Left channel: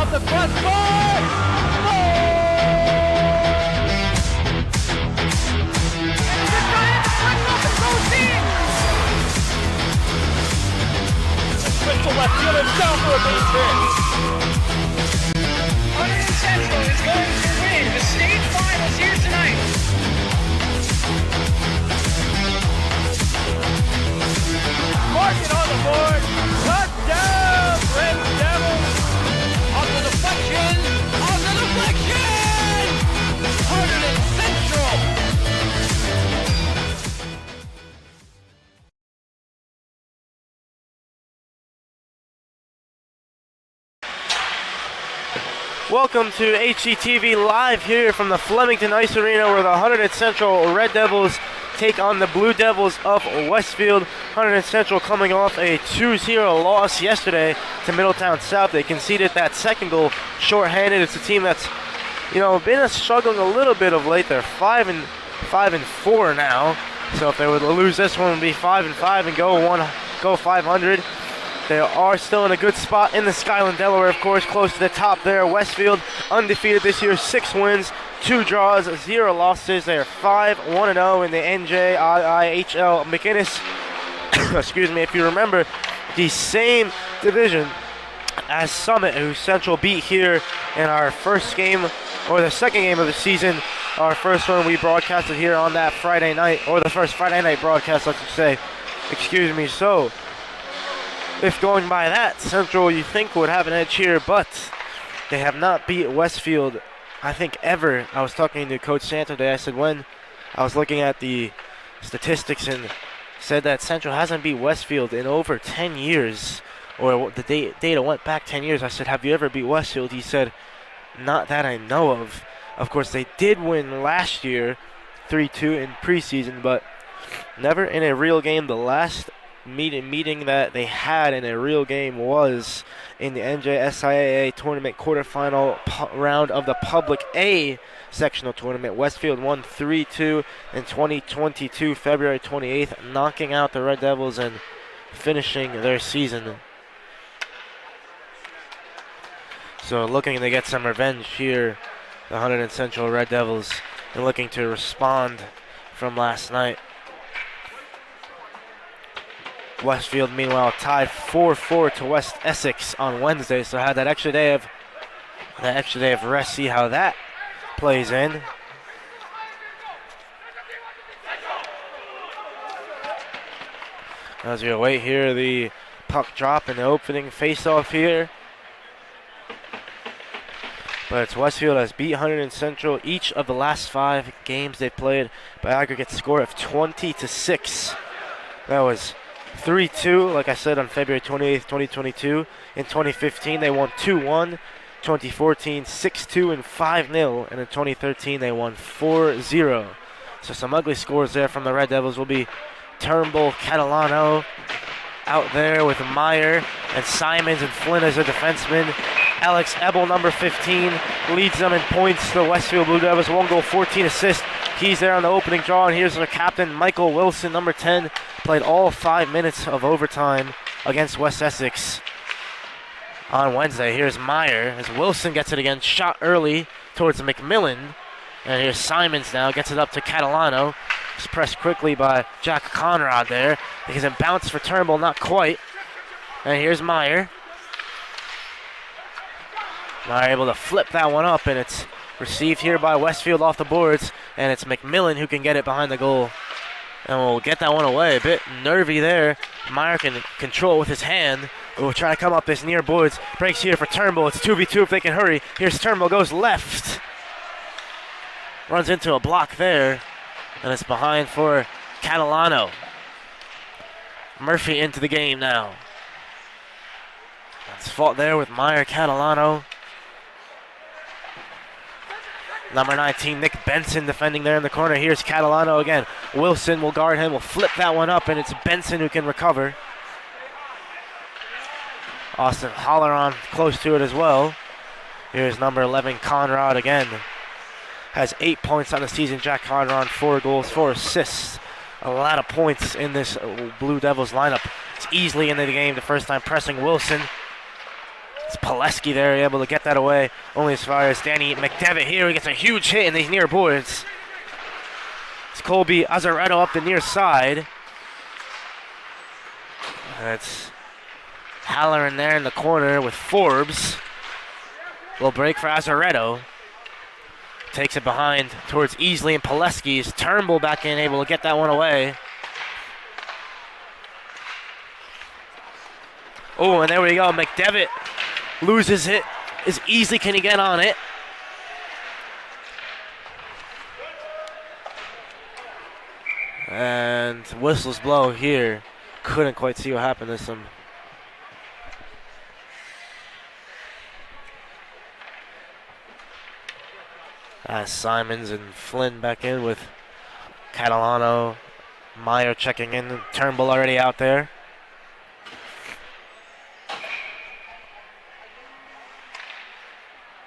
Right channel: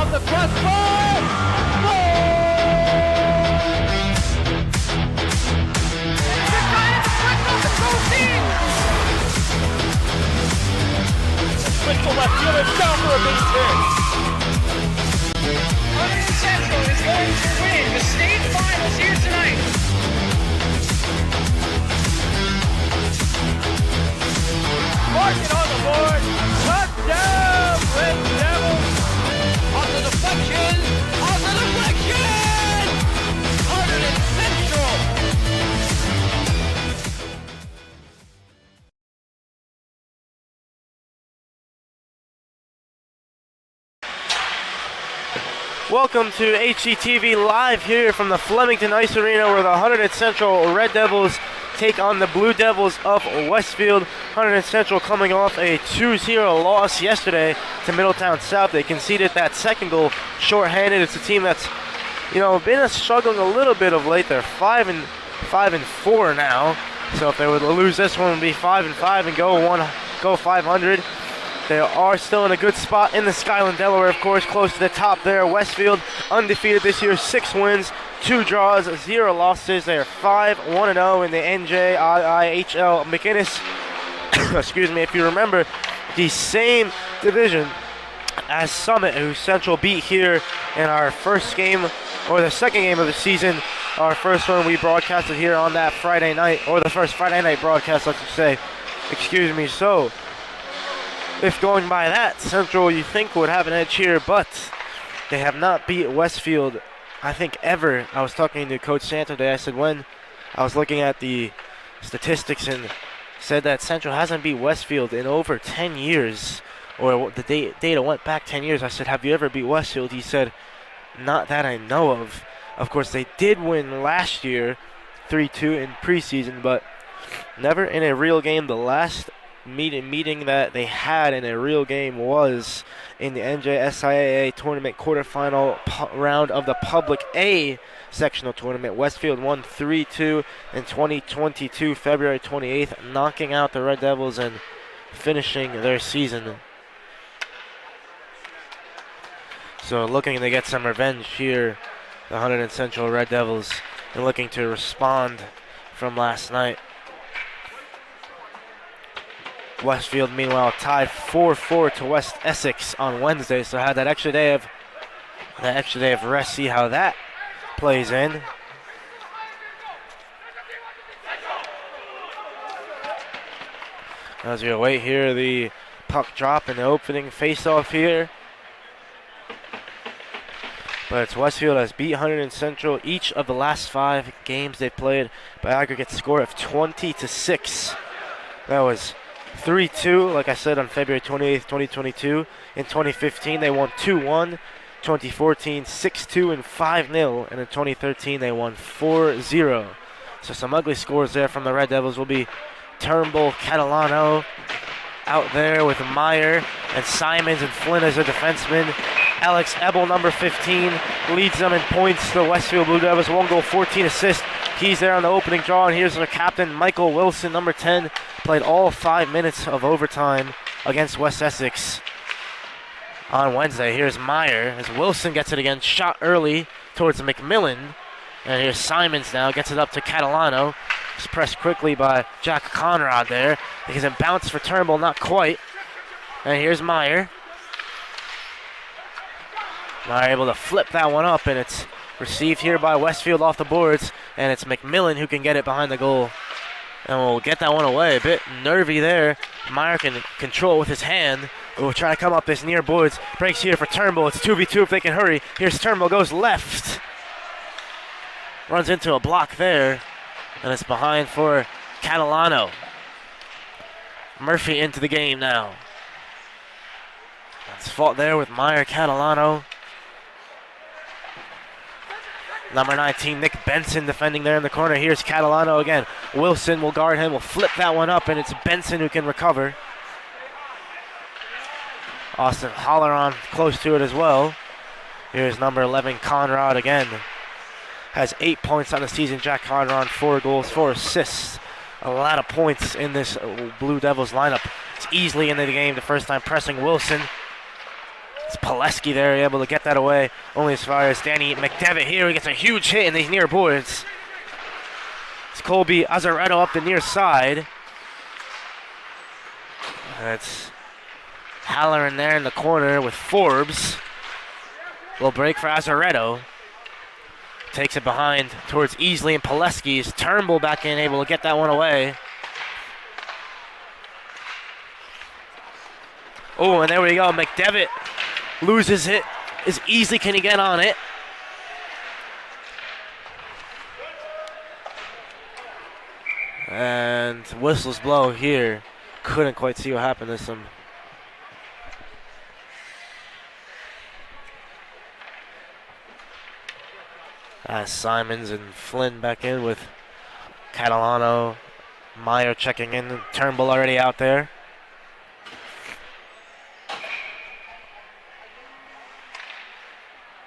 Off the crossbar! Goal! And Bryant flips off the goal team! Switch to left field and down for a base hit. Hunterdon Central is going to win the state finals here tonight. Mark it on the board. Touchdown, Red Devils. On the deflection. On the deflection. Hunterdon Central. Welcome to HGTV Live here from the Flemington Ice Arena where the Hunterdon Central Red Devils take on the Blue Devils of Westfield. Hunterdon Central coming off a 2-0 loss yesterday to Middletown South. They conceded that second goal shorthanded. It's a team that's, been struggling a little bit of late. They're 5-4 now. So if they would lose this one, it would be 5-5 and go 500. They are still in a good spot in the Skyland, Delaware, of course, close to the top there. Westfield undefeated this year, 6 wins, 2 draws, 0 losses. They are 5-1-0 in the NJIHL McInnes. Excuse me, if you remember, the same division as Summit, who Central beat here in our first game, or the second game of the season. Our first one we broadcasted here on that Friday night, or the first Friday night broadcast, let's say. Excuse me, so if going by that, Central, you think, would have an edge here, but they have not beat Westfield, I think, ever. I was talking to Coach Santo today. I said when I was looking at the statistics and said that Central hasn't beat Westfield in over 10 years, or the data went back 10 years. I said, have you ever beat Westfield? He said, not that I know of. Of course, they did win last year, 3-2 in preseason, but never in a real game. The last meeting that they had in a real game was in the NJSIAA tournament quarterfinal round of the Public A sectional tournament. Westfield won 3-2 in 2022, February 28th, knocking out the Red Devils and finishing their season. So looking to get some revenge here, the Hunterdon Central Red Devils, and looking to respond from last night. Westfield, meanwhile, tied 4-4 to West Essex on Wednesday, so had that extra day of rest. See how that plays in. As we await here the puck drop in the opening face-off here. But it's Westfield has beat Hunterdon Central each of the last 5 games they played by aggregate score of 20-6. That was 3-2, like I said, on February 28th, 2022. In 2015, they won 2-1. 2014, 6-2 and 5-0. And in 2013, they won 4-0. So some ugly scores there from the Red Devils. Will be Turnbull, Catalano out there with Meyer and Simons and Flynn as a defenseman. Alex Ebel, number 15, leads them in points. The Westfield Blue Devils, 1 goal, 14 assists. He's there on the opening draw, and here's their captain, Michael Wilson, number 10, played all 5 minutes of overtime against West Essex on Wednesday. Here's Meyer as Wilson gets it again, shot early towards McMillan. And here's Simons now, gets it up to Catalano. It's pressed quickly by Jack Conrad there. He can bounce for Turnbull, not quite. And here's Meyer. Meyer able to flip that one up, and it's received here by Westfield off the boards. And it's McMillan who can get it behind the goal. And we'll get that one away. A bit nervy there. Meyer can control it with his hand. We'll try to come up this near boards. Breaks here for Turnbull. It's 2v2 if they can hurry. Here's Turnbull, goes left. Runs into a block there. And it's behind for Catalano. Murphy into the game now. It's fought there with Meyer, Catalano. Number 19, Nick Benson defending there in the corner. Here's Catalano again. Wilson will guard him, will flip that one up, and it's Benson who can recover. Austin Holleron close to it as well. Here's number 11, Conrad again. Has 8 points on the season. Jack Conrad, 4 goals, 4 assists. A lot of points in this Blue Devils lineup. It's easily into the game the first time pressing Wilson. It's Pileski there, able to get that away. Only as far as Danny McDevitt here. He gets a huge hit in these near boards. It's Colby Azaretto up the near side. That's Halloran there in the corner with Forbes. Little break for Azaretto. Takes it behind towards Easley and Pileski's. Turnbull back in, able to get that one away. Oh, and there we go. McDevitt loses it. As Easley can he get on it? And whistles blow here. Couldn't quite see what happened. There's some Simons and Flynn back in with Catalano. Meyer checking in. Turnbull already out there.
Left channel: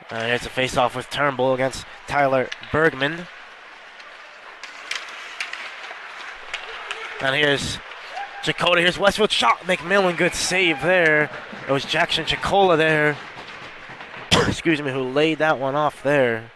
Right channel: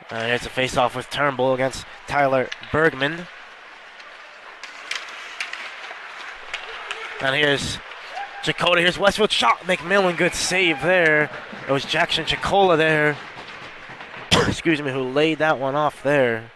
Here's a face-off with Turnbull against Tyler Bergman. And here's Chakota. Here's Westfield shot. McMillan, good save there. It was Jackson Chicola there. Excuse me, who laid that one off there.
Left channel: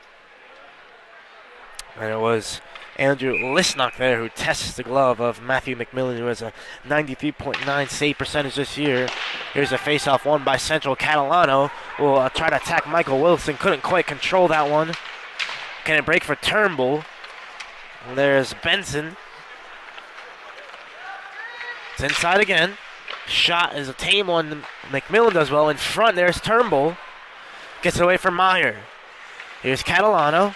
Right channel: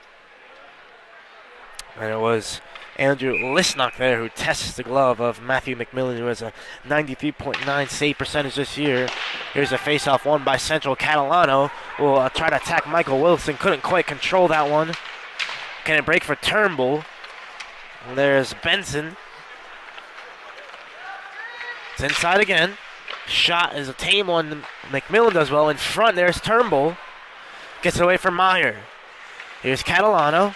And it was Andrew Lisnock there who tests the glove of Matthew McMillan, who has a 93.9 save percentage this year. Here's a face-off won by Central. Catalano will try to attack Michael Wilson. Couldn't quite control that one. Can it break for Turnbull? And there's Benson. It's inside again. Shot is a tame one. McMillan does well. In front, there's Turnbull. Gets it away from Meyer. Here's Catalano.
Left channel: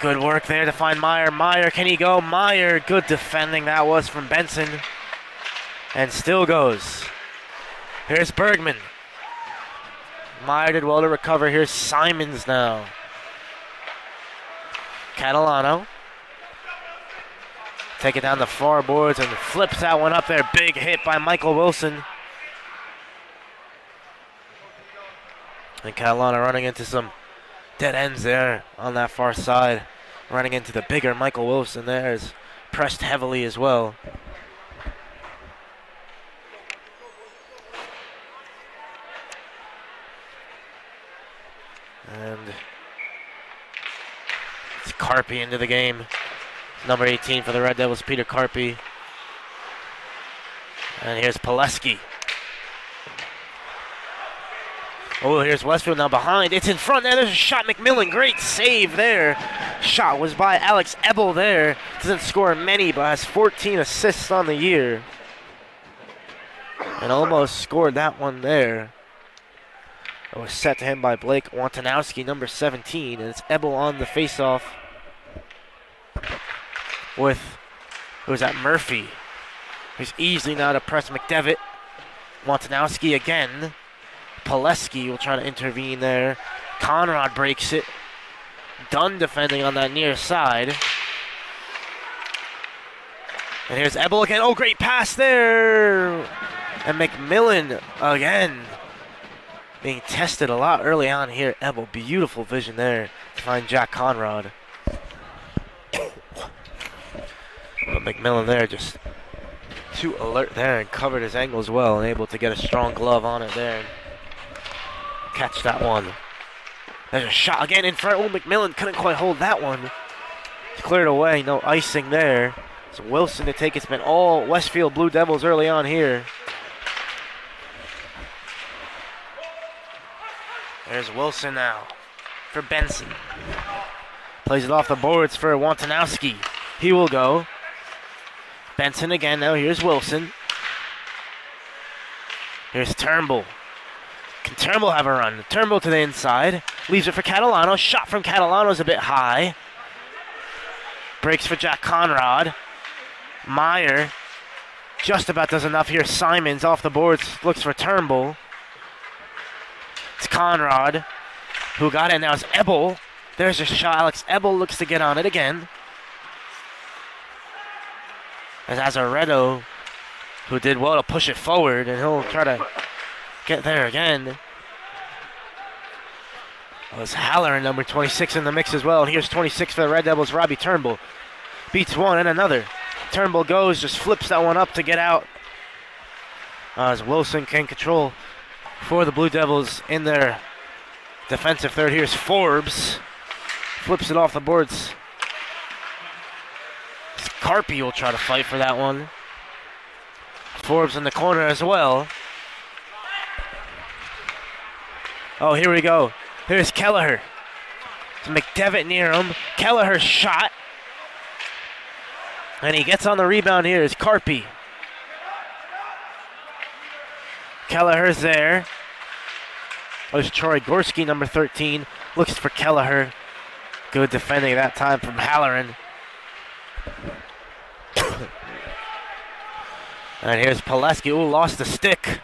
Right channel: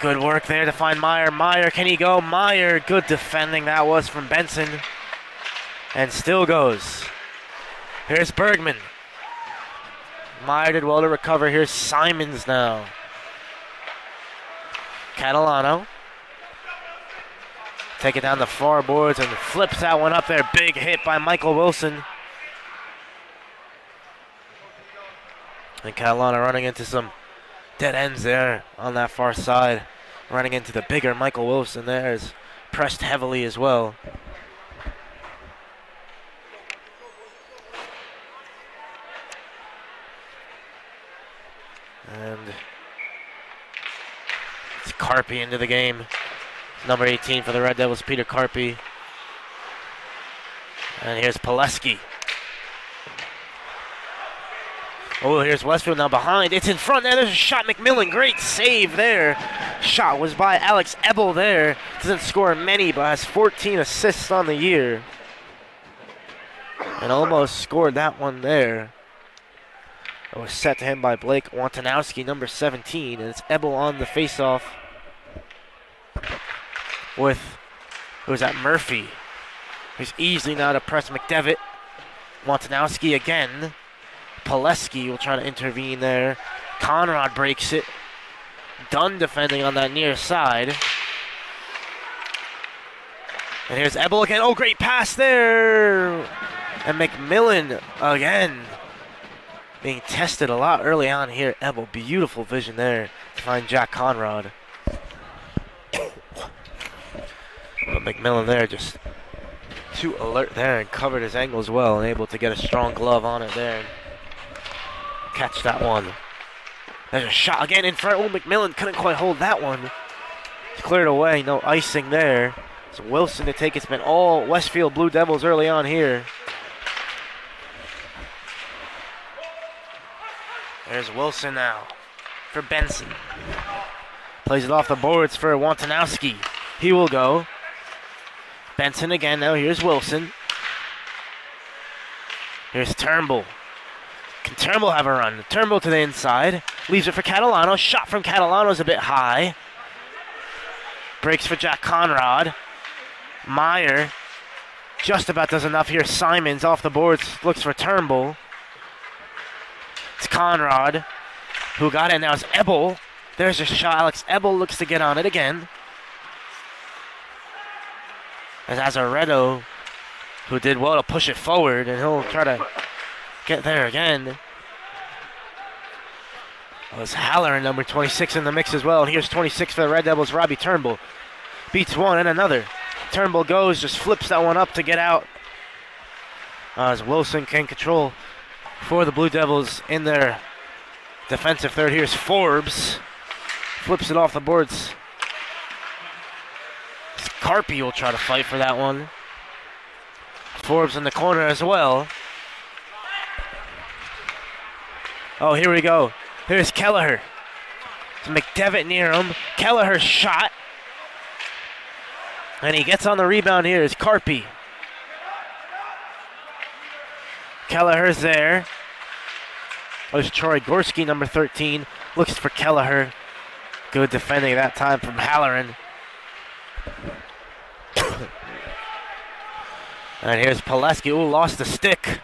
Good work there to find Meyer. Meyer, can he go? Meyer, good defending that was from Benson. And still goes. Here's Bergman. Meyer did well to recover. Here's Simons now. Catalano. Take it down the far boards and flips that one up there. Big hit by Michael Wilson. And Catalano running into some dead ends there on that far side. Running into the bigger Michael Wilson there is pressed heavily as well. And it's Carpy into the game. Number 18 for the Red Devils, Peter Carpy. And here's Pileski. Oh, here's Westfield now behind. It's in front there. There's a shot. McMillan, great save there. Shot was by Alex Ebel there. Doesn't score many, but has 14 assists on the year. And almost scored that one there. It was set to him by Blake Wantanowski, number 17. And it's Ebel on the faceoff with, who was that, Murphy. Who's easily now to press McDevitt. Wantanowski again. Pileski will try to intervene there. Conrad breaks it. Dunn defending on that near side. And here's Ebel again. Oh, great pass there. And McMillan again being tested a lot early on here. Ebel, beautiful vision there to find Jack Conrad. But McMillan there just too alert there and covered his angles well and able to get a strong glove on it there. Catch that one. There's a shot again in front. Oh, McMillan couldn't quite hold that one. It's cleared away. No icing there. So Wilson to take. It's been all Westfield Blue Devils early on here. There's Wilson now for Benson. Plays it off the boards for Wantanowski. He will go. Benson again now. Here's Wilson. Here's Turnbull. Can Turnbull have a run? Turnbull to the inside. Leaves it for Catalano. Shot from Catalano is a bit high. Breaks for Jack Conrad. Meyer just about does enough here. Simons off the boards. Looks for Turnbull. It's Conrad who got it. Now it's Ebel. There's a shot. Alex Ebel looks to get on it again. As Azaretto, who did well to push it forward, and he'll try to get there again. Well, it's Halloran, number 26 in the mix as well. And here's 26 for the Red Devils, Robbie Turnbull. Beats one and another. Turnbull goes, just flips that one up to get out. As Wilson can control for the Blue Devils in their defensive third. Here's Forbes. Flips it off the boards. Carpy will try to fight for that one. Forbes in the corner as well. Oh, here we go. Here's Kelleher. It's McDevitt near him. Kelleher's shot. And he gets on the rebound here. Is Carpy. Kelleher's there. There's Troy Gorski, number 13. Looks for Kelleher. Good defending that time from Halloran. And here's Pileski. Ooh, lost the stick.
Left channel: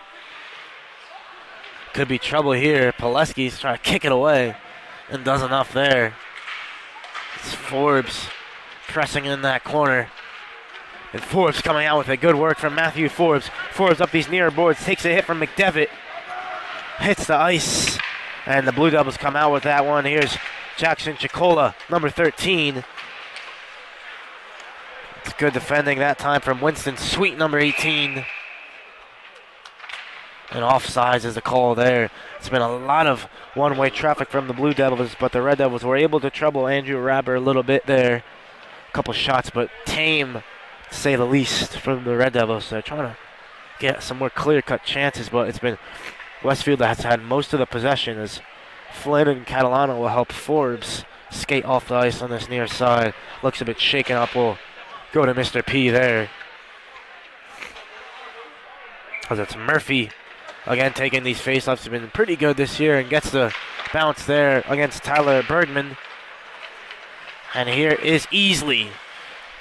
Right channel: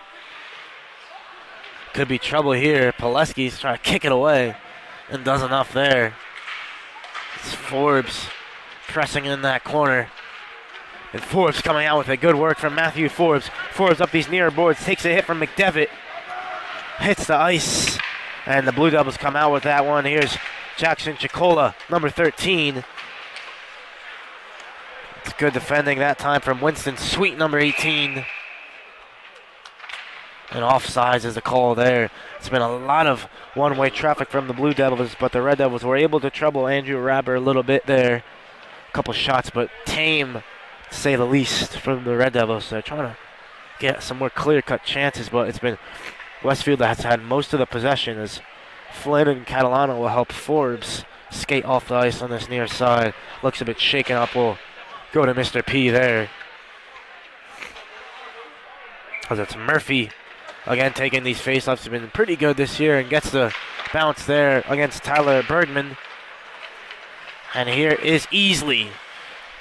Could be trouble here. Pileski's trying to kick it away and does enough there. It's Forbes pressing in that corner. And Forbes coming out with it. Good work from Matthew Forbes. Forbes up these near boards. Takes a hit from McDevitt. Hits the ice. And the Blue Devils come out with that one. Here's Jackson Chicola, number 13. It's good defending that time from Winston Sweet, number 18. And offsides is the call there. It's been a lot of one-way traffic from the Blue Devils, but the Red Devils were able to trouble Andrew Rabber a little bit there. A couple shots, but tame, to say the least, from the Red Devils. They're trying to get some more clear-cut chances, but it's been Westfield that has had most of the possession as Flynn and Catalano will help Forbes skate off the ice on this near side. Looks a bit shaken up. We'll go to Mr. P there. As it's Murphy again taking these faceoffs. He's been pretty good this year and gets the bounce there against Tyler Bergman. And here is Easley.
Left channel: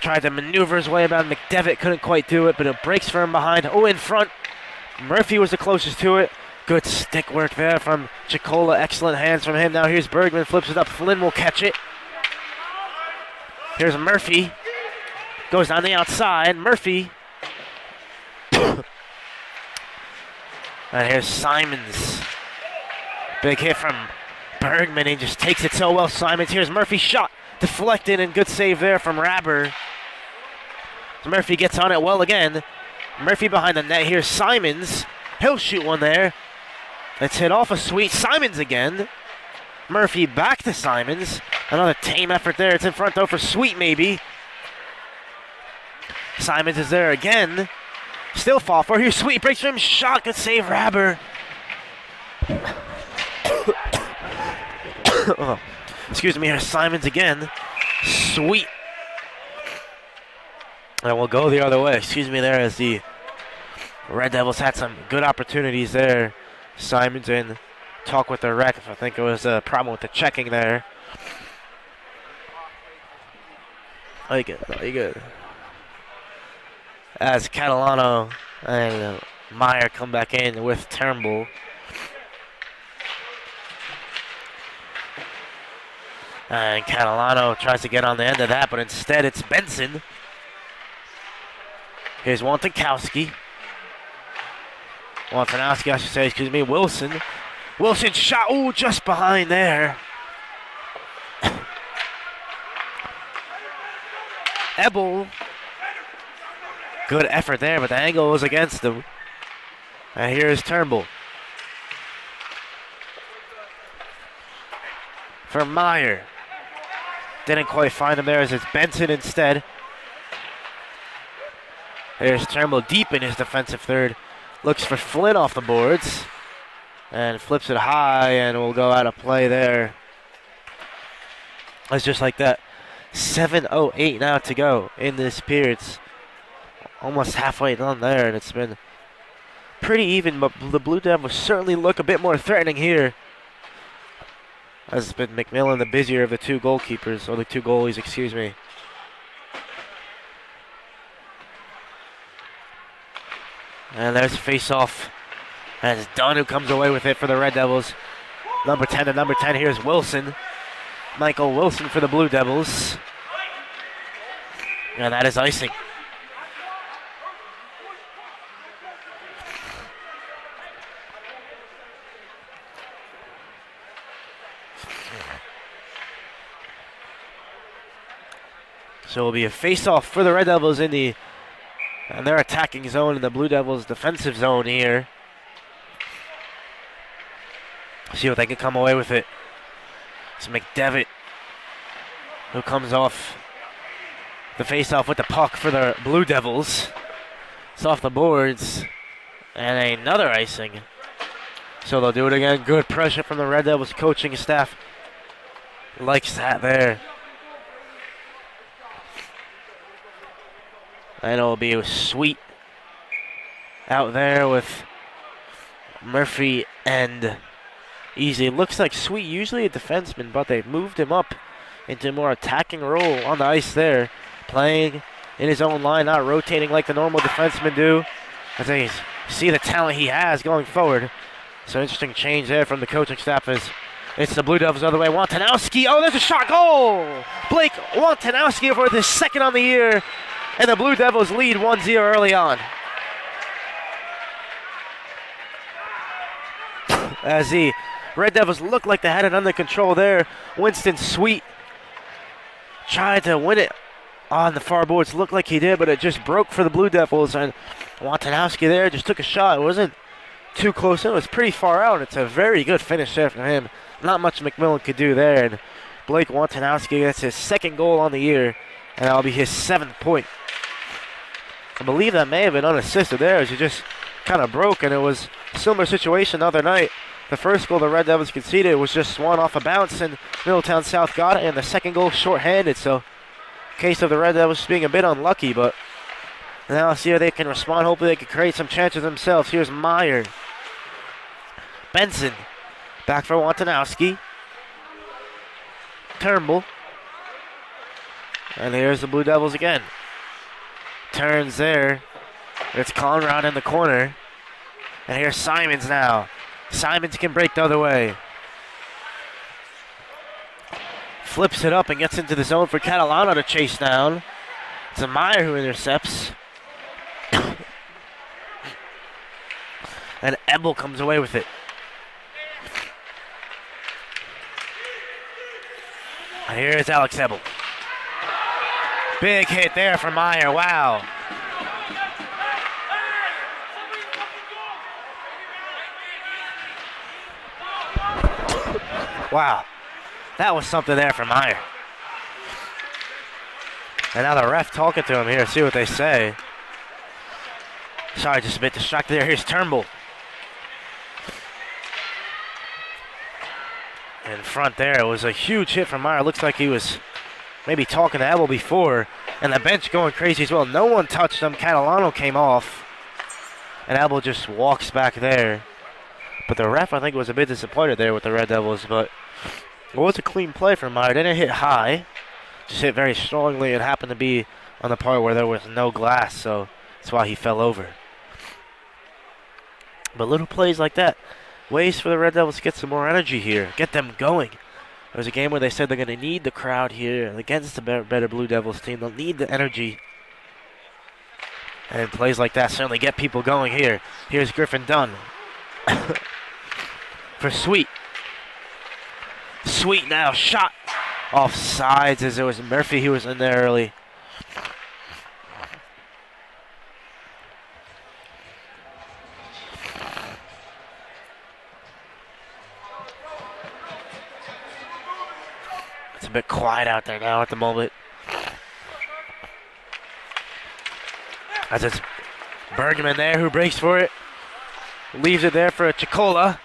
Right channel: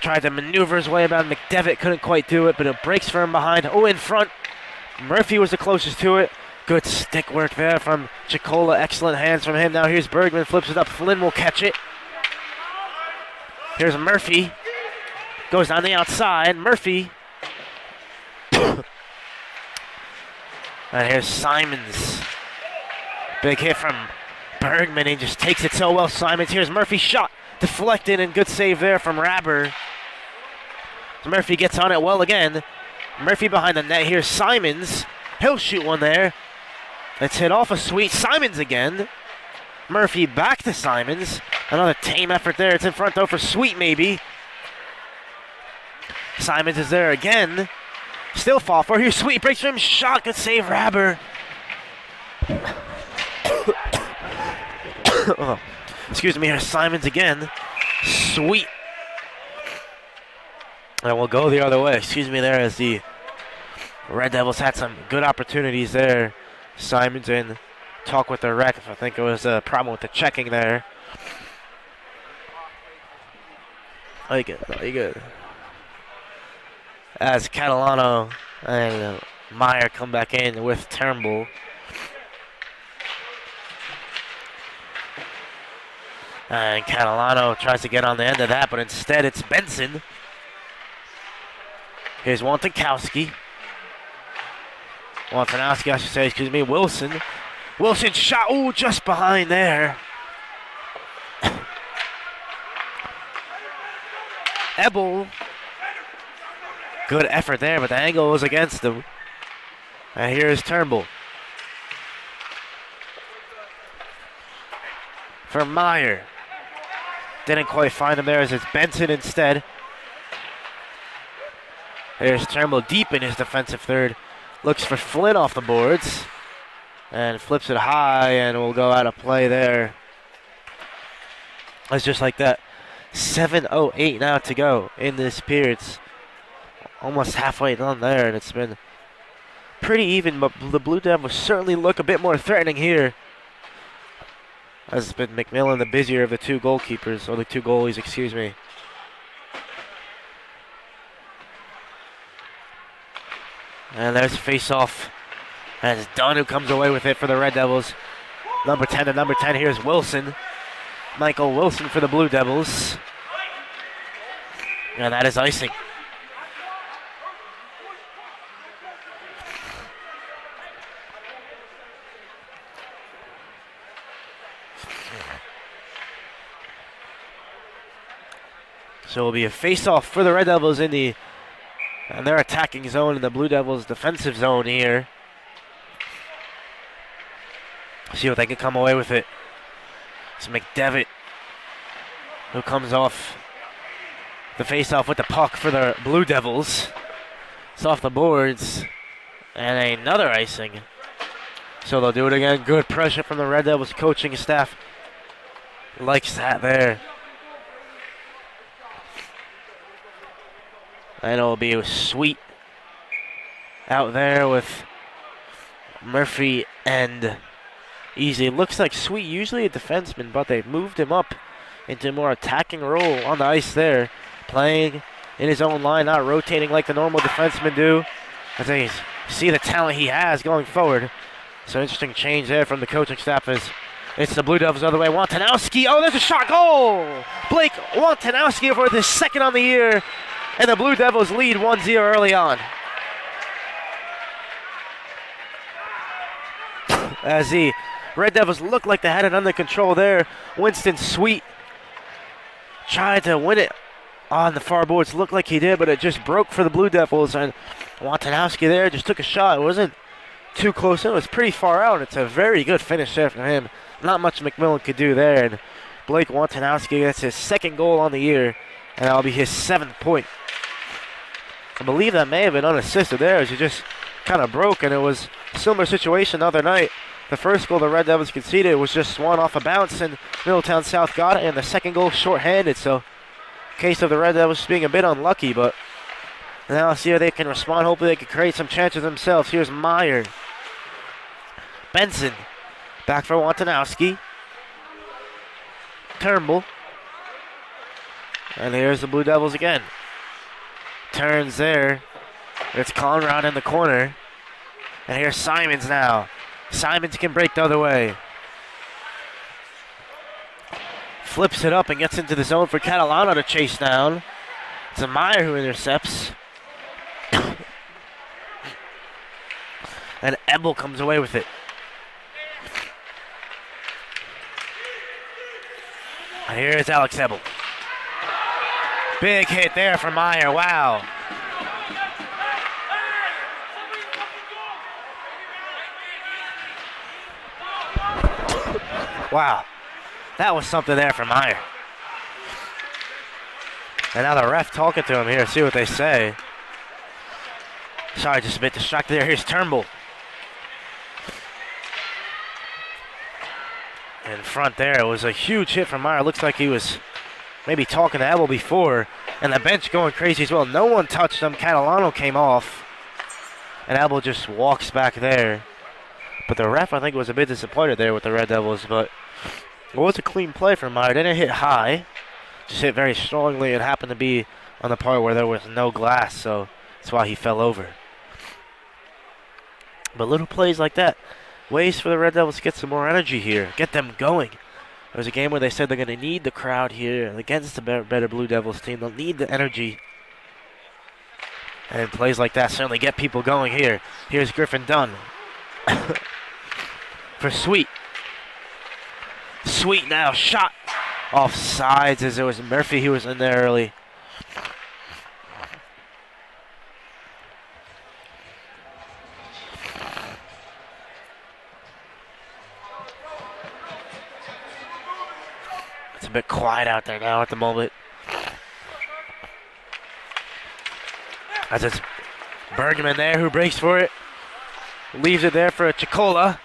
Tried to maneuver his way about McDevitt, couldn't quite do it, but it breaks for him behind. Oh, in front. Murphy was the closest to it. Good stick work there from Chicola. Excellent hands from him. Now here's Bergman, flips it up. Flynn will catch it. Here's Murphy. Goes on the outside. Murphy. And here's Simons. Big hit from Bergman. He just takes it so well. Simons. Here's Murphy's shot. Deflected and good save there from Rabber. Murphy gets on it well again. Murphy behind the net. Here's Simons. He'll shoot one there. It's hit off a Sweet. Simons again. Murphy back to Simons. Another tame effort there. It's in front though for Sweet maybe. Simons is there again. Still fall for. Here's Sweet. Breaks for him. Shot. Good save, Rabber. Oh, excuse me. Here's Simons again. Sweet. And we'll go the other way. Excuse me there as the Red Devils had some good opportunities there. Simons in talk with the ref. I think it was a problem with the checking there. Like it. Very good. As Catalano and Meyer come back in with Turnbull. And Catalano tries to get on the end of that, but instead it's Benson. Here's Wantikowski. Wantanowski, I should say, excuse me, Wilson. Wilson shot, ooh, just behind there. Ebel. Good effort there, but the angle was against him. And here's Turnbull. For Meyer. Didn't quite find him there as it's Benson instead. Here's Turnbull deep in his defensive third. Looks for Flynn off the boards. And flips it high and will go out of play there. It's just like that. 7:08 now to go in this period. It's almost halfway done there, and it's been pretty even, but the Blue Devils certainly look a bit more threatening here. As it's been McMillan the busier of the two goalkeepers, or the two goalies, excuse me. And there's a face-off. And it's Dunn who comes away with it for the Red Devils. Number 10 to number 10, here's Wilson. Michael Wilson for the Blue Devils. And that is icing. So it'll be a face-off for the Red Devils in their attacking zone, in the Blue Devils' defensive zone here. See what they can come away with it. It's McDevitt who comes off the face-off with the puck for the Blue Devils. It's off the boards. And another icing. So they'll do it again. Good pressure from the Red Devils coaching staff. Likes that there. And it'll be Sweet out there with Murphy and Easy. Looks like Sweet usually a defenseman, but they've moved him up into a more attacking role on the ice there. Playing in his own line, not rotating like the normal defensemen do. As they see the talent he has going forward. So interesting change there from the coaching staff as it's the Blue Devils the other way. Wantanowski, oh, there's a shot, goal! Blake Wantanowski for his second on the year, and the Blue Devils lead 1-0 early on. As the Red Devils look like they had it under control there. Winston Sweet tried to win it on the far boards. Looked like he did, but it just broke for the Blue Devils, and Wantanowski there just took a shot. It wasn't too close in. It was pretty far out. It's a very good finish there from him. Not much McMillan could do there, and Blake Wantanowski gets his second goal on the year, and that'll be his 7th point. I believe that may have been unassisted there as he just kind of broke, and it was a similar situation the other night. The first goal the Red Devils conceded was just one off a bounce, and Middletown South got it, and the second goal shorthanded, so case of the Red Devils just being a bit unlucky, but now see how they can respond. Hopefully they can create some chances themselves. Here's Meyer. Benson. Back for Wantanowski. Turnbull. And here's the Blue Devils again. Turns there. It's Conrad in the corner. And here's Simons now. Simons can break the other way. Flips it up and gets into the zone for Catalano to chase down. It's a Meyer who intercepts. And Ebel comes away with it. And here's Alex Ebel. Big hit there for Meyer. Wow. Wow. That was something there for Meyer. And now the ref talking to him here. See what they say. Sorry, just a bit distracted there. Here's Turnbull. In front there, it was a huge hit from Meyer. Looks like he was maybe talking to Ebel before. And the bench going crazy as well. No one touched him. Catalano came off. And Ebel just walks back there. But the ref, I think, was a bit disappointed there with the Red Devils. But it was a clean play from Meyer. Didn't hit high. Just hit very strongly. It happened to be on the part where there was no glass. So that's why he fell over. But little plays like that. Ways for the Red Devils to get some more energy here. Get them going. It was a game where they said they're going to need the crowd here against the better Blue Devils team. They'll need the energy. And plays like that certainly get people going here. Here's Griffin Dunn. For Sweet. Sweet now. Shot. Off sides as it was Murphy who was in there early. It's a bit quiet out there now at the moment. As it's Bergman there who breaks for it. Leaves it there for a Chicola.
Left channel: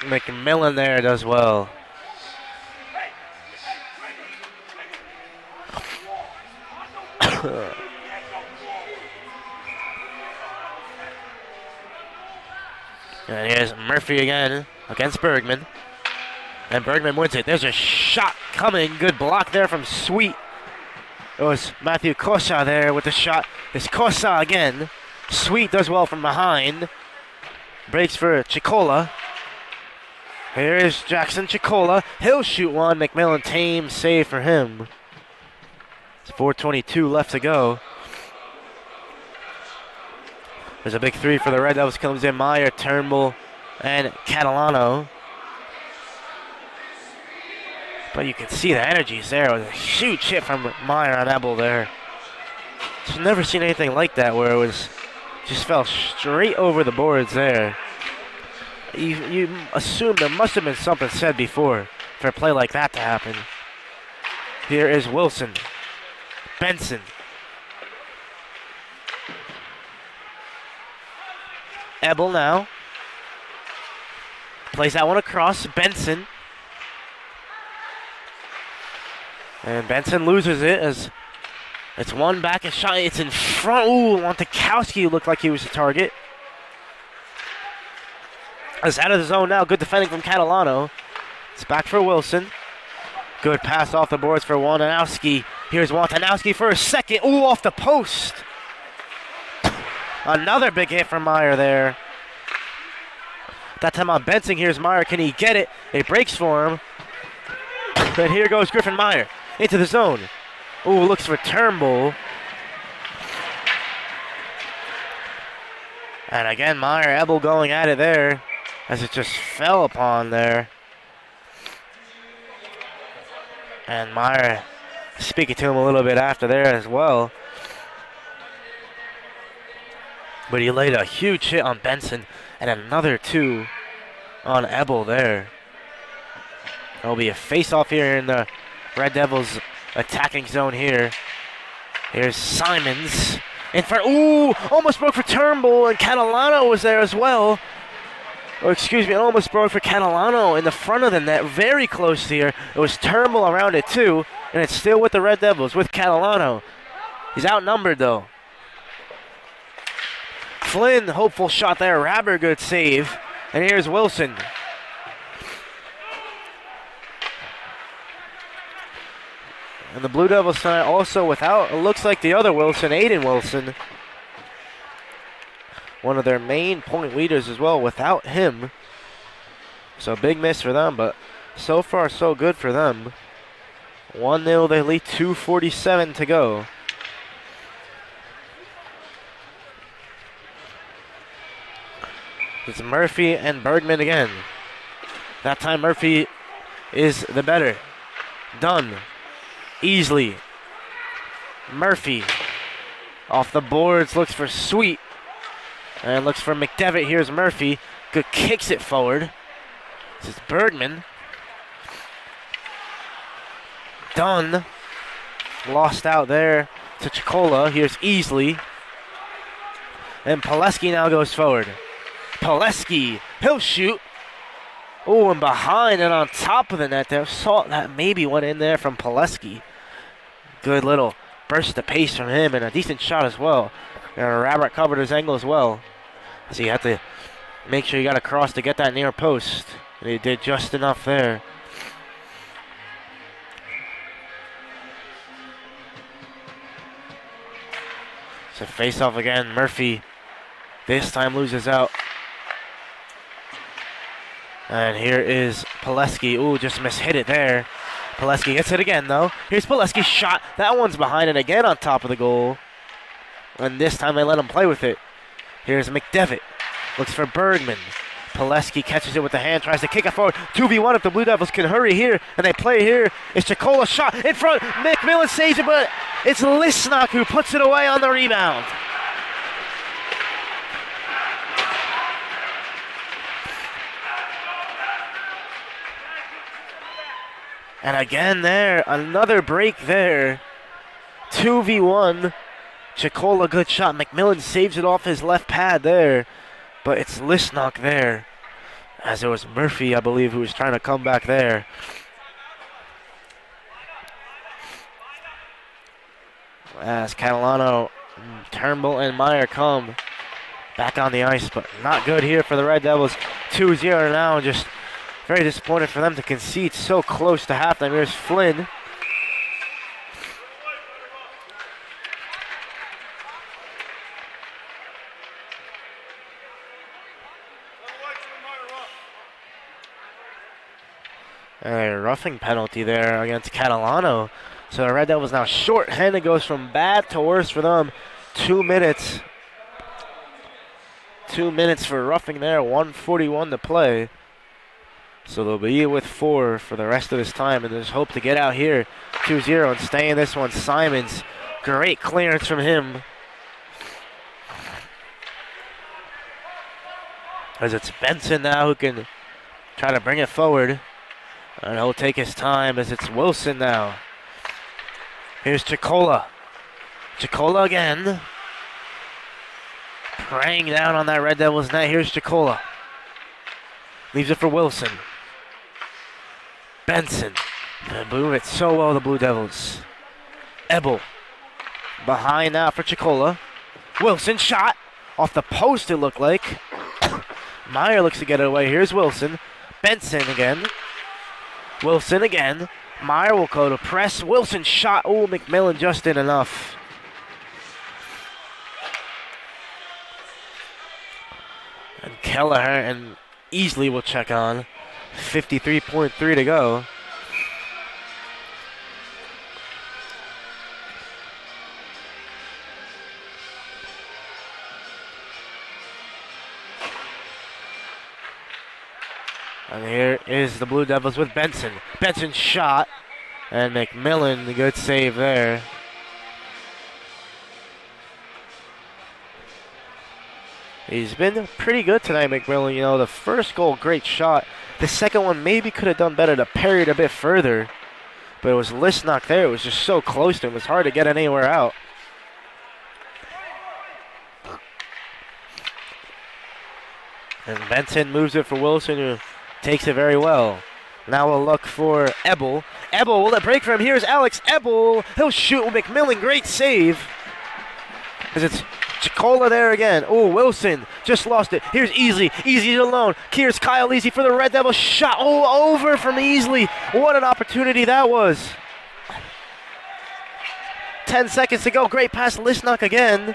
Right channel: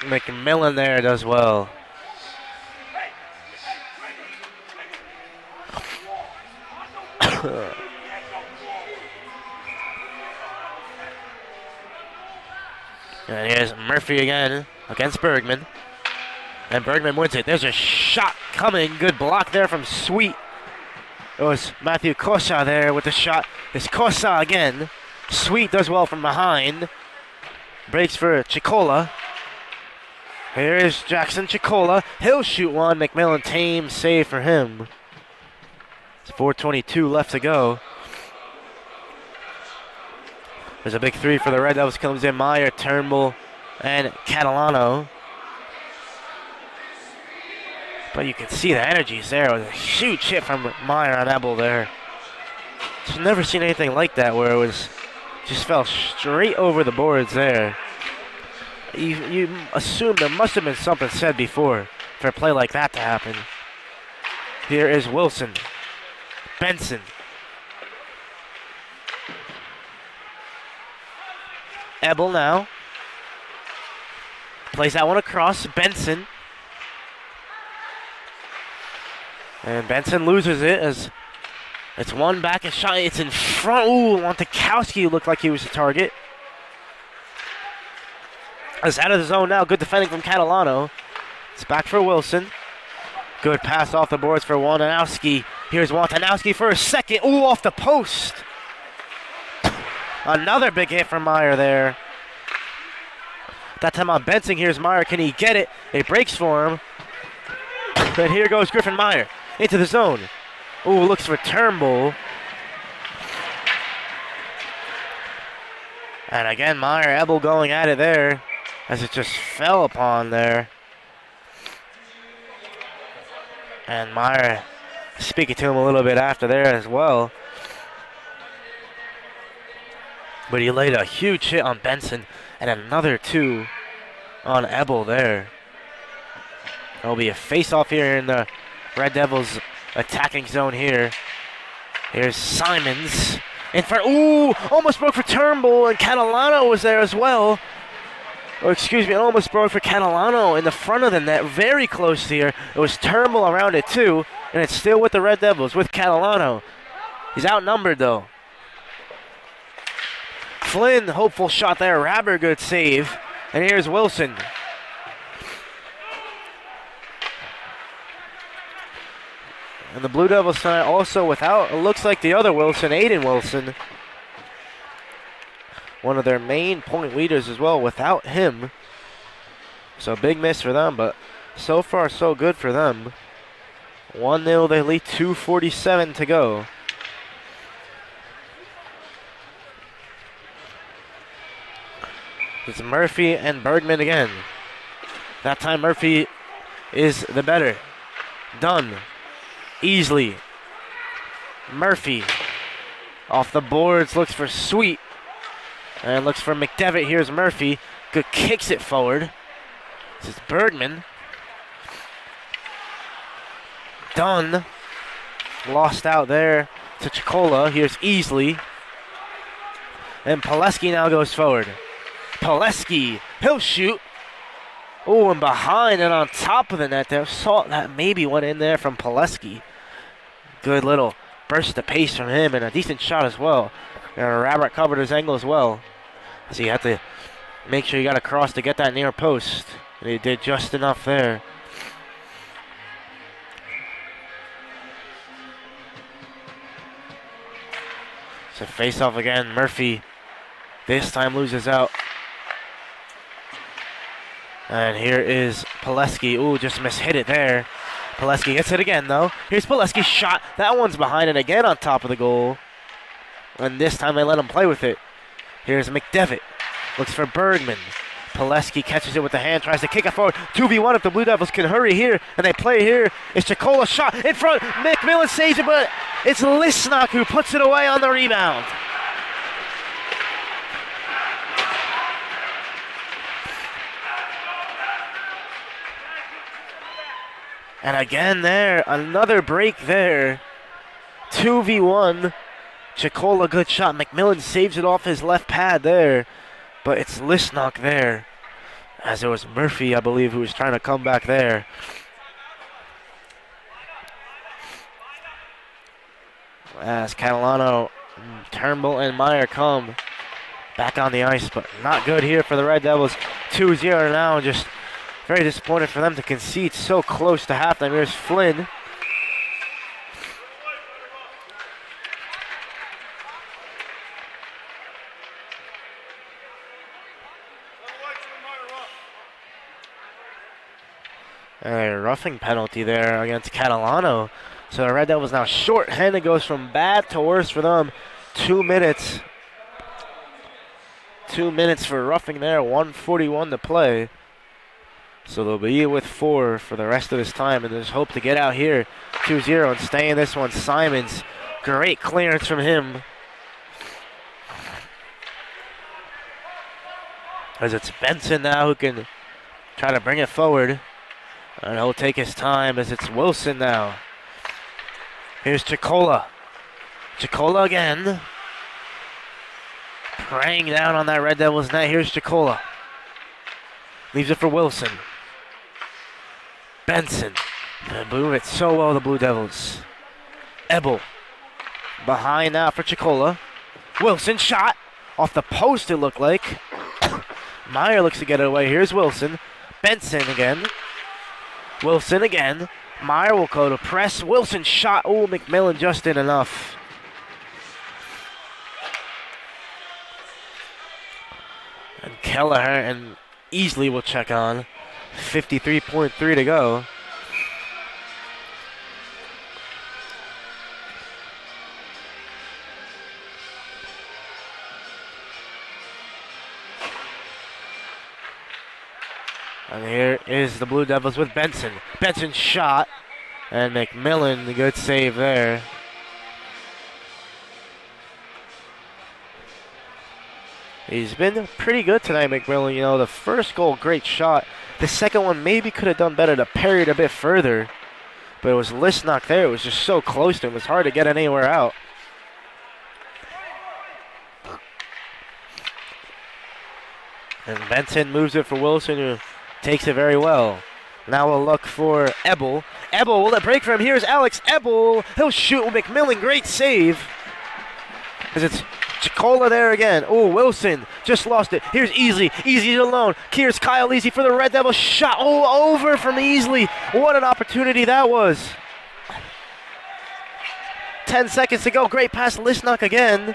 McMillan there does well. And here's Murphy again against Bergman. And Bergman wins it. There's a shot coming. Good block there from Sweet. It was Matthew Cosa there with the shot. It's Cosa again. Sweet does well from behind. Breaks for Chicola. Here is Jackson Chicola. He'll shoot one. McMillan tame save for him. It's 4:22 left to go. There's a big three for the Red Devils. Comes in Meyer, Turnbull, and Catalano. But you can see the energies there. It was a huge hit from Meyer on Ebel there. Just never seen anything like that where it was just fell straight over the boards there. You assume there must have been something said before for a play like that to happen. Here is Wilson. Benson. Ebel now. Plays that one across. Benson. And Benson loses it as it's one back and shot. It's in front. Ooh, Montikowski looked like he was the target. It's out of the zone now. Good defending from Catalano. It's back for Wilson. Good pass off the boards for Wantanowski. Here's Wantanowski for a second. Ooh, off the post. Another big hit from Meyer there. That time on Benson. Here's Meyer. Can he get it? It breaks for him. And here goes Griffin Meyer into the zone. Ooh, looks for Turnbull. And again, Meyer, Ebel going at it there as it just fell upon there. And Meyer speaking to him a little bit after there as well. But he laid a huge hit on Benson and another two on Ebel there. There'll be a face-off here in the Red Devils attacking zone here. Here's Simons. In front. Ooh, almost broke for Turnbull, and Catalano was there as well. Or excuse me, almost broke for Catalano in the front of the net, very close here. It was Turnbull around it too, and it's still with the Red Devils, with Catalano. He's outnumbered though. Flynn, hopeful shot there. Rabber, good save. And here's Wilson. And the Blue Devils tonight also without, it looks like the other Wilson, Aiden Wilson. One of their main point leaders as well, without him. So big miss for them, but so far so good for them. 1-0, they lead, 2:47 to go. It's Murphy and Bergman again. That time Murphy is the better. Done. Easily. Murphy off the boards, looks for Sweet. And looks for McDevitt. Here's Murphy. Good, kicks it forward. This is Bergman. Dunn. Lost out there to Chicola. Here's Easley. And Pileski now goes forward. Pileski. He'll shoot. Oh, and behind and on top of the net there. Saw that maybe went in there from Pileski. Good little burst of pace from him and a decent shot as well. And Rabbit covered his angle as well. So you have to make sure you got across to get that near post. And he did just enough there. So face off again. Murphy this time loses out. And here is Pileski. Ooh, just mishit it there. Pileski gets it again, though. Here's Pileski's shot. That one's behind and again on top of the goal. And this time they let him play with it. Here's McDevitt. Looks for Bergman. Pileski catches it with the hand, tries to kick it forward. 2v1 if the Blue Devils can hurry here. And they play here. It's Chicola shot in front. McMillan saves it, but it's Lisnock who puts it away on the rebound. And again there, another break there. 2v1. Chicola, good shot. McMillan saves it off his left pad there. But it's Lisnock there. As it was Murphy, I believe, who was trying to come back there. As Catalano, Turnbull, and Meyer come back on the ice. But not good here for the Red Devils. 2-0 now. Just very disappointed for them to concede so close to halftime. Here's Flynn. A roughing penalty there against Catalano. So the Red Devils now short-handed, goes from bad to worse for them. 2 minutes. 2 minutes for roughing there, 1:41 to play. So they'll be with 4 for the rest of this time, and there's hope to get out here 2-0 and stay in this one. Simons, great clearance from him. As it's Benson now who can try to bring it forward. And he'll take his time as it's Wilson now. Here's Chicola. Chicola again. Praying down on that Red Devils net. Here's Chicola. Leaves it for Wilson. Benson. They move it so well, the Blue Devils. Ebel. Behind now for Chicola. Wilson shot. Off the post, it looked like. Meyer looks to get it away. Here's Wilson. Benson again. Wilson again. Meyer will go to press. Wilson shot. Oh, McMillan just did enough. And Kelleher and Easley will check on. 53.3 to go. And here is the Blue Devils with Benson. Benson shot. And McMillan, the good save there. He's been pretty good tonight, McMillan. You know, the first goal, great shot. The second one maybe could have done better to parry it a bit further. But it was Listnock there. It was just so close to him. It was hard to get anywhere out. And Benson moves it for Wilson, who takes it very well. Now we'll look for Ebel. Ebel will let break for him. Here's Alex Ebel. He'll shoot with McMillan. Great save. As it's Chicola there again. Oh, Wilson just lost it. Here's Easley. Easley alone. Here's Kyle Easley for the Red Devils. Shot. Oh, over from Easley. What an opportunity that was. 10 seconds to go. Great pass. Listnock again.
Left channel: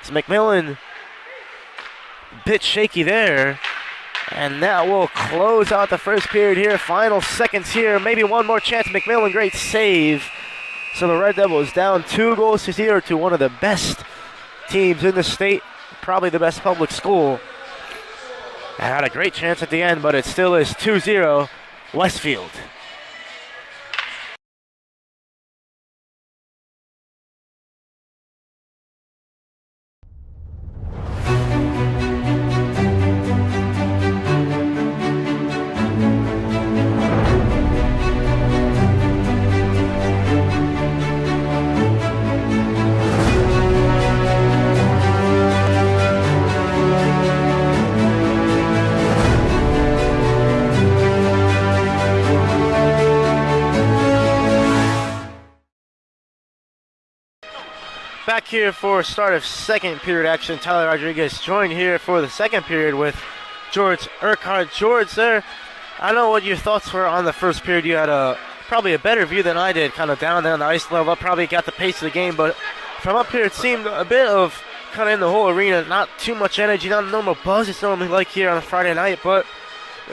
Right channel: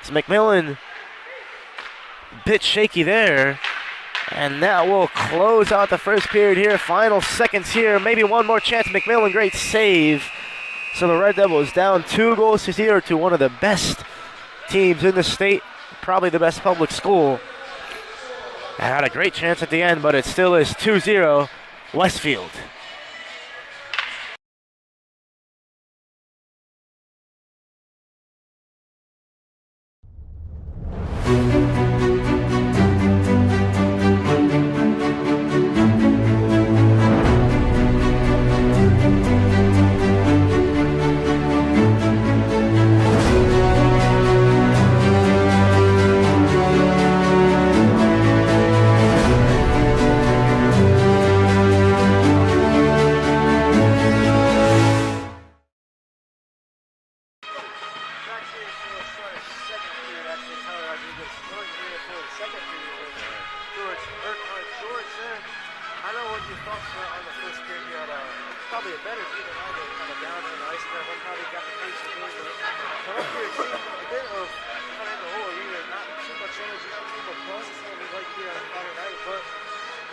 It's McMillan. Bit shaky there. And that will close out the first period here. Final seconds here. Maybe one more chance. McMillan, great save. So the Red Devils down 2-0 to one of the best teams in the state. Probably the best public school. And had a great chance at the end, but it still is 2-0 Westfield. Back here for start of second period action. Tyler Rodriguez joined here for the second period with George Urquhart. George, there, I know what your thoughts were on the first period. You had probably a better view than I did, kind of down there on the ice level. I probably got the pace of the game, but from up here it seemed a bit of kind of in the whole arena, not too much energy, not a normal buzz it's normally like here on a Friday night, but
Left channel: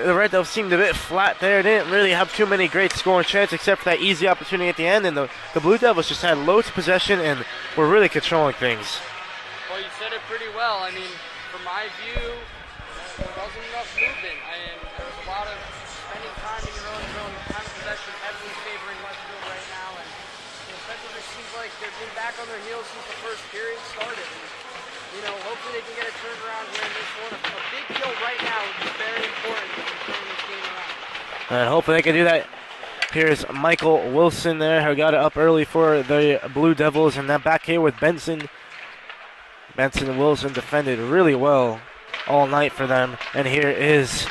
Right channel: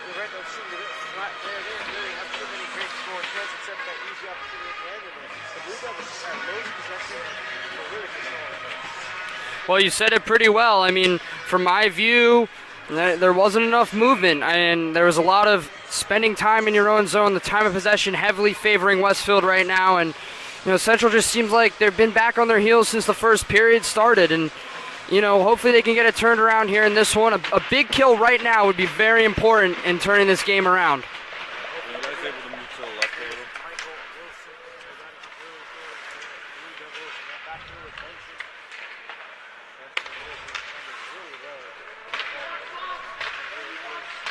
the Red Devils seemed a bit flat there. They didn't really have too many great scoring chances except for that easy opportunity at the end. And the Blue Devils just had loads of possession and were really controlling things. Well, you said it pretty well. I mean, from my view, there wasn't enough movement. And there was a lot of spending time in your own zone. The time of possession heavily favoring Westfield right now. And, you know, Central just seems like they've been back on their heels since the first period started. And, you know, hopefully they can get it turned around here in this one. A big kill right now would be very important in turning this game around. And hopefully they can do that. Here's Michael Wilson there, who got it up early for the Blue Devils. And then back here with Benson. Benson and Wilson defended really well all night for them. And here is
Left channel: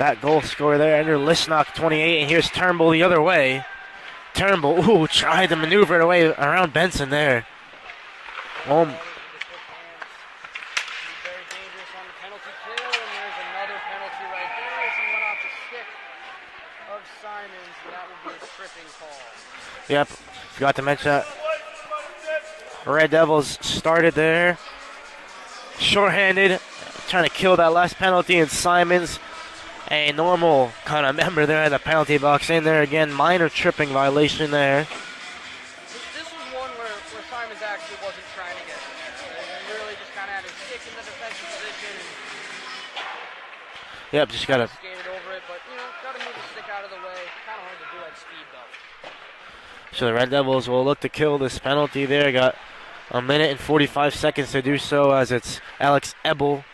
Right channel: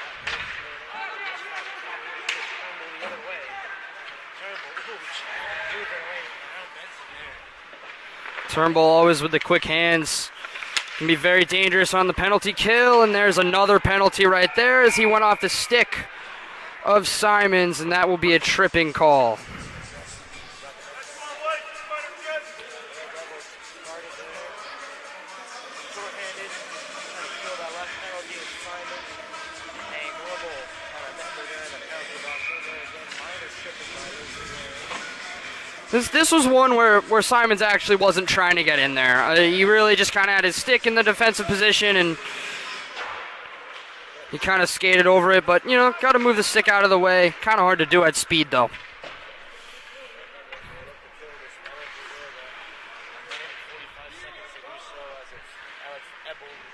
that goal scorer there, Andrew Listnock, 28. And here's Turnbull the other way. Turnbull, tried to maneuver it away around Benson there. Turnbull always with the quick hands. Can be very dangerous on the penalty kill, and there's another penalty right there as he went off the stick of Simons, and that will be a tripping call. Yep, forgot to mention that. Red Devils started there. Shorthanded, trying to kill that last penalty, and Simons, a normal kind of member there in the penalty box in there again. Minor tripping violation there. This was one where Simons actually wasn't trying to get in there. He really just kind of had his stick in the defensive position and yep, just kind of skated over it. But, you know, got to move the stick out of the way. Kind of hard to do at speed, though. So the Red Devils will look to kill this penalty there. Got a minute and 45 seconds to do so as it's Alex Ebel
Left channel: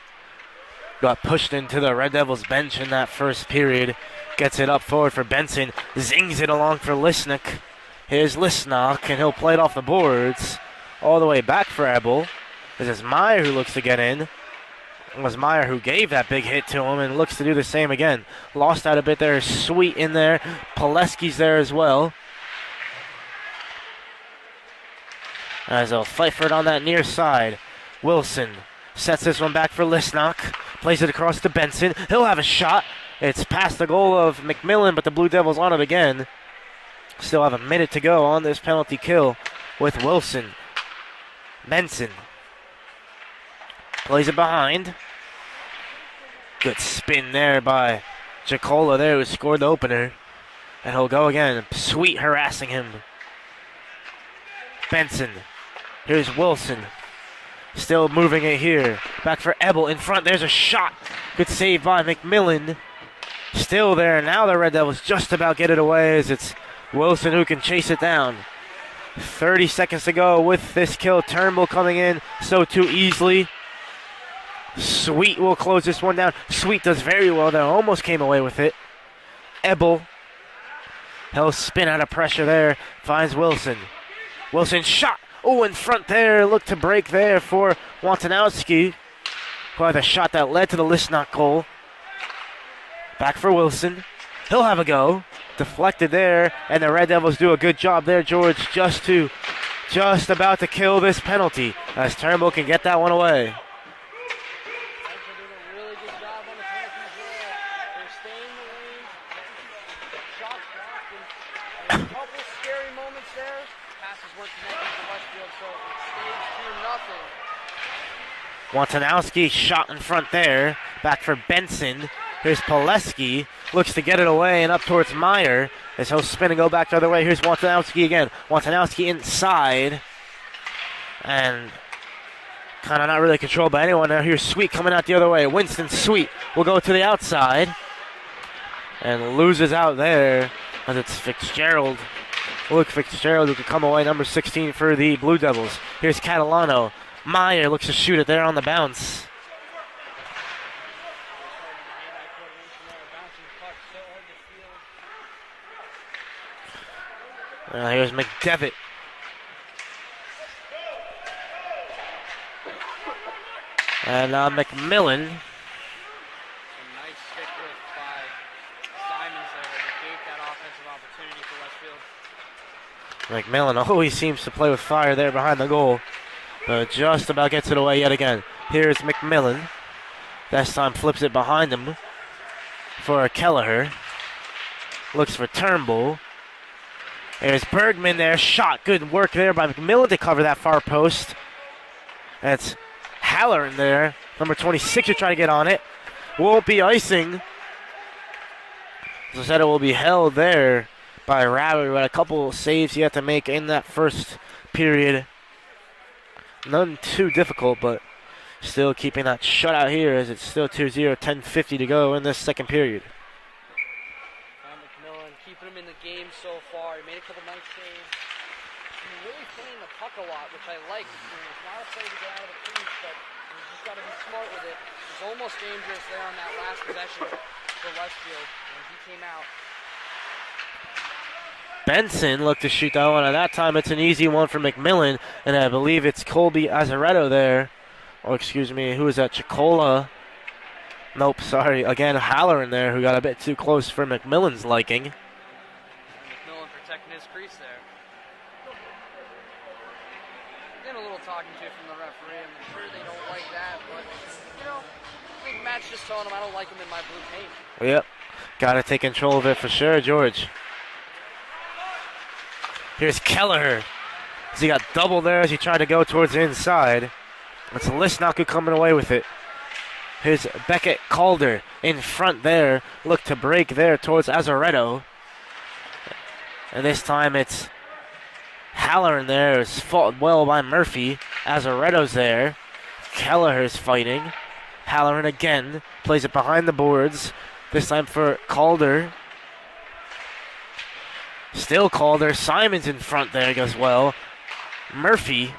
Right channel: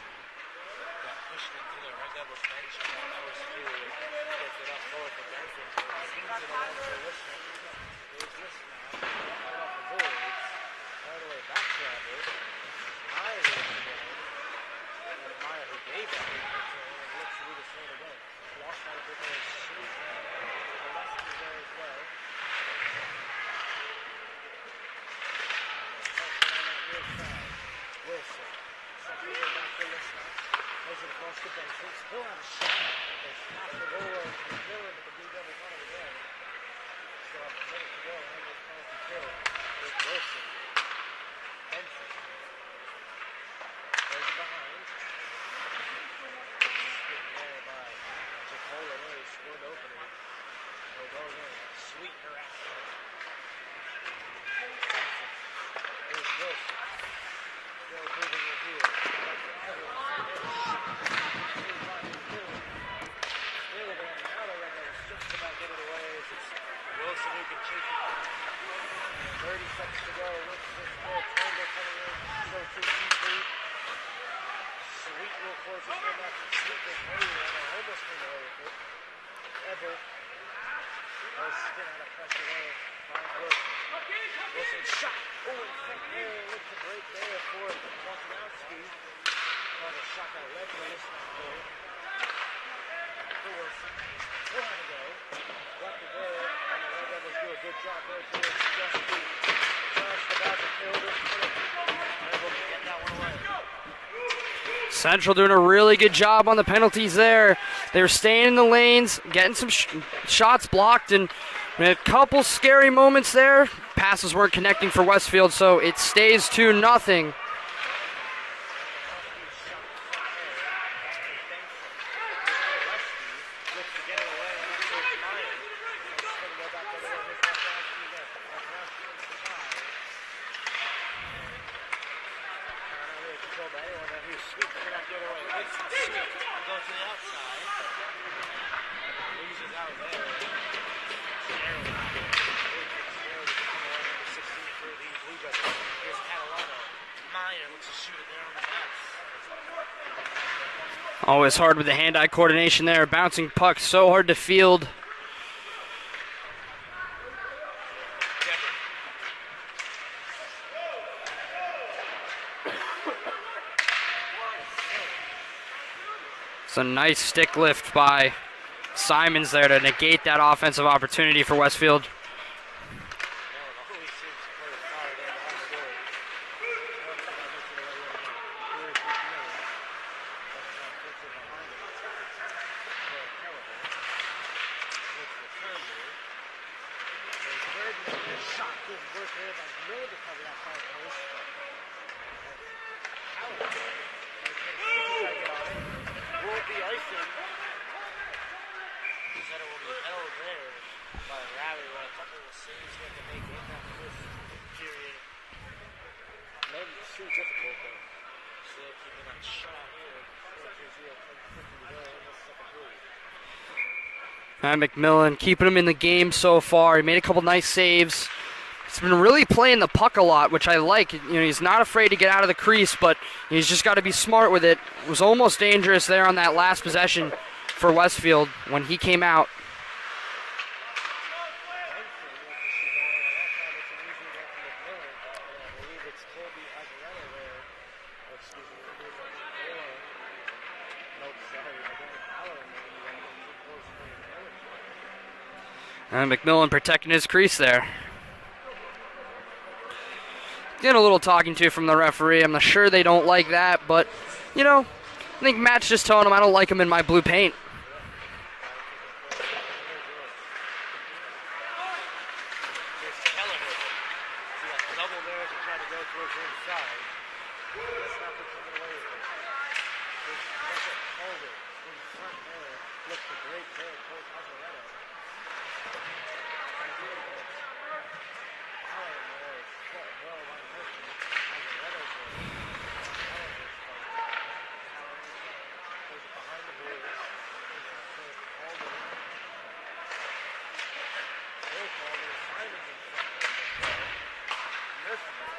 got pushed into the Red Devils bench in that first period. Gets it up forward for Benson. Zings it along for Lisnick. Here's Lisnock, and he'll play it off the boards. All the way back for Ebel. This is Meyer who looks to get in. It was Meyer who gave that big hit to him and looks to do the same again. Lost out a bit there. Sweet in there. Pileski's there as well. As they'll fight for it on that near side. Wilson sets this one back for Lisnock. Plays it across to Benson. He'll have a shot. It's past the goal of McMillan, but the Blue Devils on it again. Still have a minute to go on this penalty kill with Wilson. Benson plays it behind. Good spin there by Jacola there, who scored the opener. And he'll go again. Sweet harassing him. Benson. Here's Wilson. Still moving it here. Back for Ebel in front. There's a shot. Good save by McMillan. Still there. Now the Red Devils just about get it away as it's Wilson who can chase it down. 30 seconds to go with this kill. Turnbull coming in so too easily. Sweet will close this one down. Sweet does very well there. Almost came away with it. Ebel. He'll spin out of pressure there. Finds Wilson. Wilson shot. Oh, in front there. Look to break there for Wantanowski. Who had the shot that led to the Lisnock goal. Back for Wilson. He'll have a go. Deflected there. And the Red Devils do a good job there, George, just about to kill this penalty. As Turnbull can get that one away. Central doing a really good job on the penalties there. They were staying in the lanes, getting some shots blocked, and a couple scary moments there. Passes weren't connecting for Westfield, so it stays 2-0. Wantanowski shot in front there. Back for Benson. Here's Pileski. Looks to get it away and up towards Meyer. As he'll spin and go back the other way. Here's Wantanowski again. Wantanowski inside. And kind of not really controlled by anyone now. Here's Sweet coming out the other way. Winston Sweet will go to the outside. And loses out there as it's Fitzgerald. Luke Fitzgerald who can come away, number 16 for the Blue Devils. Here's Catalano. Meyer looks to shoot it there on the bounce. Always hard with the hand-eye coordination there. Bouncing puck, so hard to field. Here's McDevitt. And McMillan. It's a nice stick lift by Simons there to negate that offensive opportunity for Westfield. McMillan always seems to play with fire there behind the goal, but just about gets it away yet again. Here's McMillan. This time flips it behind him for Kelleher. Looks for Turnbull. There's Bergman there. Shot. Good work there by McMillan to cover that far post. That's Halloran there. Number 26 to try to get on it. Won't be icing. As I said, it will be held there by Rabbit. But a couple saves he had to make in that first period. None too difficult, but still keeping that shutout here as it's still 2-0, 10:50 to go in this second period. McMillan keeping him in the game so far. He made a couple nice saves. He's been really playing the puck a lot, which I like. He's not afraid to get out of the crease, but he's just got to be smart with it. It was almost dangerous there on that last possession for Westfield when he came out. Benson looked to shoot that one, and that time it's an easy one for McMillan, and I believe it's Colby Azaretto there. Oh, excuse me, who is that? Chicola. Nope, sorry. Again, Halloran there, who got a bit too close for McMillan's liking. And McMillan protecting his crease there. Getting a little talking to from the referee. I'm not sure they don't like that, but, I think Matt's just telling him I don't like him in my blue paint. Yep, got to take control of it for sure, George. Here's Kelleher. He got double there as he tried to go towards the inside. It's Lisnock coming away with it. Here's Beckett Calder in front there. Look to break there towards Azaretto. And this time it's Halloran there. It's fought well by Murphy. Azaretto's there. Kelleher's fighting. Halloran again. Plays it behind the boards. This time for Calder. Still Calder. Simons in front there goes well. Murphy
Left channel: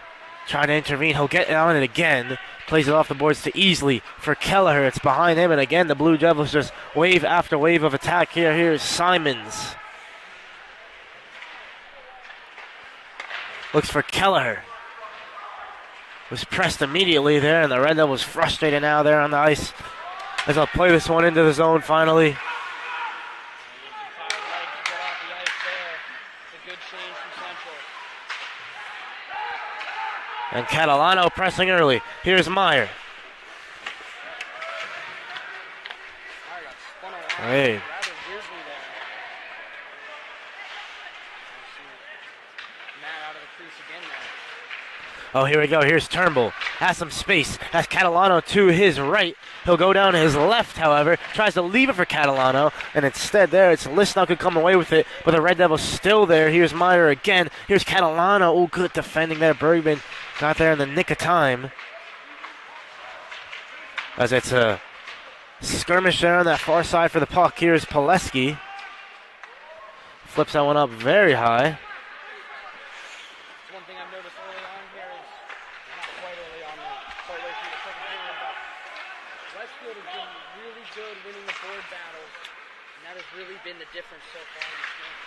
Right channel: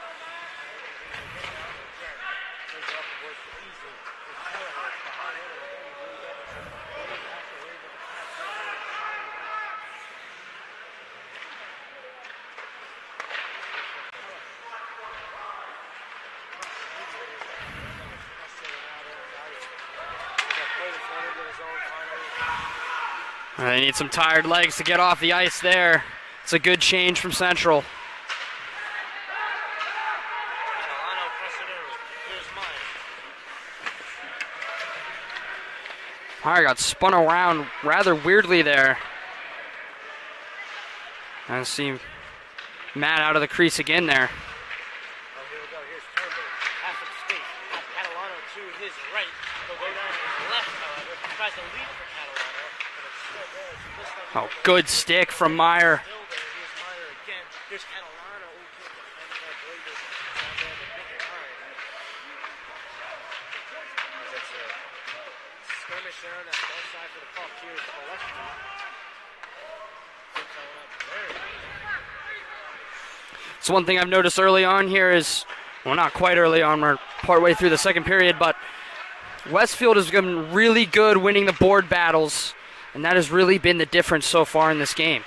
trying to intervene. He'll get on it again. Plays it off the boards to Easley for Kelleher. It's behind him, and again the Blue Devils just wave after wave of attack here. Here's Simons. Looks for Kelleher. Was pressed immediately there, and the Red Devils frustrated now there on the ice as they'll play this one into the zone finally. They need some tired legs to get off the ice there. It's a good change from Central. And Catalano pressing early. Here's Meyer. Meyer got spun around rather weirdly there. I see Matt out of the crease again there. Oh, here we go. Here's Turnbull. Has some space. Has Catalano to his right. He'll go down to his left, however. Tries to leave it for Catalano. And instead there, it's Listnall could come away with it. But the Red Devils still there. Here's Meyer again. Here's Catalano. Oh, good defending there. Bergman got there in the nick of time. As it's a skirmish there on that far side for the puck. Here's Pileski. Flips that one up very high. So one thing I've noticed early on here is, well, not quite early on, we're partway through the second period, but Westfield has been really good winning the board battles, and that has really been the difference so far in this game.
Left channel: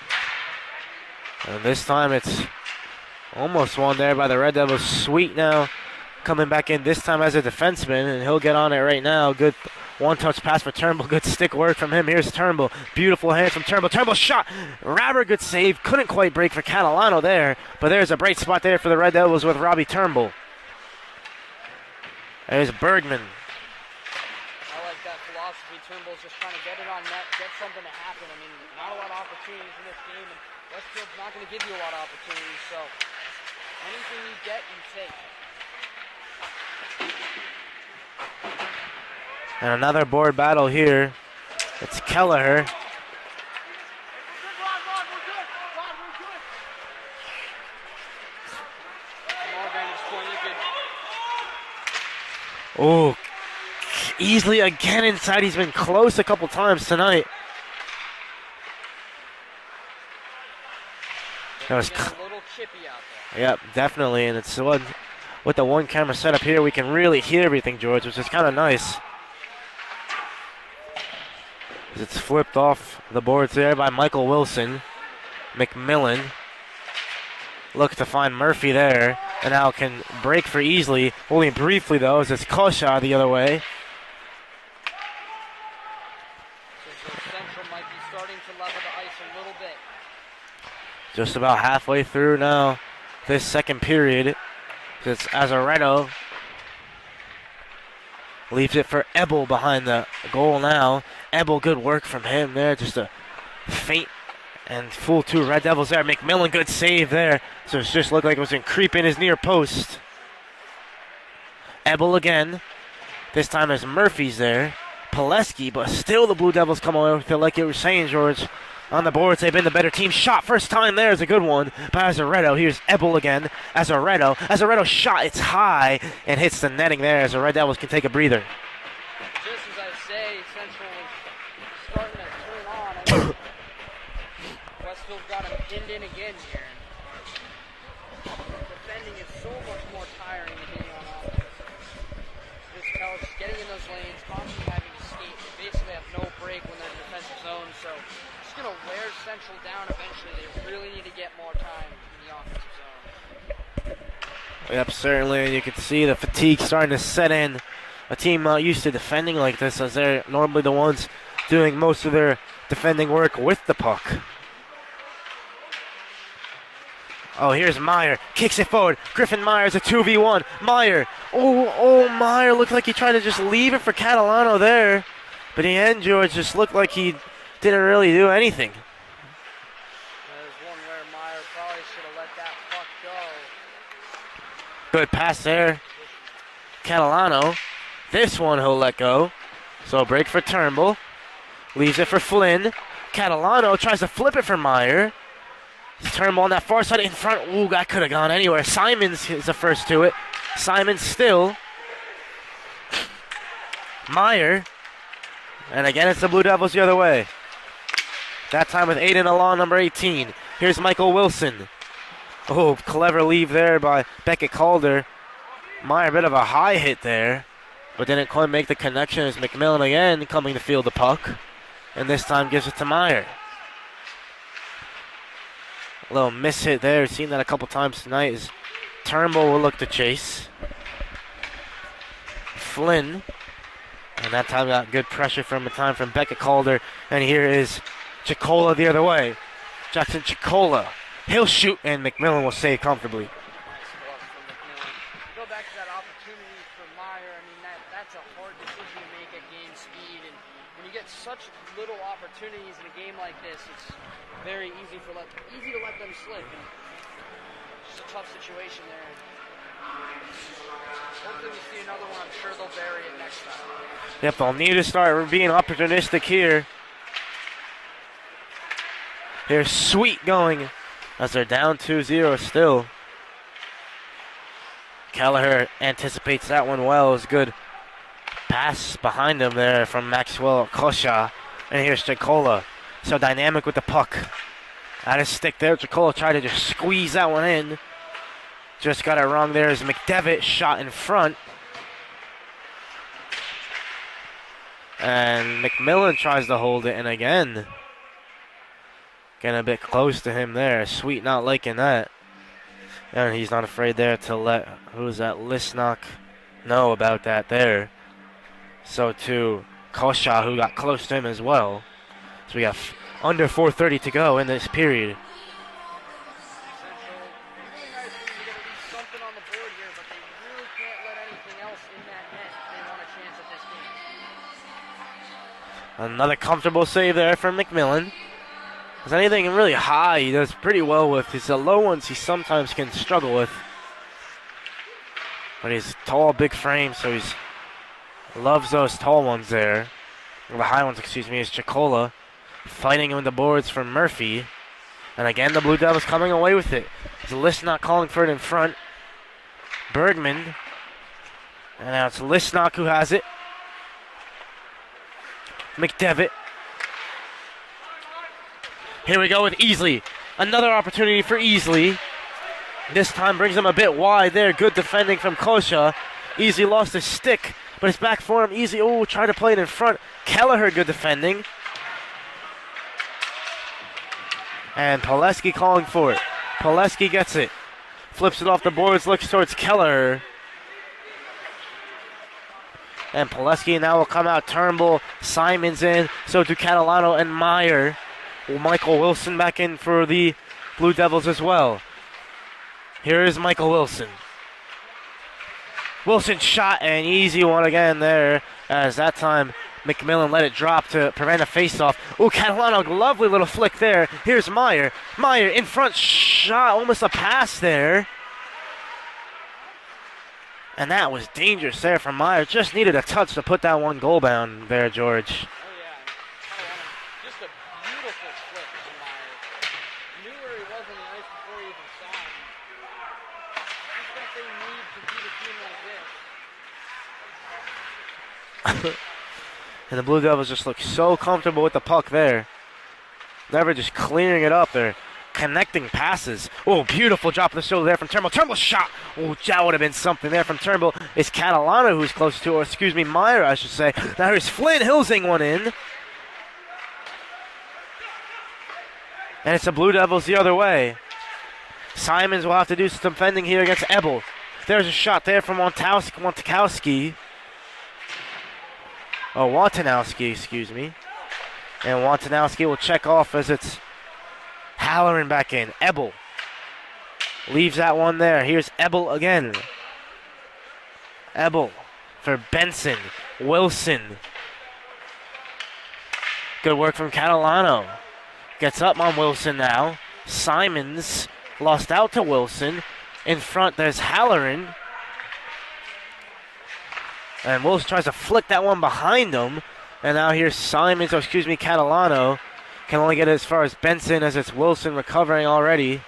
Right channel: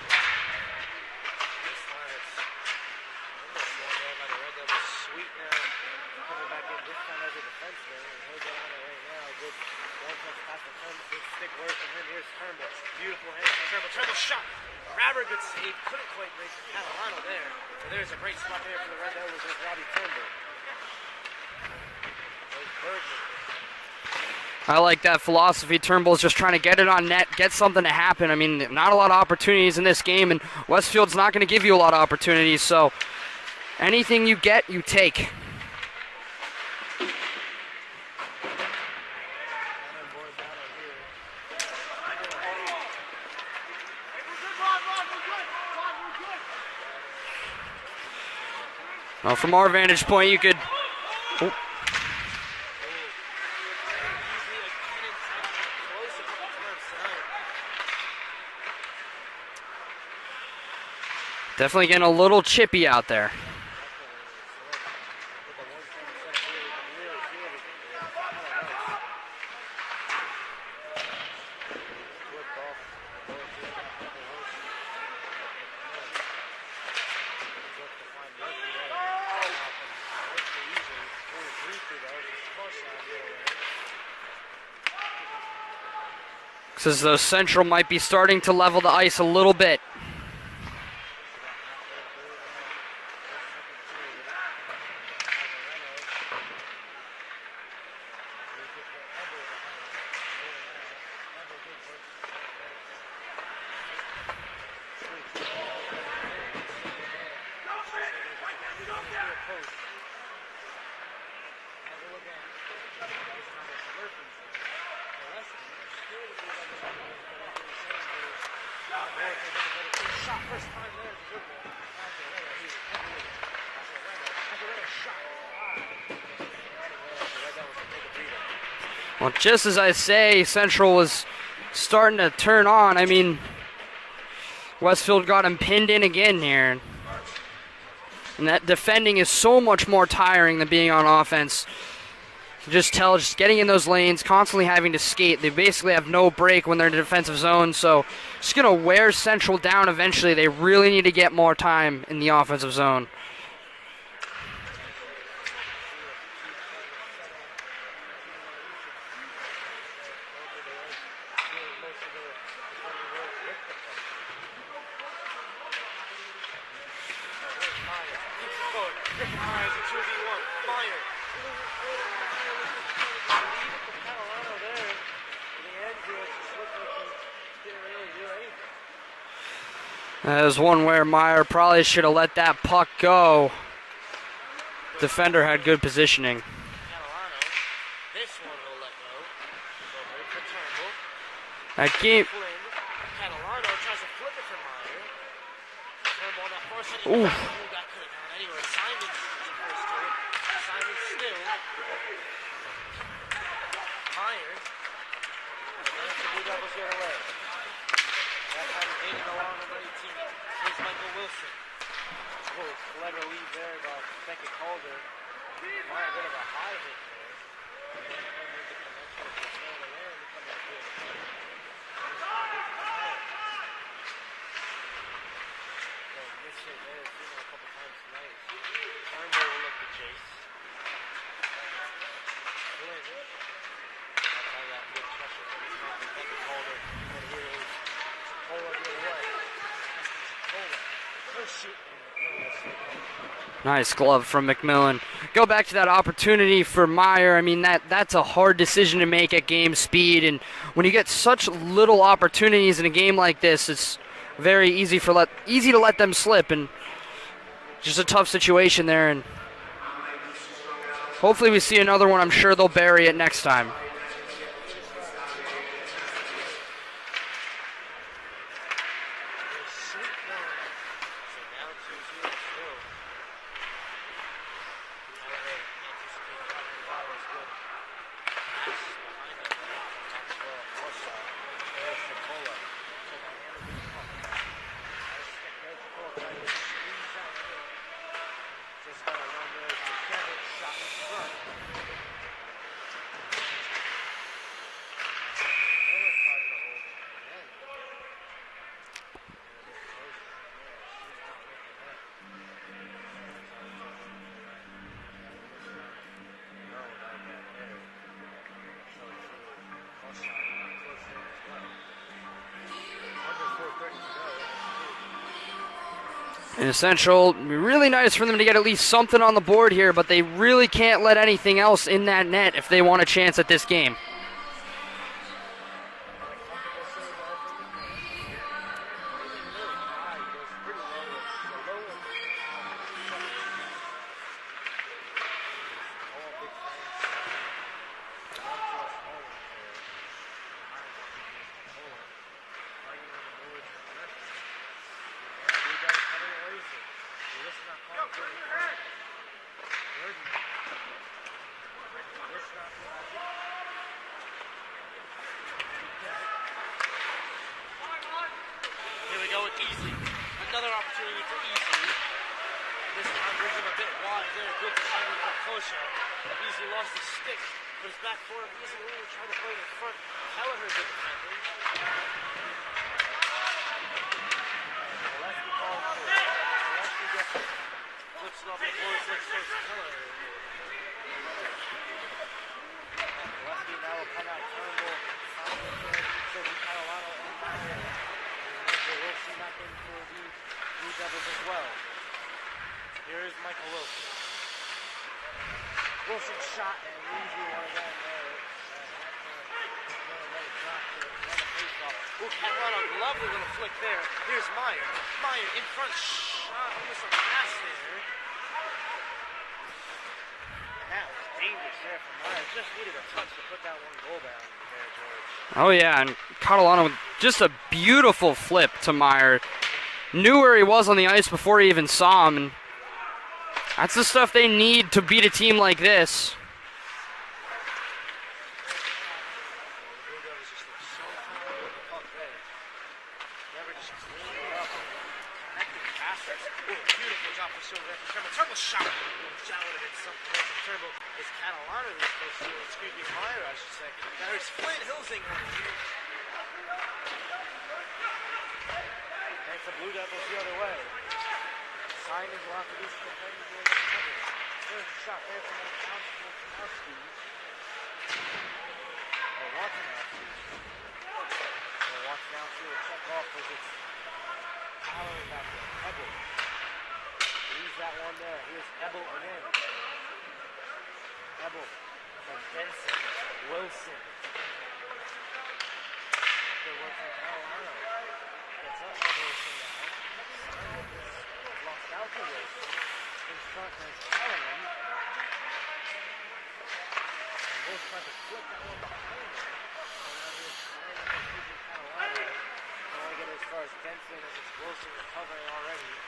And this time it's almost won there by the Red Devils. Sweet now coming back in, this time as a defenseman, and he'll get on it right now. Good one-touch pass for Turnbull. Good stick work from him. Here's Turnbull. Beautiful hand from Turnbull. Turnbull shot. Rabber, good save. Couldn't quite break for Catalano there, but there's a bright spot there for the Red Devils with Robbie Turnbull. There's Bergman. I like that philosophy. Turnbull's just trying to get it on net, get something to happen. I mean, not a lot of opportunities in this game, and Westfield's not going to give you a lot of opportunities, so anything you get, you take. And another board battle here. It's Kelleher. Well, from our vantage point, you could... Oh, easily again inside. He's been close a couple times tonight. Definitely getting a little chippy out there. Yep, definitely. And it's with the one camera setup here, we can really hear everything, George, which is kind of nice. It's flipped off the boards there by Michael Wilson. McMillan looks to find Murphy there, and now can break for Easley. Only briefly, though, as it's Kosha the other way. Says though Central might be starting to level the ice a little bit. Just about halfway through now this second period. It's Azaretto. Leaves it for Ebel behind the goal now. Ebel, good work from him there. Just a feint and fool two Red Devils there. McMillan, good save there. So it just looked like it was going to creep in his near post. Ebel again. This time there's Murphy's there. Pileski, but still the Blue Devils come away with it like you were saying, George. On the boards, they've been the better team. Shot first time there is a good one by Azaretto. Here's Ebel again. Azaretto shot. It's high and hits the netting there as the Red Devils can take a breather. Well, just as I say, Central was starting to turn on. I mean, Westfield got him pinned in again here. And that defending is so much more tiring than being on offense. You just tell, just getting in those lanes, constantly having to skate. They basically have no break when they're in the defensive zone, so just going to wear Central down eventually. They really need to get more time in the offensive zone. Yep, certainly. You can see the fatigue starting to set in. A team used to defending like this, as they're normally the ones doing most of their defending work with the puck. Oh, here's Meyer. Kicks it forward. Griffin Meyer's a 2v1. Meyer. Oh, Meyer looked like he tried to just leave it for Catalano there. But in the end, George, just looked like he didn't really do anything. There's one where Meyer probably should have let that puck go. Good Defender pass had there. good positioning. Catalano. This one he'll let go. So break for Turnbull. Leaves it for Flynn. Catalano tries to flip it for Meyer. Turnbull on that far side in front. Ooh, that could have gone anywhere. Simons is the first to it. Simons still. Meyer. And again, it's the Blue Devils the other way. That time with Aiden Alon, number 18. Here's Michael Wilson. Oh, clever leave there by Beckett Calder. Meyer, a bit of a high hit there, but didn't quite make the connection as McMillan again coming to field the puck. And this time gives it to Meyer. A little miss hit there. Seen that a couple times tonight as Turnbull will look to chase. Flynn. And that time got good pressure from Becca Calder. And here is Chicola the other way. Jackson Chicola. He'll shoot, and McMillan will save comfortably. Nice glove from McMillan. Go back to that opportunity for Meyer. I mean, that's a hard decision to make at game speed. And when you get such little opportunities in a game like this, it's very easy to let them slip. And just a tough situation there. And hopefully we see another one. I'm sure they'll bury it next time. Yep, they'll need to start being opportunistic here. Here's Sweet going as they're down 2-0 still. Kelleher anticipates that one well. It was a good pass behind him there from Maxwell Kosha. And here's Chicola. So dynamic with the puck. At his stick there, Chicola tried to just squeeze that one in. Just got it wrong there as McDevitt shot in front. And McMillan tries to hold it, and again, getting a bit close to him there. Sweet not liking that. And he's not afraid there to let, who's that, Lisnock know about that there. So to Kosha, who got close to him as well. So we got under 4:30 to go in this period. In Central, really nice for them to get at least something on the board here, but they really can't let anything else in that net if they want a chance at this game. Another comfortable save there from McMillan. Is anything really high he does pretty well with. It's the low ones he sometimes can struggle with. But he's tall, big frame, so he loves those tall ones there. Or the high ones, excuse me, is Chicola. Fighting on the boards for Murphy. And again, the Blue Devils coming away with it. Lisnock calling for it in front. Bergman. And now it's Lisnock who has it. McDevitt. Here we go with Easley. Another opportunity for Easley. This time brings him a bit wide there. Good defending from Kosha. Easley lost his stick, but it's back for him. Easley, trying to play it in front. Kelleher, good defending. And Pileski calling for it. Pileski gets it. Flips it off the boards, looks towards Kelleher. And Pileski now will come out. Turnbull, Simons in. So do Catalano and Meyer. Michael Wilson back in for the Blue Devils as well. Here is Michael Wilson. Wilson shot, an easy one again there. As that time McMillan let it drop to prevent a faceoff. Catalano, lovely little flick there. Here's Meyer. Meyer in front, shot, almost a pass there. And that was dangerous there from Meyer. Just needed a touch to put that one goal bound there, George. Oh, yeah, and Catalano, just a beautiful flip to Meyer. Knew where he was on the ice before he even saw him. And that's the stuff they need to beat a team like this. And the Blue Devils just look so comfortable with the puck there. Never just clearing it up there. Connecting passes. Beautiful drop of the shoulder there from Turnbull. Turnbull's shot. That would have been something there from Turnbull. It's Catalano who's close to, or excuse me, Meyer, I should say. Now here's Flynn Hilsing one in. And it's the Blue Devils the other way. Simons will have to do some defending here against Ebel. There's a shot there from Wantanowski, excuse me. And Wantanowski will check off as it's Halloran back in. Ebel leaves that one there. Here's Ebel again. Ebel for Benson. Wilson. Good work from Catalano. Gets up on Wilson now. Simons lost out to Wilson. In front, there's Halloran. And Wilson tries to flick that one behind him. And now here's Simons, Catalano. Can only get as far as Benson as it's Wilson recovering already.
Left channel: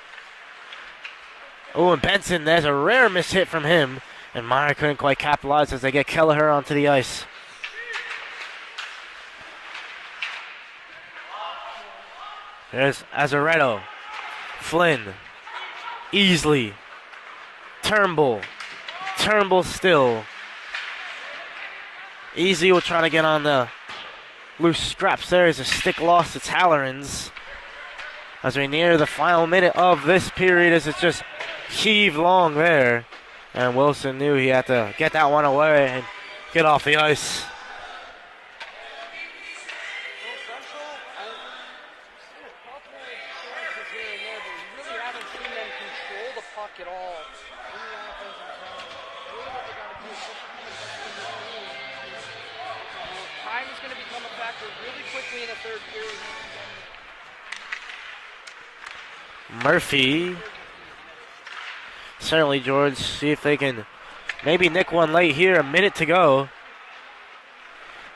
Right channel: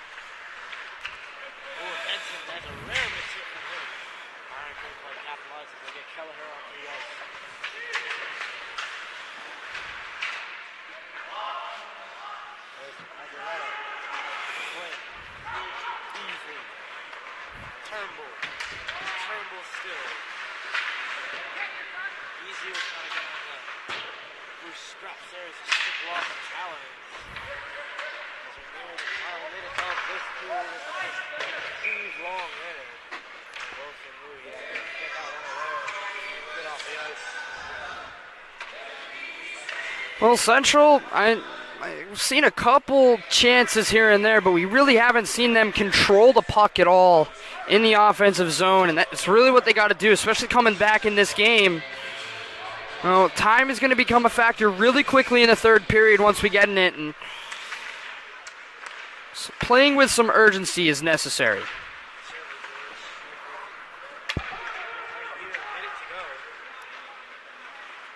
And Benson, there's a rare miss hit from him. And Meyer couldn't quite capitalize as they get Kelleher onto the ice. There's Azaretto, Flynn, Easley, Turnbull, Turnbull still. Easy will try to get on the loose scraps there as a stick loss to Tallerans. As we near the final minute of this period, as it's just heave long there. And Wilson knew he had to get that one away and get off the ice. Well, Central, I've seen a couple chances here and there, but we really haven't seen them control the puck at all in the offensive zone, and that's really what they got to do, especially coming back in this game. Well, time is going to become a factor really quickly in the third period once we get in it, and playing with some urgency is necessary. Certainly, George. See if they can maybe nick one late here. A minute to go.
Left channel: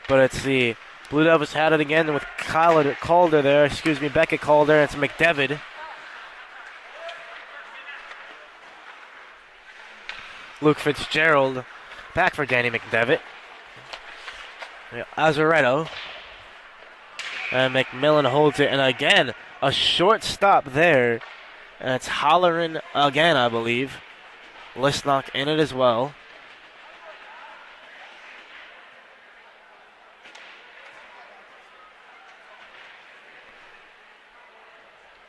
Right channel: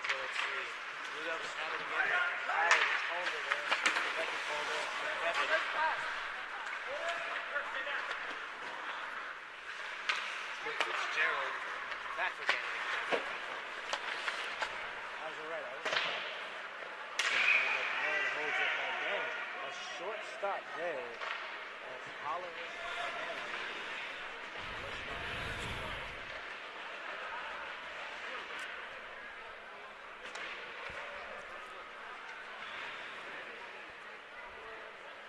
But it's the Blue Devils had it again with Calder there. Excuse me, Beckett Calder. It's McDevitt. Luke Fitzgerald back for Danny McDevitt. Azaretto. And McMillan holds it. And again, a short stop there. And it's Holleran again, I believe. Listnock in it as well.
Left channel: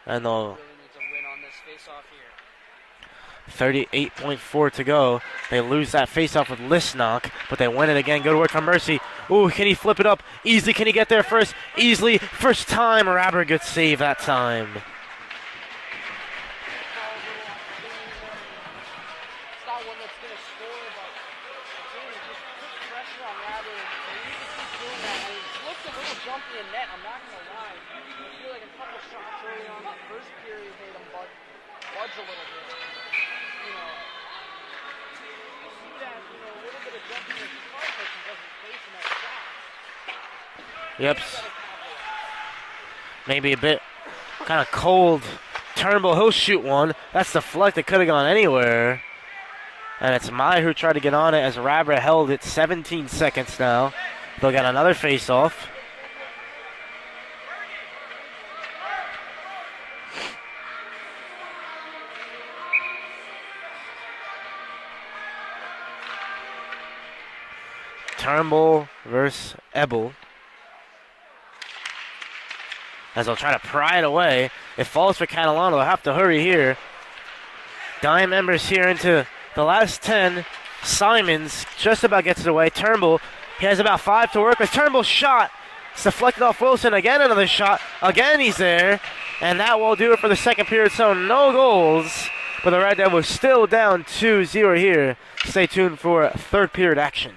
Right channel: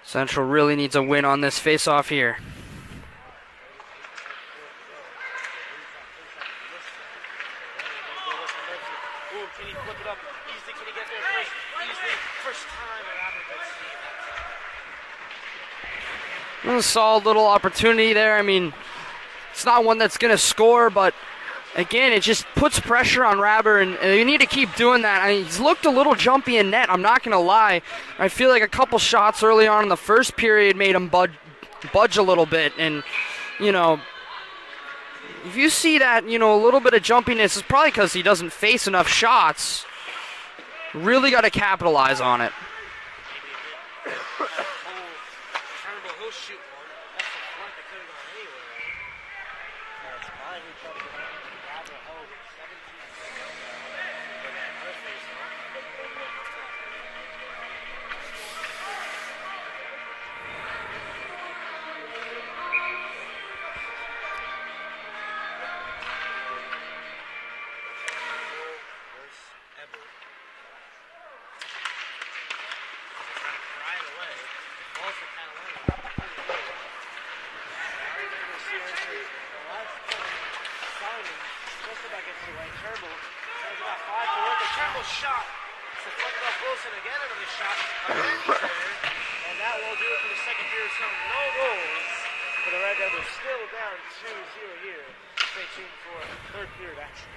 Central really needs a win on this face-off here. 38.4 to go. They lose that face-off with Listnock, but they win it again. Good work from Mercy. Ooh, can he flip it up? Easily, can he get there first? Easily, first time. Rabber good save that time. A solid little opportunity there. I mean, it's not one that's going to score, but again, it just puts pressure on Rabber, and you need to keep doing that. I mean, he's looked a little jumpy in net, I'm not going to lie. I feel like a couple shots early on in the first period made him budge a little bit, and, you know, if you see that, you know, a little bit of jumpiness, it's probably because he doesn't face enough shots. Yep. Really got to capitalize on it. Maybe a bit kind of cold. Turnbull, he'll shoot one. That's deflected, could have gone anywhere. And it's Mai who tried to get on it as Rabber held it 17 seconds now. They'll get another face-off. Turnbull versus Ebel. As they'll try to pry it away. It falls for Catalano. They'll have to hurry here. Dime members here into the last 10. Simons just about gets it away. Turnbull, he has about 5 to work with. Turnbull's shot. It's deflected off Wilson. Again, another shot. Again, he's there. And that will do it for the second period. So no goals. But the Red Devils still down 2-0 here. Stay tuned for third period action.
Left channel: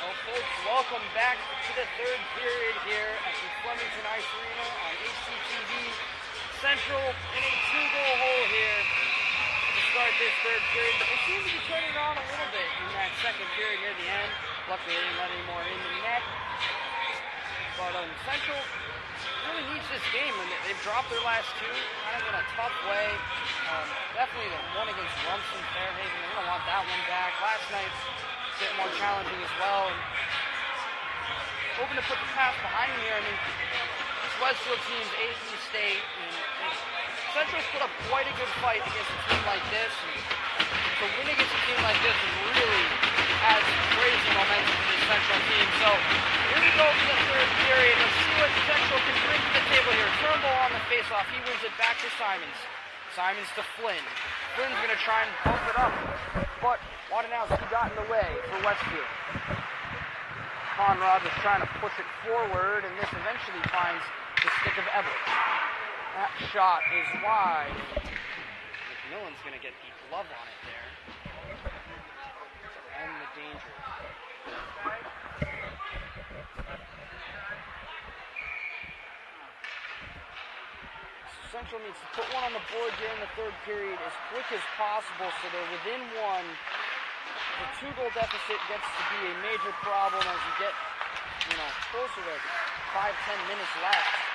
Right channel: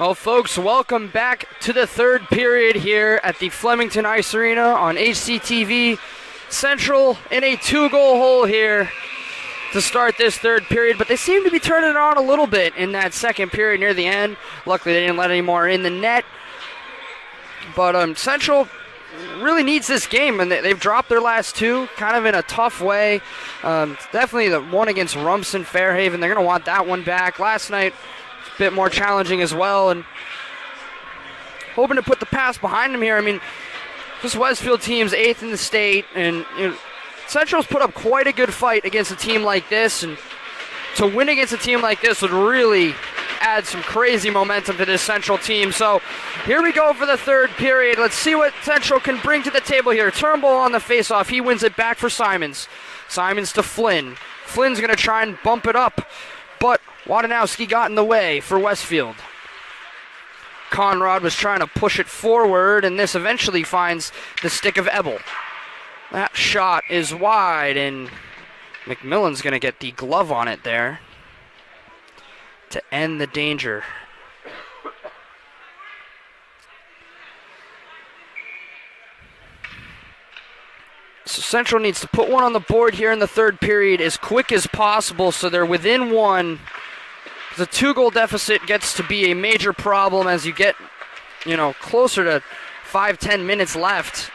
Well, folks, welcome back to the third period here at the Flemington Ice Arena on HCTV. Central in a 2-goal hole here to start this third period, but they seem to be turning it on a little bit in that second period near the end. Luckily, they didn't let any more in the net. But Central really needs this game, and they've dropped their last two kind of in a tough way. Definitely the one against Rumson Fairhaven. They're going to want that one back. Last night, a bit more challenging as well, and hoping to put the pass behind them here. I mean, this Westfield team's 8th in the state, and Central's put up quite a good fight against a team like this, and to win against a team like this would really add some crazy momentum to this Central team. So here we go for the third period. Let's see what Central can bring to the table here. Turnbull on the faceoff. He wins it back for Simons. Simons to Flynn. Flynn's going to try and bump it up, but Wadanowski got in the way for Westfield. Conrad was trying to push it forward, and this eventually finds the stick of Ebel. That shot is wide, and McMillan's going to get the glove on it there to end the danger. So Central needs to put one on the board here in the third period as quick as possible so they're within one. The 2-goal deficit gets to be a major problem as you get, closer to 5-10 minutes left.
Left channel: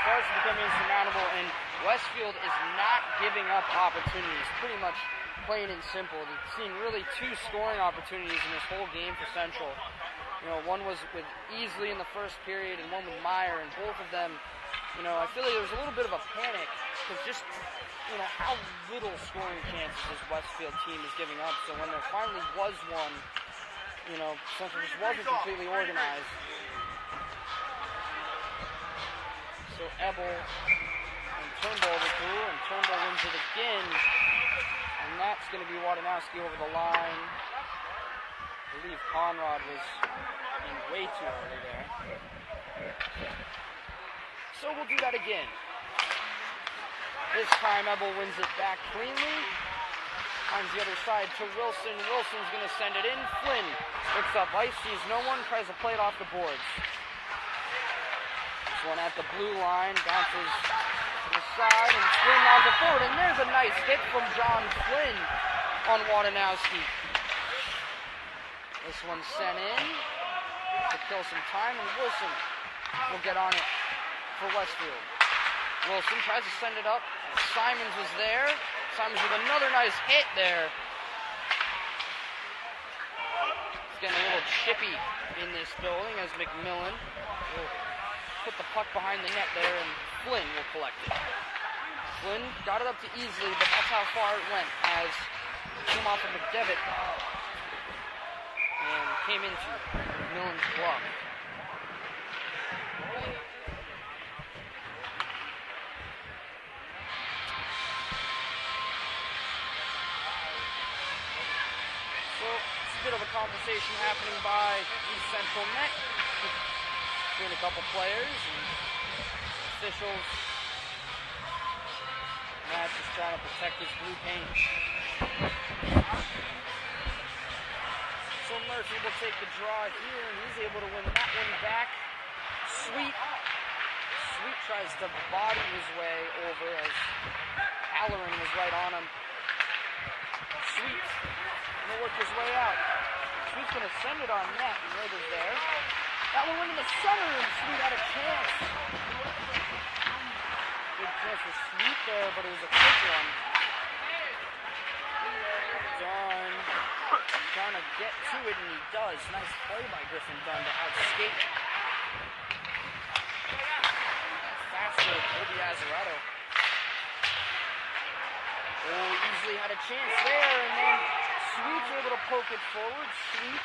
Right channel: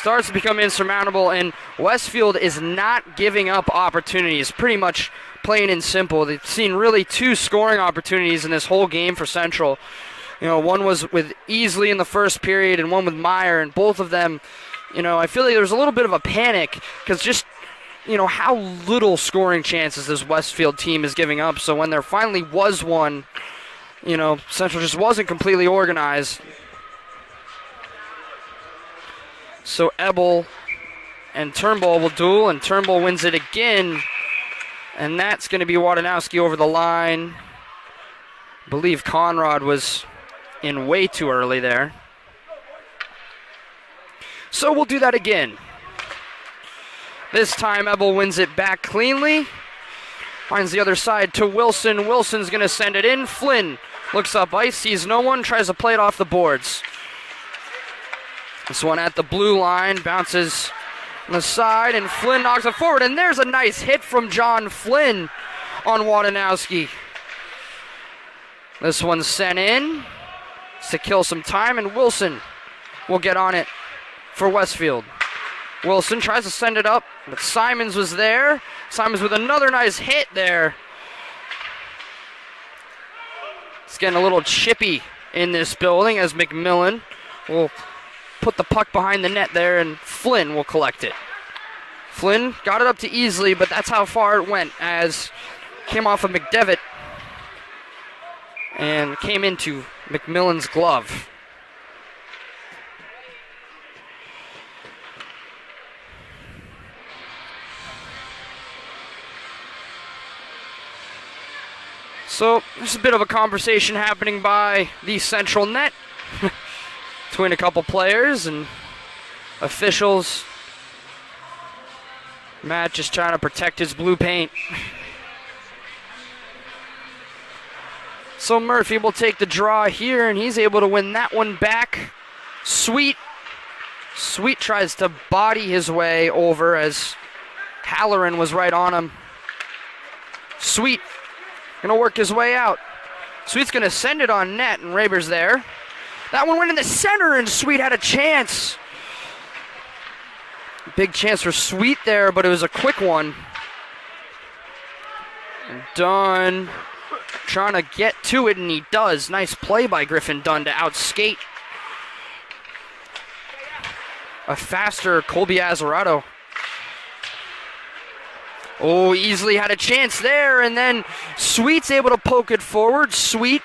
Starts to become insurmountable, and Westfield is not giving up opportunities, pretty much plain and simple. They've seen really 2 scoring opportunities in this whole game for Central. One was with Easley in the first period and one with Meyer, and both of them, I feel like there was a little bit of a panic because just, how little scoring chances this Westfield team is giving up. So when there finally was one, Central just wasn't completely organized. So Ebel and Turnbull will duel, and Turnbull wins it again. And that's going to be Wadanowski over the line. I believe Conrad was in way too early there. So we'll do that again. This time Ebel wins it back cleanly. Finds the other side to Wilson. Wilson's going to send it in. Flynn looks up ice, sees no one, tries to play it off the boards. This one at the blue line, bounces on the side, and Flynn knocks it forward, and there's a nice hit from John Flynn on Wadanowski. This one's sent in to kill some time, and Wilson will get on it for Westfield. Wilson tries to send it up, but Simons was there. Simons with another nice hit there. It's getting a little chippy in this building as McMillan will put the puck behind the net there, and Flynn will collect it. Flynn got it up to Easley, but that's how far it went as came off of McDevitt and came into McMillan's glove. So there's a bit of a conversation happening by the central net between a couple players and officials. Matt just trying to protect his blue paint. So Murphy will take the draw here, and he's able to win that one back. Sweet tries to body his way over as Halloran was right on him. Sweet gonna work his way out. Sweet's gonna send it on net, and Raber's there. That one went in the center, and Sweet had a chance. Big chance for Sweet there, but it was a quick one. Dunn trying to get to it, and he does. Nice play by Griffin Dunn to outskate a faster Colby Azzarato. Oh, Easley had a chance there, and then Sweet's able to poke it forward. Sweet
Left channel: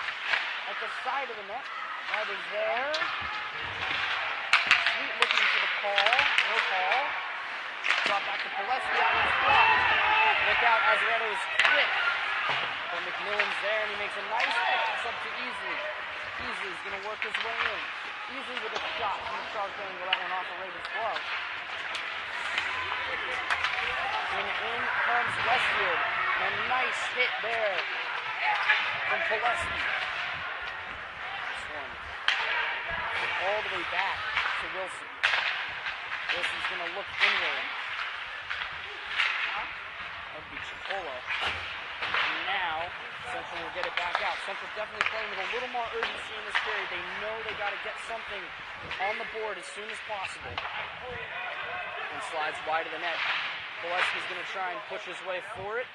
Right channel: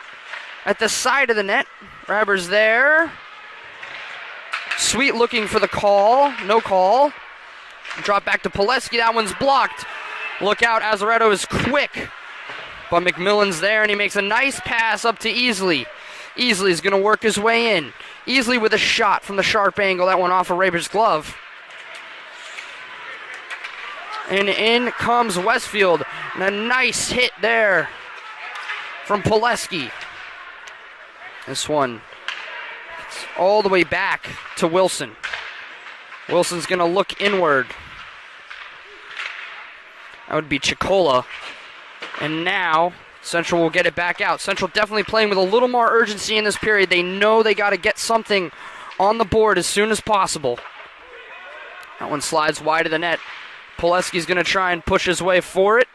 at the side of the net. Raber's there. Sweet looking for the call. No call. Drop back to Pileski. That one's blocked. Look out, Azzarato is quick. But McMillan's there, and he makes a nice pass up to Easley. Easley's going to work his way in. Easley with a shot from the sharp angle. That one off of Raber's glove. And in comes Westfield. And a nice hit there from Pileski. This one all the way back to Wilson. Wilson's going to look inward. That would be Chicola. And now Central will get it back out. Central definitely playing with a little more urgency in this period. They know they got to get something on the board as soon as possible. That one slides wide of the net. Poleski's going to try and push his way for it.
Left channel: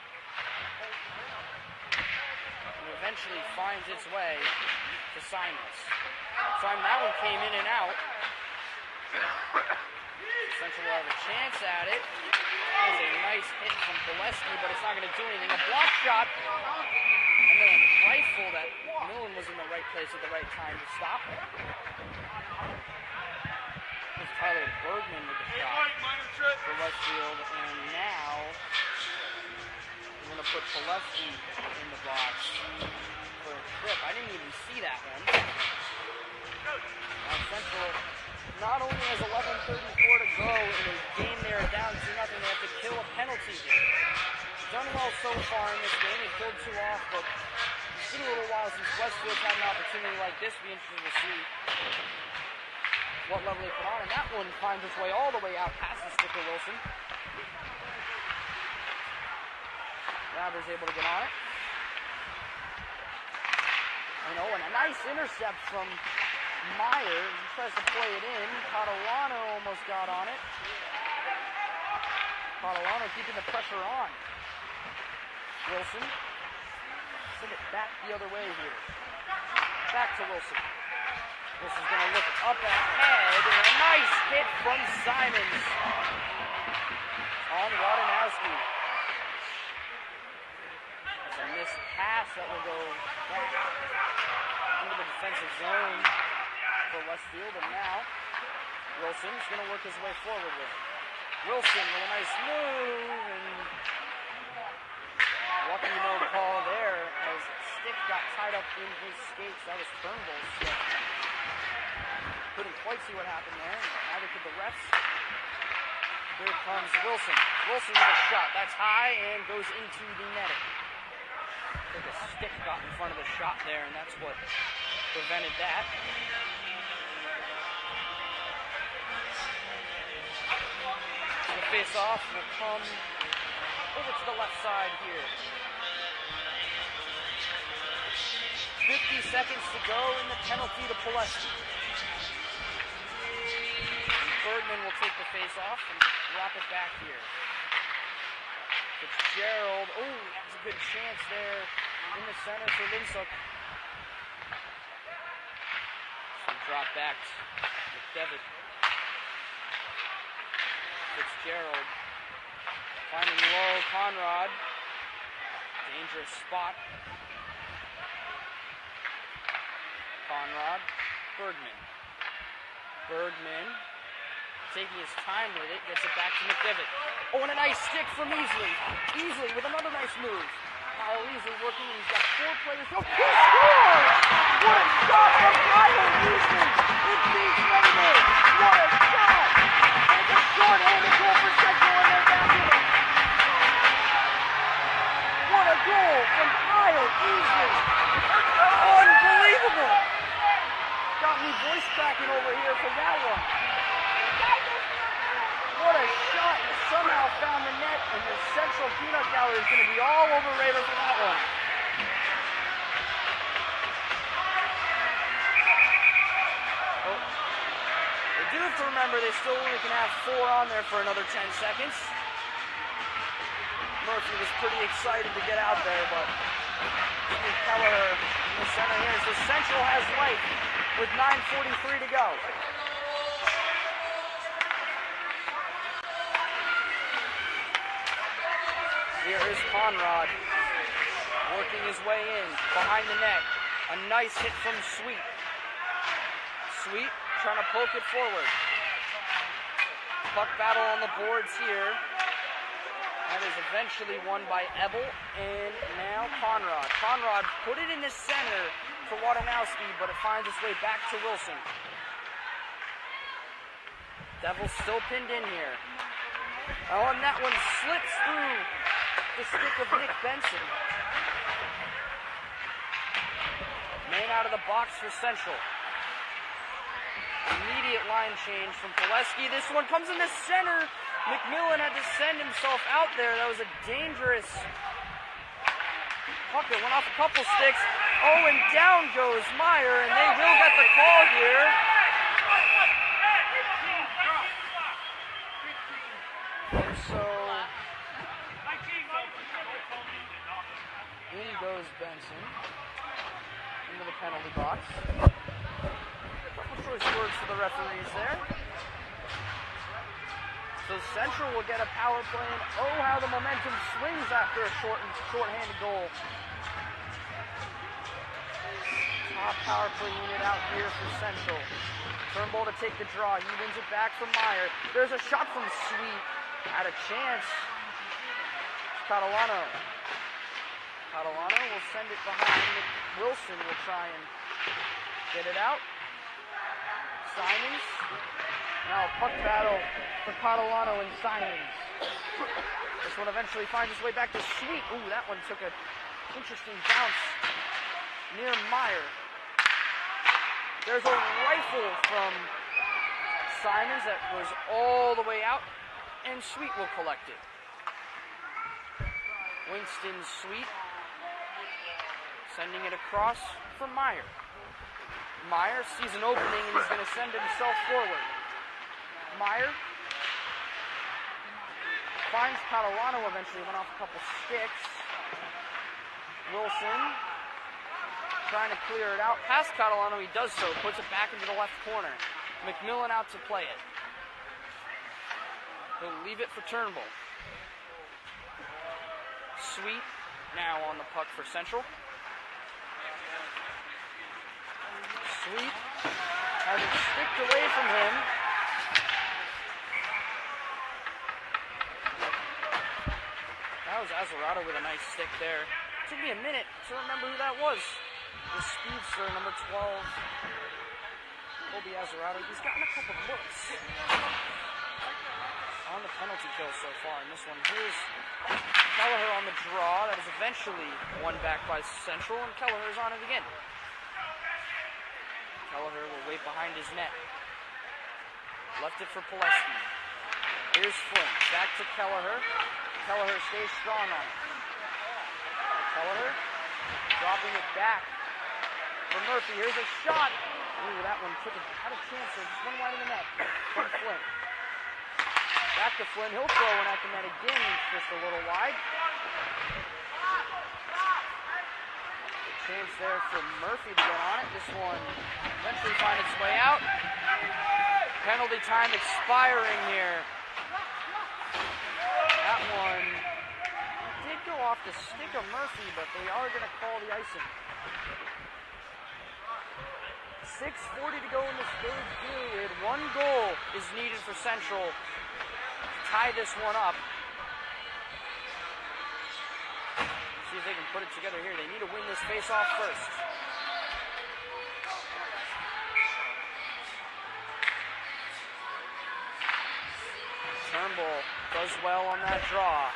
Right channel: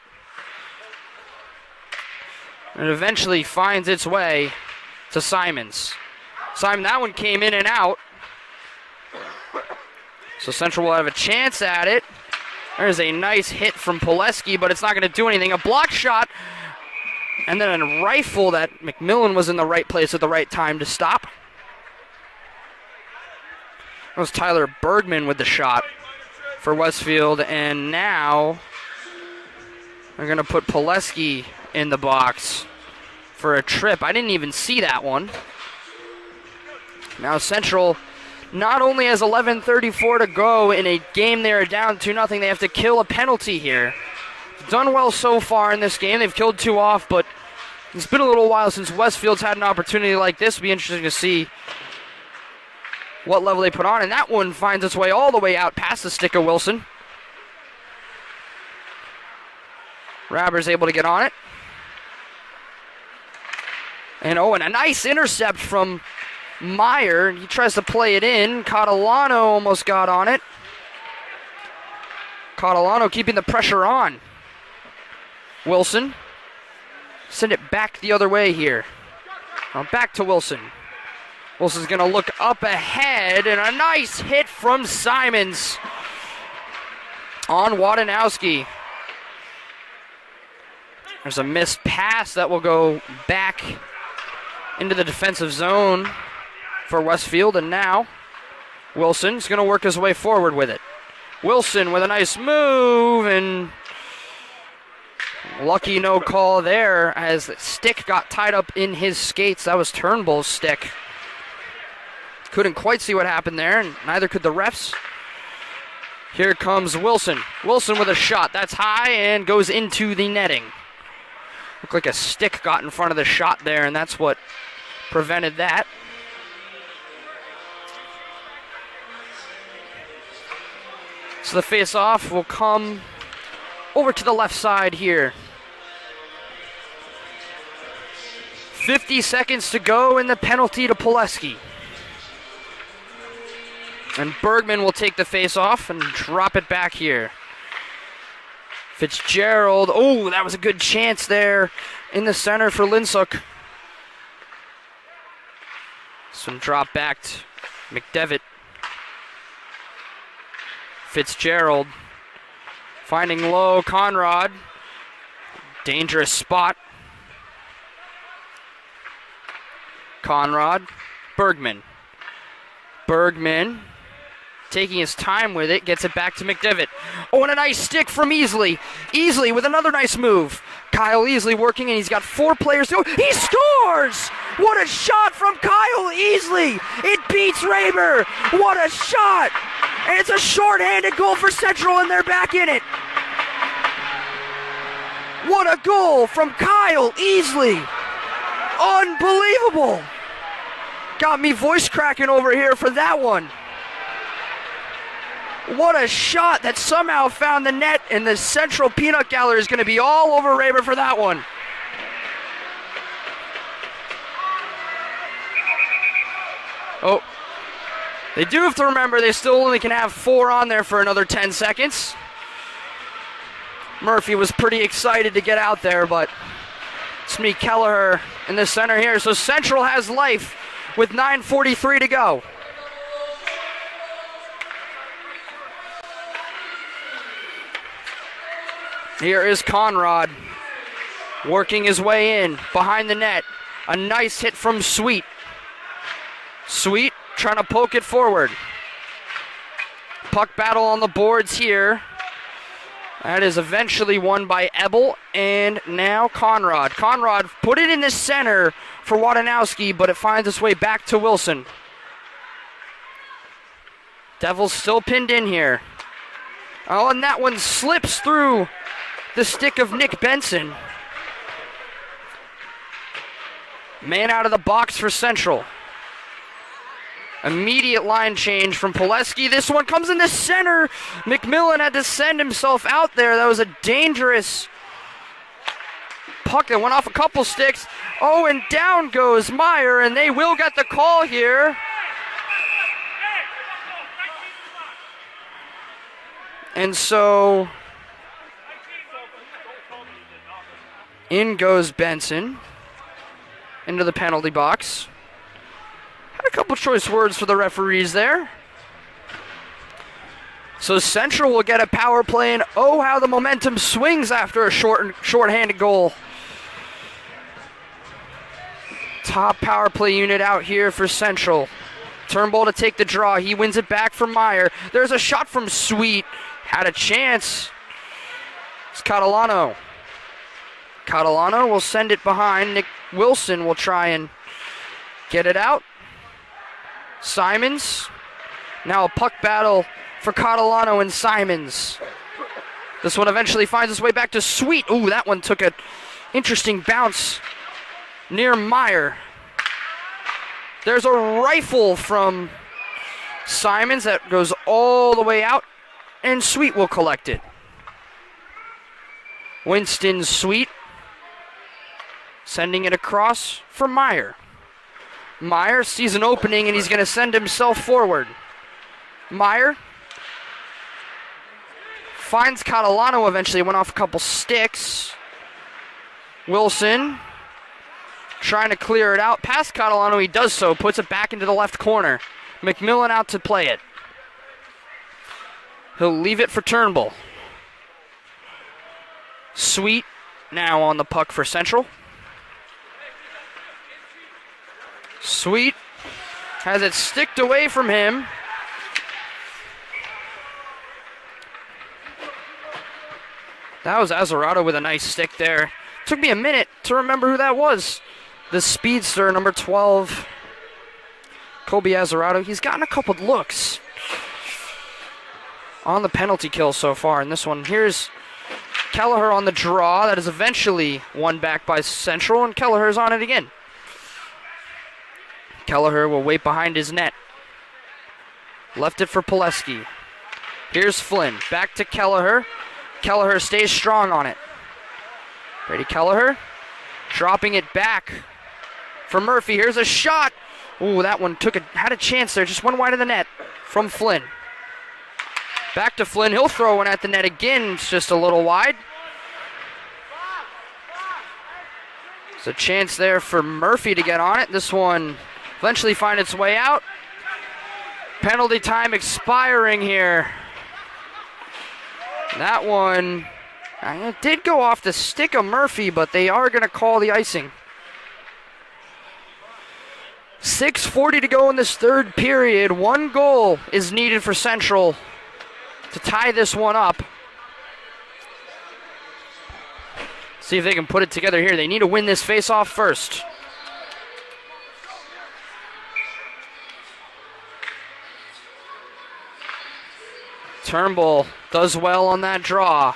And eventually finds its way to Simons. Simon, that one came in and out. So Central will have a chance at it. There's a nice hit from Poleski, but it's not going to do anything. A block shot, and then a rifle that McMillan was in the right place at the right time to stop. That was Tyler Bergman with the shot for Westfield, and now they're going to put Poleski in the box for a trip. I didn't even see that one. Now Central not only has 11:34 to go in a game they are down 2-0, they have to kill a penalty here. Done well so far in this game. They've killed 2 off, but it's been a little while since Westfield's had an opportunity like this. It'll be interesting to see what level they put on, and that one finds its way all the way out past the stick of Wilson. Rabber's able to get on it. And a nice intercept from Meyer. He tries to play it in. Catalano almost got on it. Catalano keeping the pressure on. Wilson. Send it back the other way here. Now back to Wilson. Wilson's going to look up ahead, and a nice hit from Simons on Wadanowski. There's a missed pass that will go back into the defensive zone for Westfield, and now Wilson's going to work his way forward with it. Wilson with a nice move, and lucky no call there as the stick got tied up in his skates. That was Turnbull's stick. Couldn't quite see what happened there, and neither could the refs. Here comes Wilson. Wilson with a shot. That's high and goes into the netting. Looked like a stick got in front of the shot there, and that's what prevented that. So the face-off will come over to the left side here. 50 seconds to go in the penalty to Poleski. And Bergman will take the face-off and drop it back here. Fitzgerald, that was a good chance there in the center for Linsuk. Some drop back to McDevitt. Fitzgerald finding low, Conrad. Dangerous spot. Conrad, Bergman. Bergman taking his time with it, gets it back to McDevitt. And a nice stick from Easley. Easley with another nice move. Kyle Easley working, and he's got 4 players to go. He scores! What a shot from Kyle Easley! It beats Raymer! What a shot! And it's a short-handed goal for Central, and they're back in it. What a goal from Kyle Easley! Unbelievable! Got me voice cracking over here for that one. What a shot that somehow found the net, and the Central Peanut Gallery is going to be all over Raymer for that one. They do have to remember they still only can have 4 on there for another 10 seconds. Murphy was pretty excited to get out there, but Smee Kelleher in the center here. So Central has life with 9:43 to go. Here is Conrad working his way in behind the net. A nice hit from Sweet. Sweet trying to poke it forward. Puck battle on the boards here. That is eventually won by Ebel, and now Conrad. Conrad put it in the center for Wadanowski, but it finds its way back to Wilson. Devils still pinned in here. And that one slips through the stick of Nick Benson. Man out of the box for Central. Immediate line change from Poleski. This one comes in the center. McMillan had to send himself out there. That was a dangerous puck that went off a couple sticks. Oh, and down goes Meyer, and they will get the call here. And so in goes Benson into the penalty box. Had a couple choice words for the referees there. So Central will get a power play, and oh, how the momentum swings after a short-handed goal. Top power play unit out here for Central. Turnbull to take the draw. He wins it back from Meyer. There's a shot from Sweet. Had a chance. It's Catalano. Catalano will send it behind. Nick Wilson will try and get it out. Simons. Now a puck battle for Catalano and Simons. This one eventually finds its way back to Sweet. Ooh, that one took an interesting bounce near Meyer. There's a rifle from Simons that goes all the way out, and Sweet will collect it. Winston Sweet sending it across for Meyer. Meyer sees an opening, and he's going to send himself forward. Meyer finds Catalano eventually, went off a couple sticks. Wilson trying to clear it out. Past Catalano, he does so, puts it back into the left corner. McMillan out to play it. He'll leave it for Turnbull. Sweet now on the puck for Central. Sweet has it sticked away from him. That was Azzarato with a nice stick there. Took me a minute to remember who that was. The speedster, number 12, Kobe Azzarato. He's gotten a couple looks on the penalty kill so far in this one. Here's Kelleher on the draw. That is eventually won back by Central, and Kelleher's on it again. Kelleher will wait behind his net. Left it for Pileski. Here's Flynn. Back to Kelleher. Kelleher stays strong on it. Brady Kelleher dropping it back for Murphy. Here's a shot. Ooh, that one had a chance there. Just one wide of the net from Flynn. Back to Flynn. He'll throw one at the net again. It's just a little wide. There's a chance there for Murphy to get on it. This one eventually find its way out. Penalty time expiring here. That one it did go off the stick of Murphy, but they are going to call the icing. 6:40 to go in this third period. One goal is needed for Central to tie this one up. See if they can put it together here. They need to win this face-off first. Turnbull does well on that draw.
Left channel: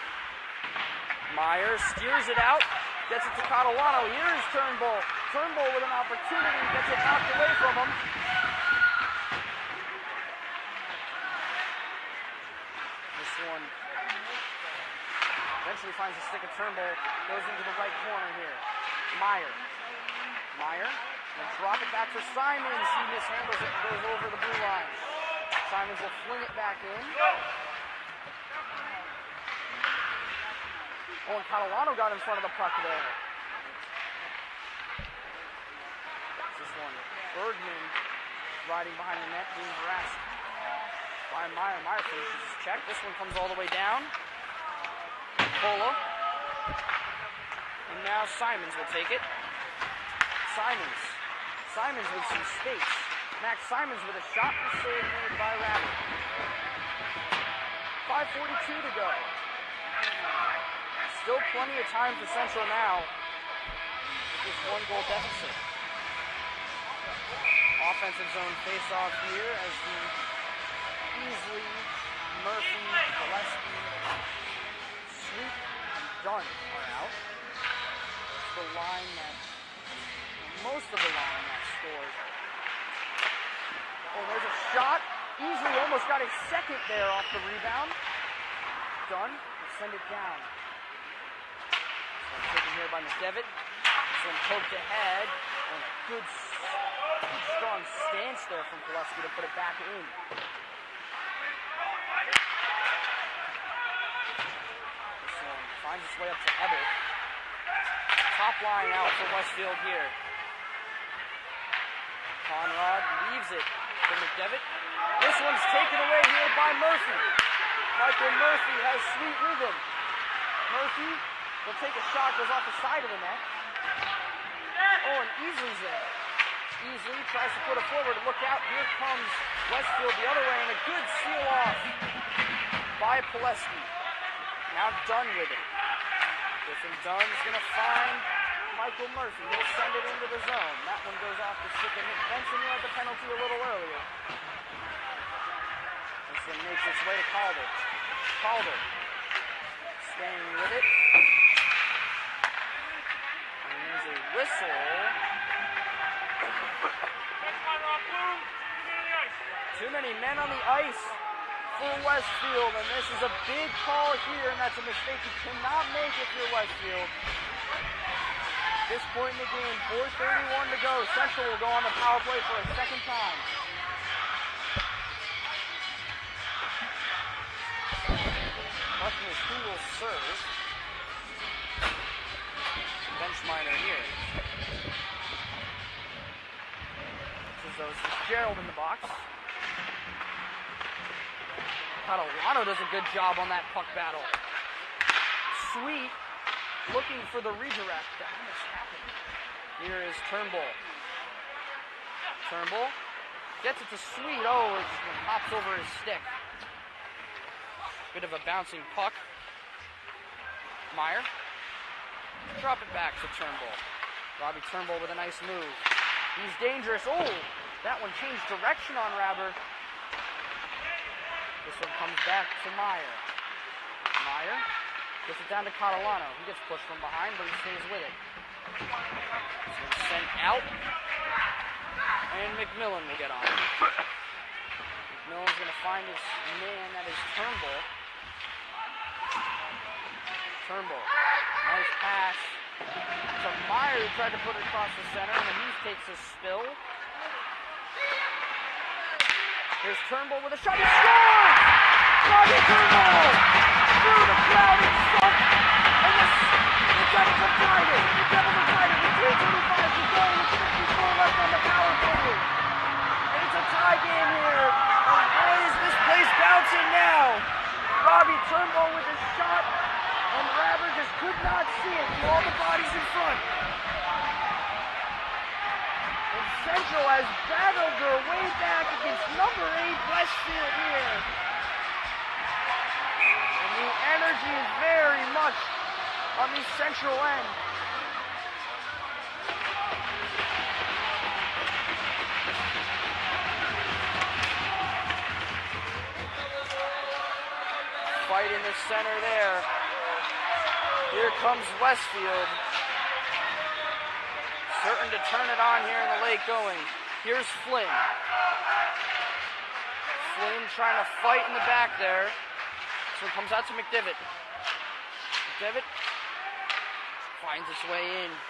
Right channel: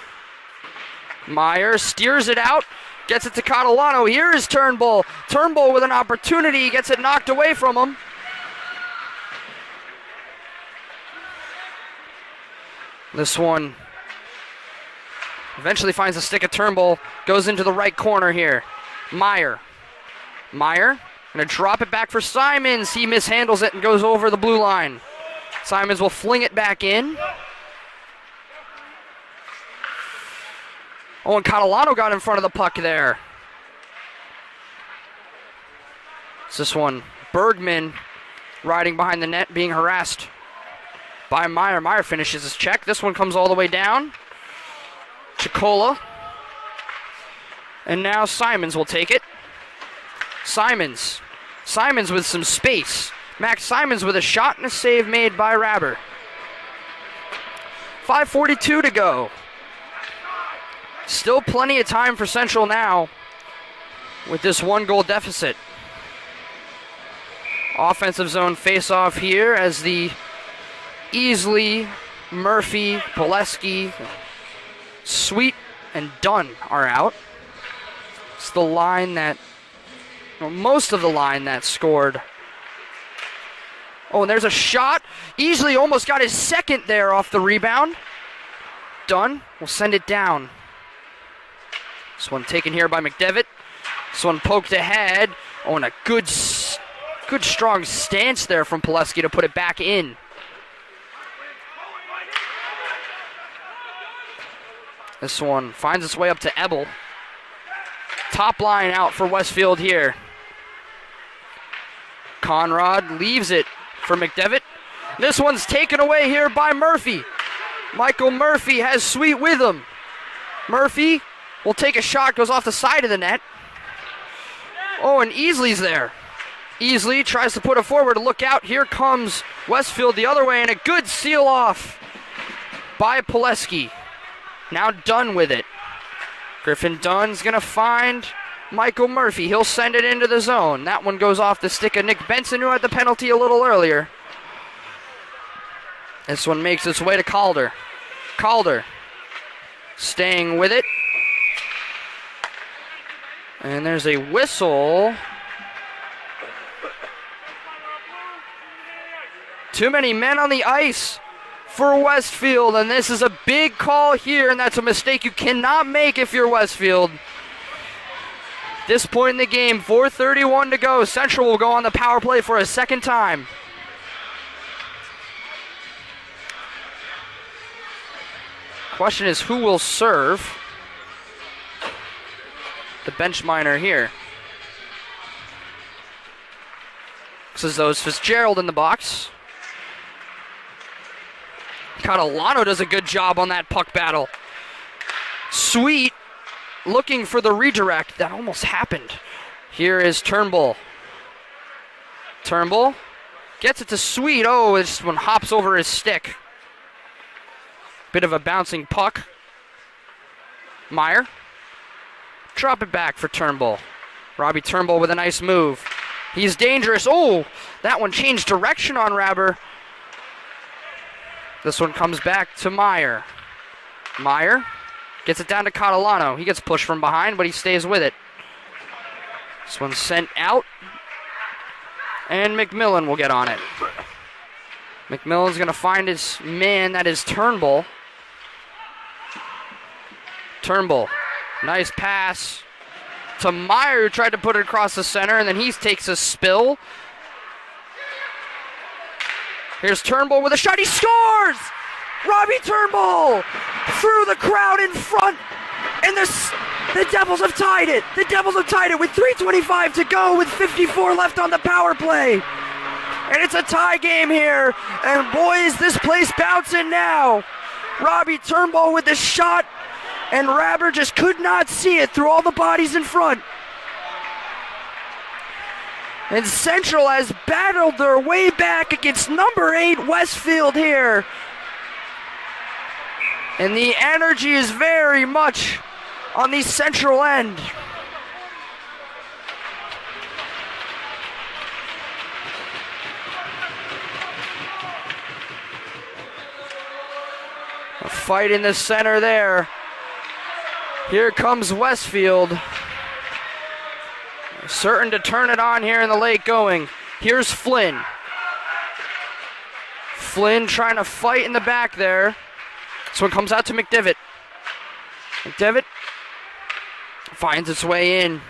Meyer steers it out, gets it to Catalano. Here is Turnbull. Turnbull with an opportunity, gets it knocked away from him. This one eventually finds a stick of Turnbull, goes into the right corner here. Meyer gonna drop it back for Simons. He mishandles it and goes over the blue line. Simons will fling it back in. Oh, and Catalano got in front of the puck there. It's this one. Bergman riding behind the net, being harassed by Meyer. Meyer finishes his check. This one comes all the way down. Chicola. And now Simons will take it. Simons with some space. Max Simons with a shot and a save made by Rabbert. 5:42 to go. Still plenty of time for Central now with this one-goal deficit. Offensive zone face-off here as the Easley, Murphy, Pileski, Sweet, and Dunn are out. It's the line that, well, most of the line that scored. Oh, and there's a shot. Easley almost got his second there off the rebound. Dunn will send it down. This one taken here by McDevitt. This one poked ahead. Oh, and a good strong stance there from Pileski to put it back in. This one finds its way up to Ebel. Top line out for Westfield here. Conrad leaves it for McDevitt. This one's taken away here by Murphy. Michael Murphy has Sweet with him. Murphy will take a shot, goes off the side of the net. Oh, and Easley's there. Easley tries to put it forward. Look out, here comes Westfield the other way, and a good seal off by Pileski. Now Dunn with it. Griffin Dunn's gonna find Michael Murphy. He'll send it into the zone. That one goes off the stick of Nick Benson, who had the penalty a little earlier. This one makes its way to Calder. Calder staying with it. And there's a whistle. Too many men on the ice for Westfield, and this is a big call here, and that's a mistake you cannot make if you're Westfield. At this point in the game, 4:31 to go. Central will go on the power play for a second time. Question is, who will serve? The bench minor here. Looks as though it's Fitzgerald in the box. Catalano does a good job on that puck battle. Sweet looking for the redirect. That almost happened. Here is Turnbull. Turnbull gets it to Sweet. Oh, this one hops over his stick. Bit of a bouncing puck. Meyer. Drop it back for Turnbull. Robbie Turnbull with a nice move. He's dangerous. Oh, that one changed direction on Rabber. This one comes back to Meyer. Meyer gets it down to Catalano. He gets pushed from behind, but he stays with it. This one's sent out. And McMillan will get on it. McMillan's going to find his man. That is Turnbull. Turnbull. Nice pass to Meyer, who tried to put it across the center, and then he takes a spill. Here's Turnbull with a shot. He scores! Robbie Turnbull through the crowd in front, and the Devils have tied it. The Devils have tied it with 3:25 to go, with 54 left on the power play. And it's a tie game here. And boys, this place bouncing now. Robbie Turnbull with the shot, and Rabber just could not see it through all the bodies in front. And Central has battled their way back against number 8 Westfield here. And the energy is very much on the Central end. A fight in the center there. Here comes Westfield. Certain to turn it on here in the late going. Here's Flynn. Flynn trying to fight in the back there. This one comes out to McDevitt. McDevitt finds its way in.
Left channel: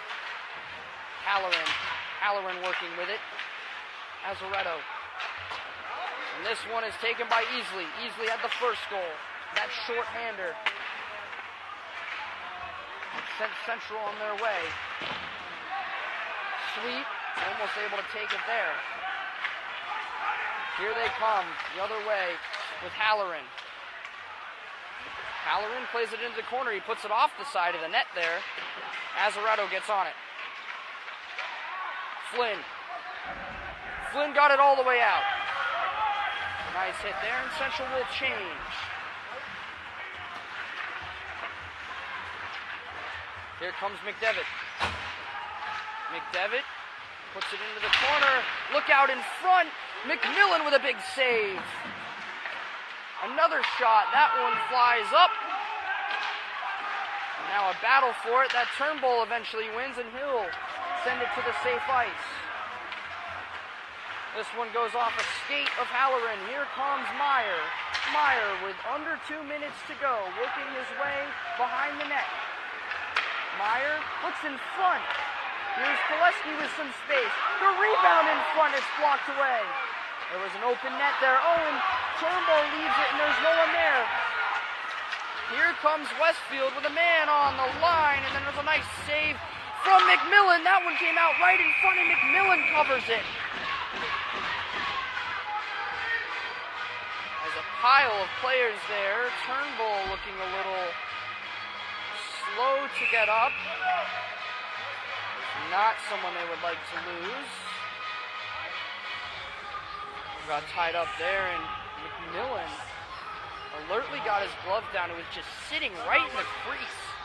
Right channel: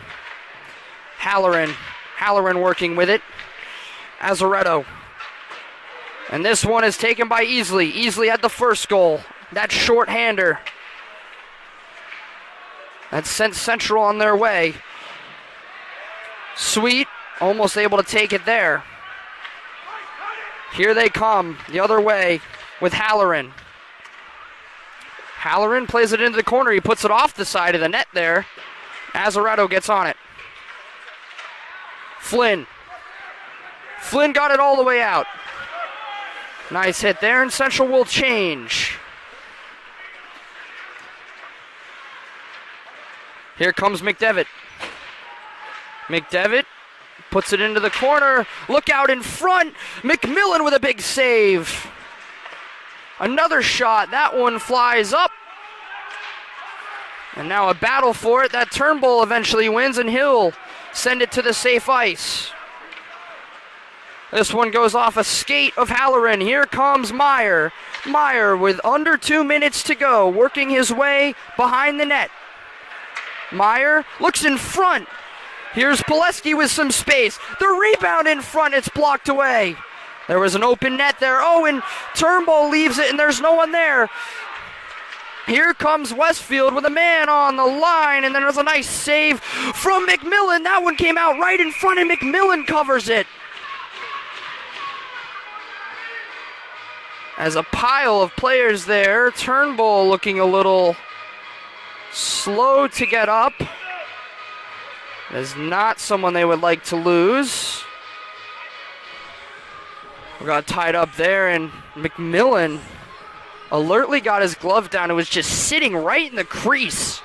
Halloran. Halloran working with it. Azaretto. And this one is taken by Easley. Easley had the first goal. That short-hander. That sent Central on their way. Sweet, almost able to take it there. Here they come, the other way with Halloran. Halloran plays it into the corner. He puts it off the side of the net there. Azaretto gets on it. Flynn. Flynn got it all the way out. Nice hit there, and Central will change. Here comes McDevitt. McDevitt puts it into the corner. Look out in front. McMillan with a big save. Another shot. That one flies up. And now a battle for it. That Turnbull eventually wins, and he'll send it to the safe ice. This one goes off a skate of Halloran. Here comes Meyer. Meyer with under 2 minutes to go, working his way behind the net. Meyer looks in front. Here's Pileski with some space. The rebound in front, it's blocked away. There was an open net there. Oh, and Turnbull leaves it, and there's no one there. Here comes Westfield with a man on the line, and then there's a nice save from McMillan. That one came out right in front, and McMillan covers it. As a pile of players there, Turnbull looking a little slow to get up. Is not someone they would like to lose. We got tied up there, and McMillan alertly got his glove down. It was just sitting right in the crease,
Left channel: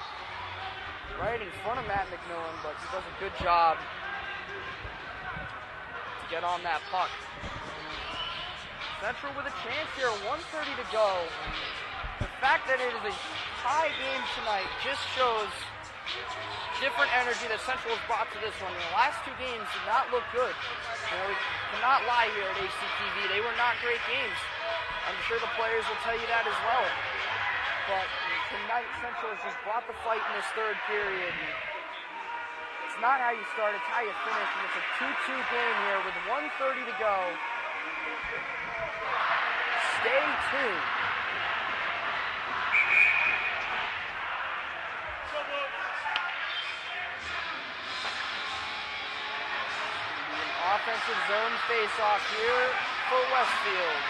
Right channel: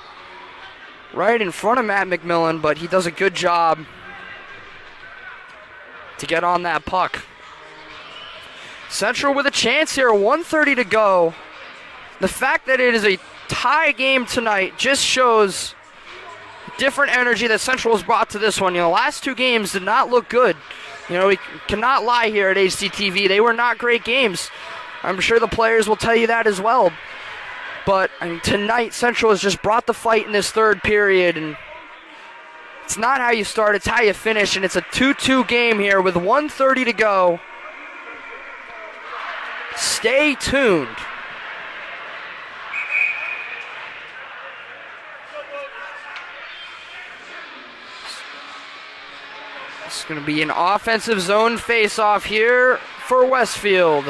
right in front of Matt McMillan, but he does a good job to get on that puck. Central with a chance here, 1:30 to go. The fact that it is a tie game tonight just shows different energy that Central has brought to this one. You know, the last two games did not look good. You know, we cannot lie here at HCTV. They were not great games. I'm sure the players will tell you that as well. But I mean, tonight, Central has just brought the fight in this third period. And it's not how you start, it's how you finish. And it's a 2-2 game here with 1:30 to go. Stay tuned. It's going to be an offensive zone face-off here for Westfield.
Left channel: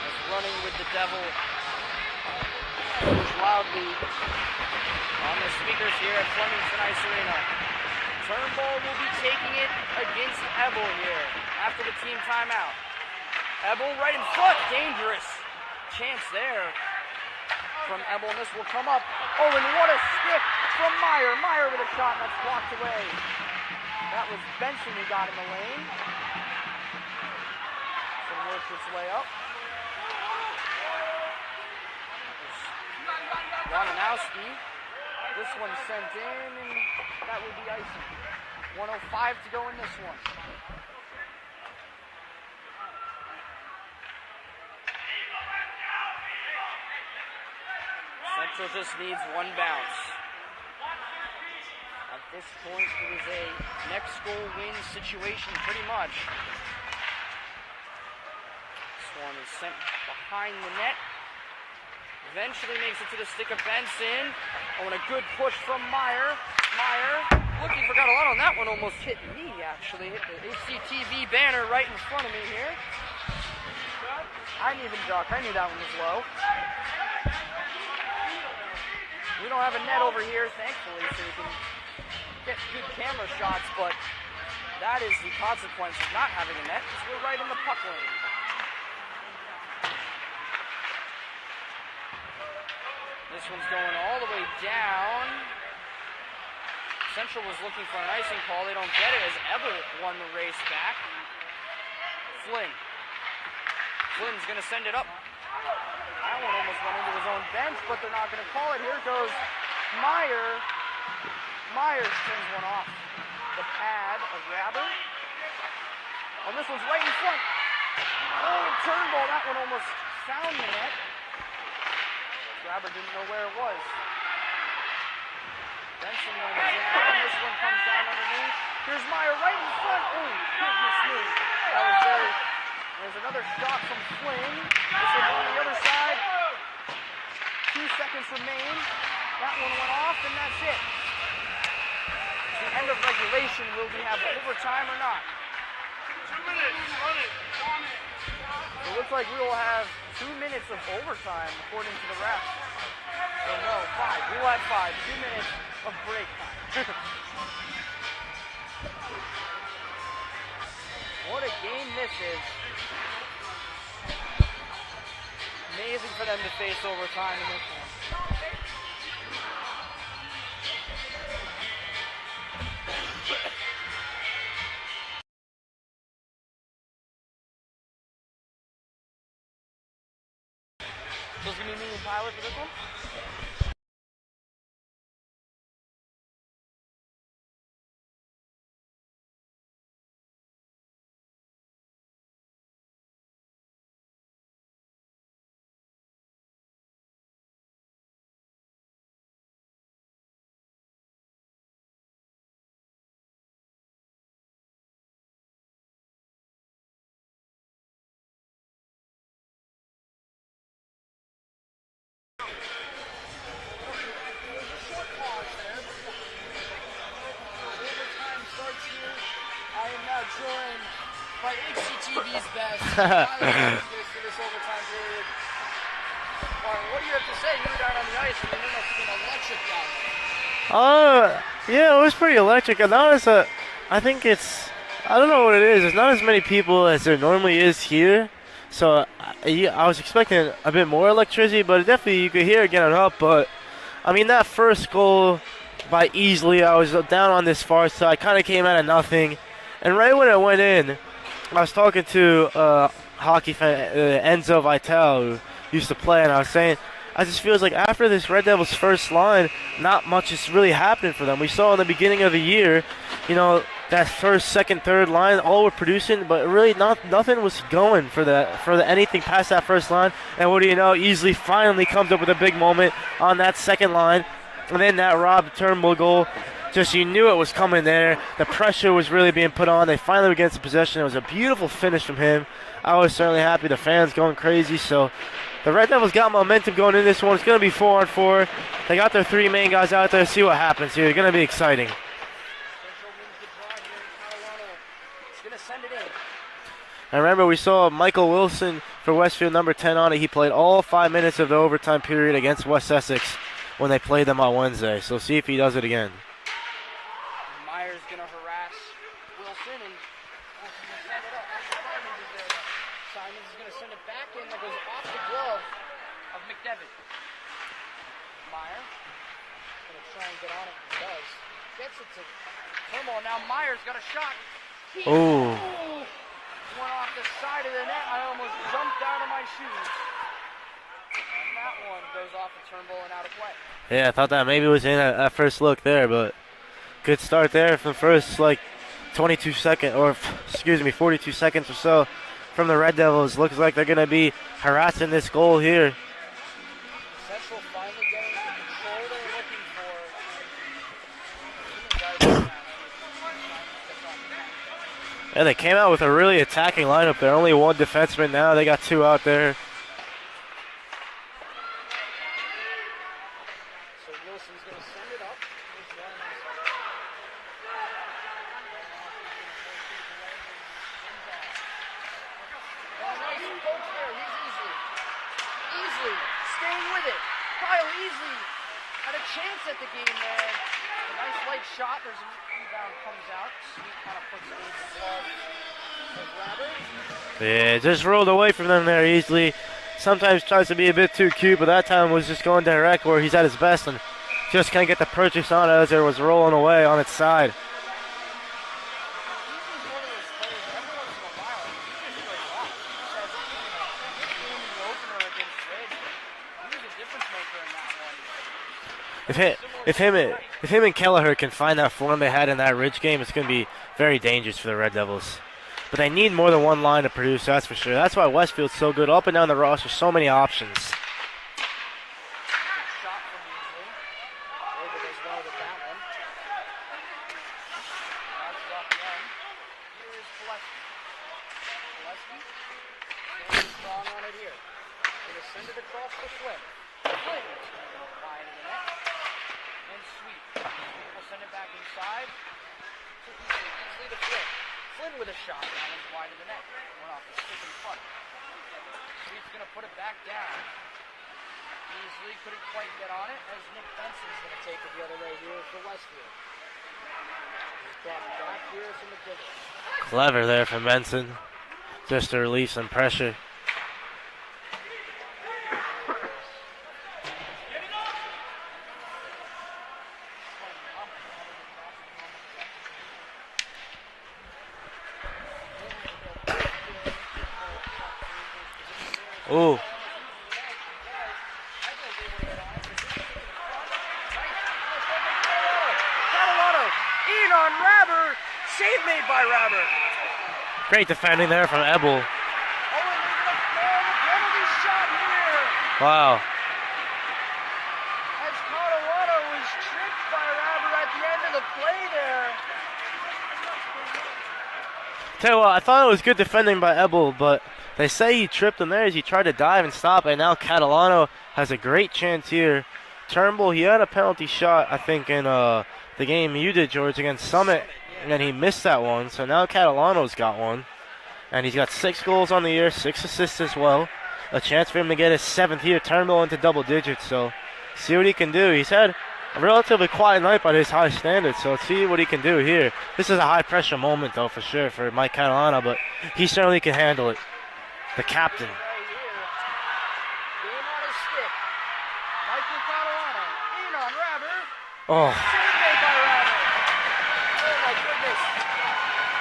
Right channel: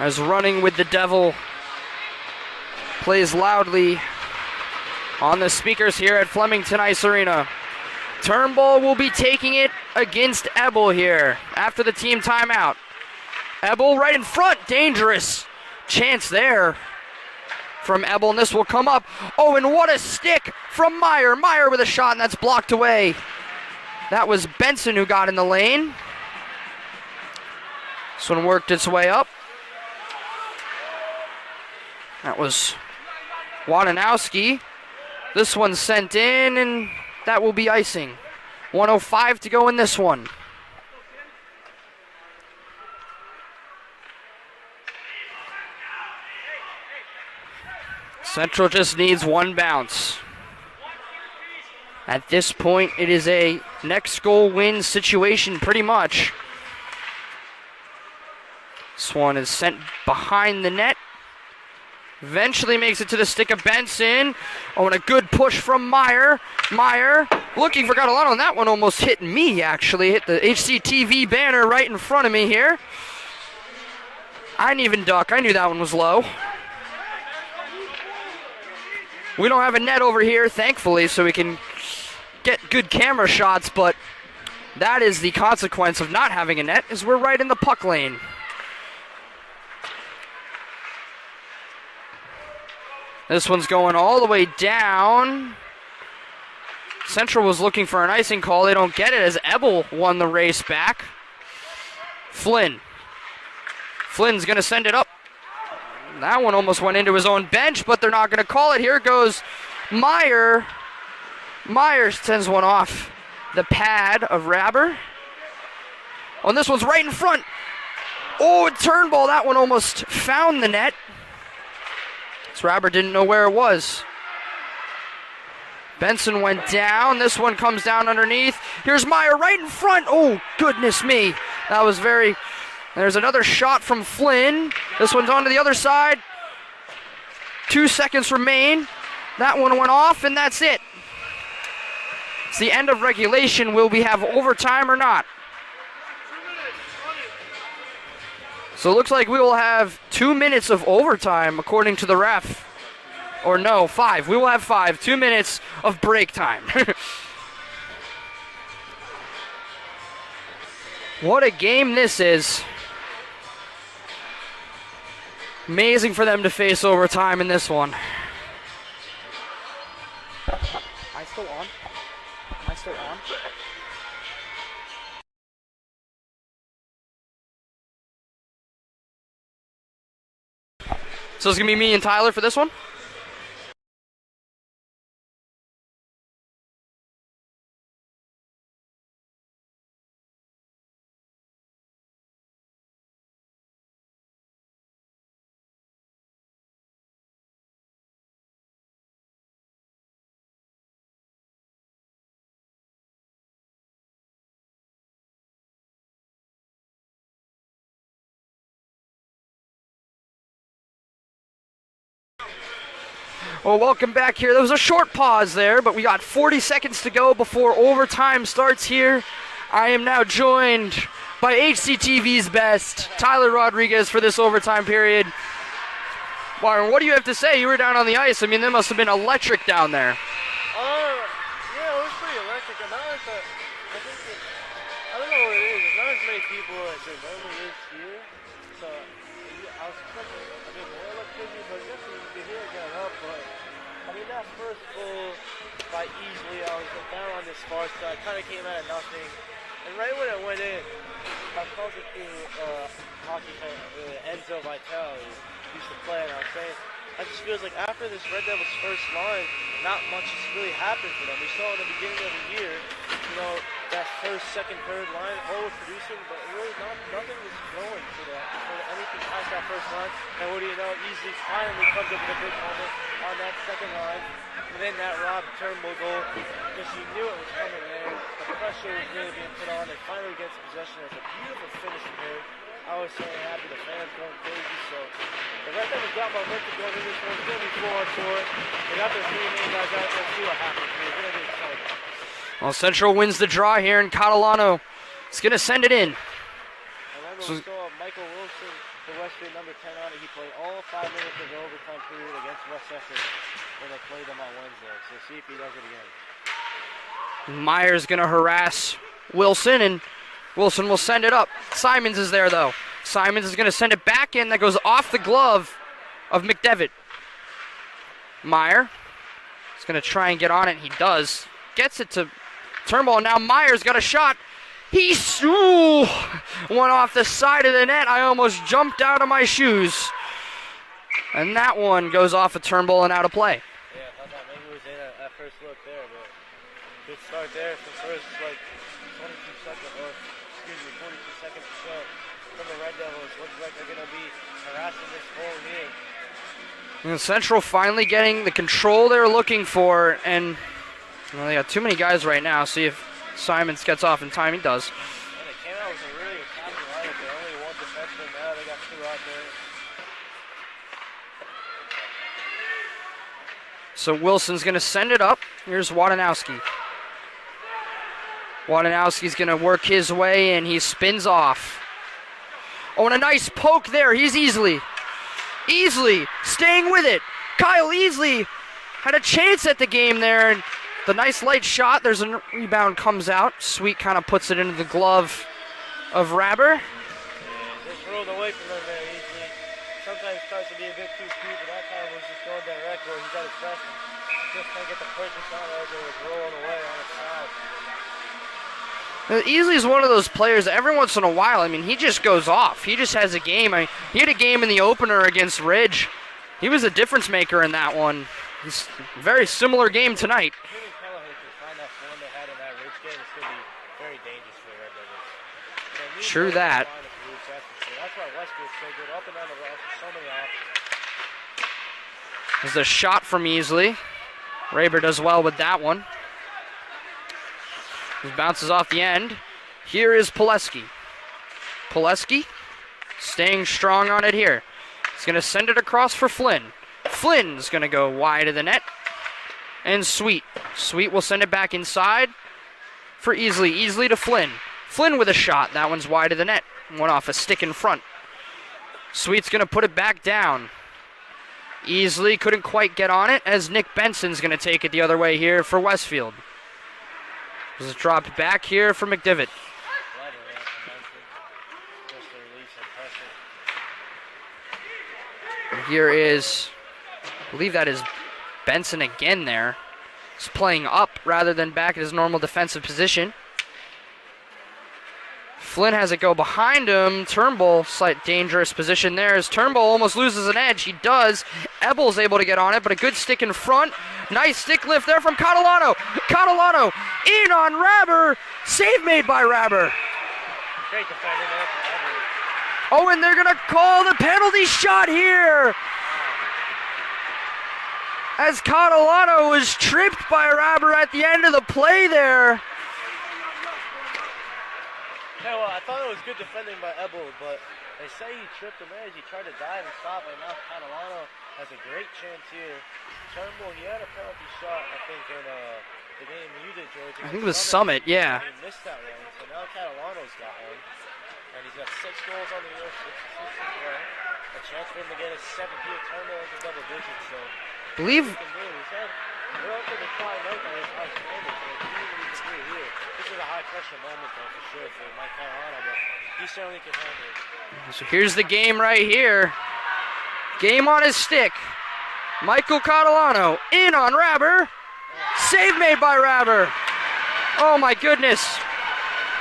As Running with the Devil plays loudly on the speakers here at Flemington Ice Arena. Turnbull will be taking it against Ebel here after the team timeout. Ebel right in front, dangerous chance there from Ebel, and this will come up. Oh, and what a stick from Meyer. Meyer with a shot, and that's blocked away. That was Benson who got in the lane. This one worked its way up. That was Wadanowski. This one sent in, and that will be icing. 1:05 to go in this one. Central just needs one bounce. At this point, it is a next goal win situation pretty much. This one is sent behind the net. Eventually makes it to the stick of Benson. Oh, and a good push from Meyer. Meyer looking for Catalano, and that one almost hit me, actually. Hit the HCTV banner right in front of me here. I didn't even duck. I knew that one was low. We don't have a net over here, thankfully, so we can get good camera shots, but that is the consequence of not having a net, is we're right in the puck lane. This one's going all the way down. Central was looking for an icing call. They don't get it as Ebel won the race back. Flynn. Flynn's going to send it up. That one almost went into his own bench, but they're not going to call it. Here goes Meyer. Meyer sends one off the pad of Rabber. Oh, and this one's right in front. Oh, Turnbull. That one almost found the net. Rabber didn't know where it was. Benson went down. This one comes down underneath. Here's Meyer right in front. Oh, goodness me. That was very... There's another shot from Flynn. This one's on to the other side. 2 seconds remain. That one went off, and that's it. It's the end of regulation. Will we have overtime or not? So it looks like we will have 2 minutes of overtime, according to the ref. Or no, 5. We will have 5. 2 minutes of break time. What a game this is. Amazing for them to face overtime in this one. Am I still on? Am I still on? So it's going to be me and Tyler for this one? Well, welcome back here. There was a short pause there, but we got 40 seconds to go before overtime starts here. I am now joined by HCTV's best, Tyler Rodriguez, for this overtime period. Byron, what do you have to say? You were down on the ice. I mean, that must have been electric down there. Yeah, it was pretty electric. And I think I don't know what it is. There's not as many people as there normally is here. So I was expecting a bit more electricity, but definitely you could hear it getting up. But, I mean, that first goal by Easley, I was down on this far side, kind of came out of nothing. And right when it went in, I was talking to a hockey fan, Enzo Vitale, who used to play, and I was saying, I just feels like after this Red Devils first line, not much is really happening for them. We saw in the beginning of the year, you know, that first, second, third line, all were producing, but really nothing was going for anything past that first line. And what do you know? Easley finally comes up with a big moment on that second line, and then that Rob Turnbull goal. Just you knew it was coming there. The pressure was really being put on. They finally were getting some possession. It was a beautiful finish from him. I was certainly happy. The fans going crazy. So the Red Devils got momentum going in this one. It's going to be 4-on-4. They got their three main guys out there. See what happens here. It's going to be exciting. Well, Central wins the draw here, and Catalano is going to send it in. And remember, we saw Michael Wilson for Westfield, number 10 on it. He played all 5 minutes of the overtime period against West Essex when they played them on Wednesday. So see if he does it again. Myers going to harass Wilson, and Wilson will send it up. Simons is there, though. Simons is going to send it back in. That goes off the glove of McDevitt. Meyer is going to try and get on it. He does. Gets it to Turnbull. Now Myers got a shot. He's one off the side of the net. I almost jumped out of my shoes. And that one goes off of Turnbull and out of play. Yeah, I thought that maybe was in at first look there, but good start there for the first, 42 seconds, or excuse me, 42 seconds or so from the Red Devils. Looks like they're going to be harassing this goal here. And Central finally getting the control they're looking for, and well, they got too many guys right now. See if Simons gets off in time. He does. Yeah, they came out with a really attacking lineup there. Only one defenseman now. They got two out there. So Wilson's going to send it up. Here's Wadanowski. Wadanowski's going to work his way, and he spins off. Oh, and a nice poke there. He's Easley staying with it. Kyle Easley had a chance at the game there, and the nice light shot. There's a rebound, comes out. Sweet kind of puts it into the glove of Rabber. Yeah, just rolled away from them there easily. Sometimes tries to be a bit too cute, but that time was just going direct where he's at his best and just can't get the purchase on it as it was rolling away on its side. Easley is one of those players that every once in a while, I mean, he just goes off. He just has a game. I mean, he had a game in the opener against Ridge. He was a difference maker in that one. It's a very similar game tonight. If him and Kelleher can find that form they had in that Ridge game, it's going to be very dangerous for the Red Devils. But they need more than one line to produce, that's for sure. That's why Westfield's so good. Up and down the roster, so many options. There's a shot from Easley. Raber does well with that one. He bounces off the end. Here is Pileski. Pileski staying strong on it here. He's going to send it across for Flynn. Flynn's going to go wide of the net. And Sweet. Sweet will send it back inside for Easley. Easley to Flynn. Flynn with a shot. That one's wide of the net. Went off a stick in front. Sweet's going to put it back down. Easley couldn't quite get on it as Nick Benson's going to take it the other way here for Westfield. This is dropped back here for McDivitt. Clever there from Benson. Just to relieve some pressure. Here is, I believe that is Benson again there. He's playing up rather than back at his normal defensive position. Flynn has it go behind him. Turnbull, slight dangerous position there as Turnbull almost loses an edge. He does. Ebble's able to get on it, but a good stick in front. Nice stick lift there from Catalano. Catalano in on Rabber. Save made by Rabber. Great defending there from Ebble. Oh, and they're going to call the penalty shot here. Wow. As Catalano was tripped by Rabber at the end of the play there. Tell you what, I thought it was good defending by Ebble, but They say he tripped him there as he tried to dive and stop, and now Catalano has a great chance here. Turnbull, he had a penalty shot, I think, in the game you did, George, against Summit. Yeah. And then he missed that one, so now Catalano's got one. And he's got 6 goals on the year, 6 assists as well. A chance for him to get his 7th here, Turnbull into double digits, so see what he can do. He's had a relatively quiet night by his high standards, so let's see what he can do here. This is a high-pressure moment, though, for sure, for Mike Catalano, but he certainly can handle it. So here's the game right here. Game on his stick. Michael Catalano in on Rabber. Oh. Save made by Rabber. Oh my goodness.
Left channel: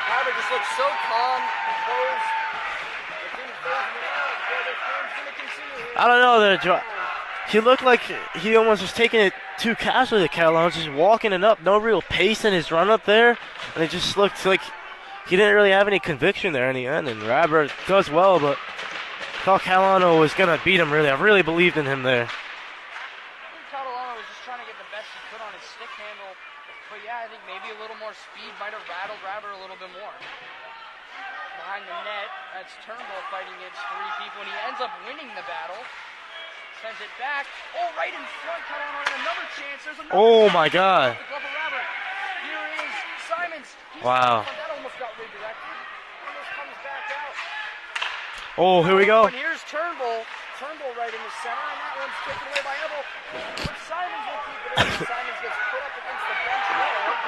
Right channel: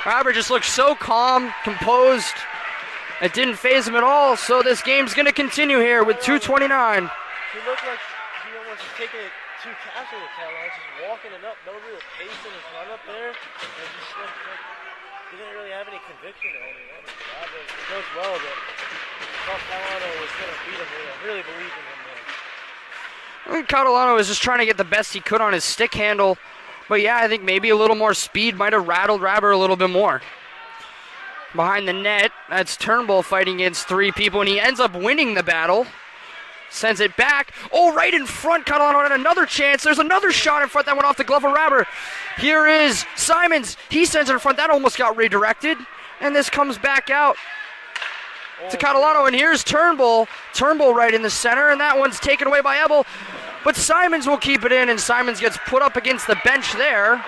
Rabber just looked so calm, composed. It didn't faze him at all, so this game's going to continue here with 2:29. He looked like he almost was taking it too casually, Catalano, just walking it up. No real pace in his run up there. And it just looked like he didn't really have any conviction there in the end. And Rabber does well, but I thought Catalano was going to beat him, really. I really believed in him there. I think Catalano was just trying to get the best he could on his stick handle. But yeah, I think maybe a little more speed might have rattled Rabber a little bit more. Behind the net, that's Turnbull fighting against 3 people, and he ends up winning the battle. Sends it back. Oh, right in front, Catalano had another chance. There's another shot in front that went off the glove of Rabber. Here is Simons. He sends it in front. That almost got redirected. And this comes back out to Catalano, and here's Turnbull. Turnbull right in the center, and that one's taken away by Ebel. But Simons will keep it in, and Simons gets put up against the bench there.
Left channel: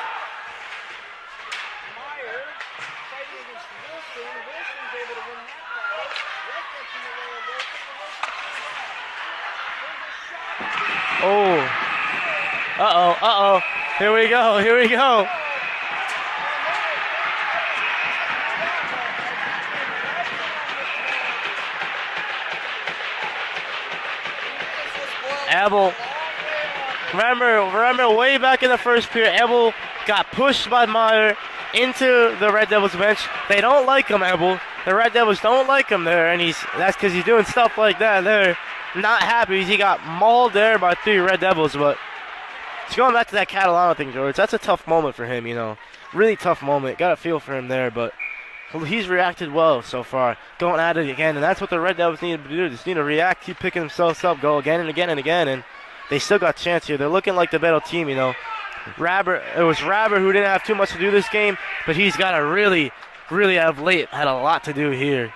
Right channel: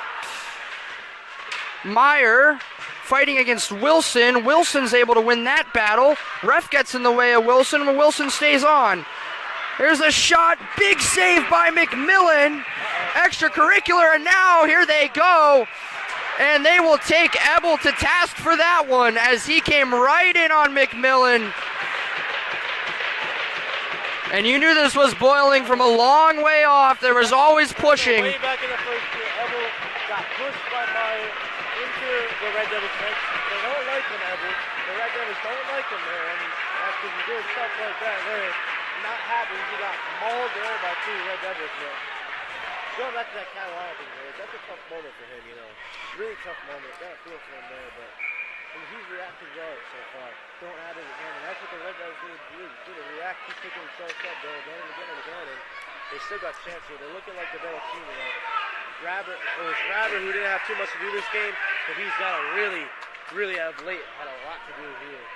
Meyer fighting against Wilson. Wilson's able to win that battle. Ref gets in the way of Wilson, and Wilson stays on. There's a shot. Big save by McMillan. Extracurricular, and here they go. And they will take Ebel to task for that one as he came right in on McMillan. And you knew this was boiling from a long way off. There was always pushing. Way back in the first period, Ebel got pushed by Meyer into the Red Devils bench. They don't like him, Ebel. The Red Devils don't like him there, and that's because he's doing stuff like that. They're not happy. He got mauled there by 3 Red Devils, but it's going back to that Catalano thing, George. That's a tough moment for him, you know. Really tough moment. Got a feel for him there, but he's reacted well so far. Going at it again, and that's what the Red Devils need to do. Just need to react, keep picking themselves up, go again and again and again, and they still got a chance here. They're looking like the better team, you know. It was Rabber who didn't have too much to do this game, but he's got to really of late had a lot to do here.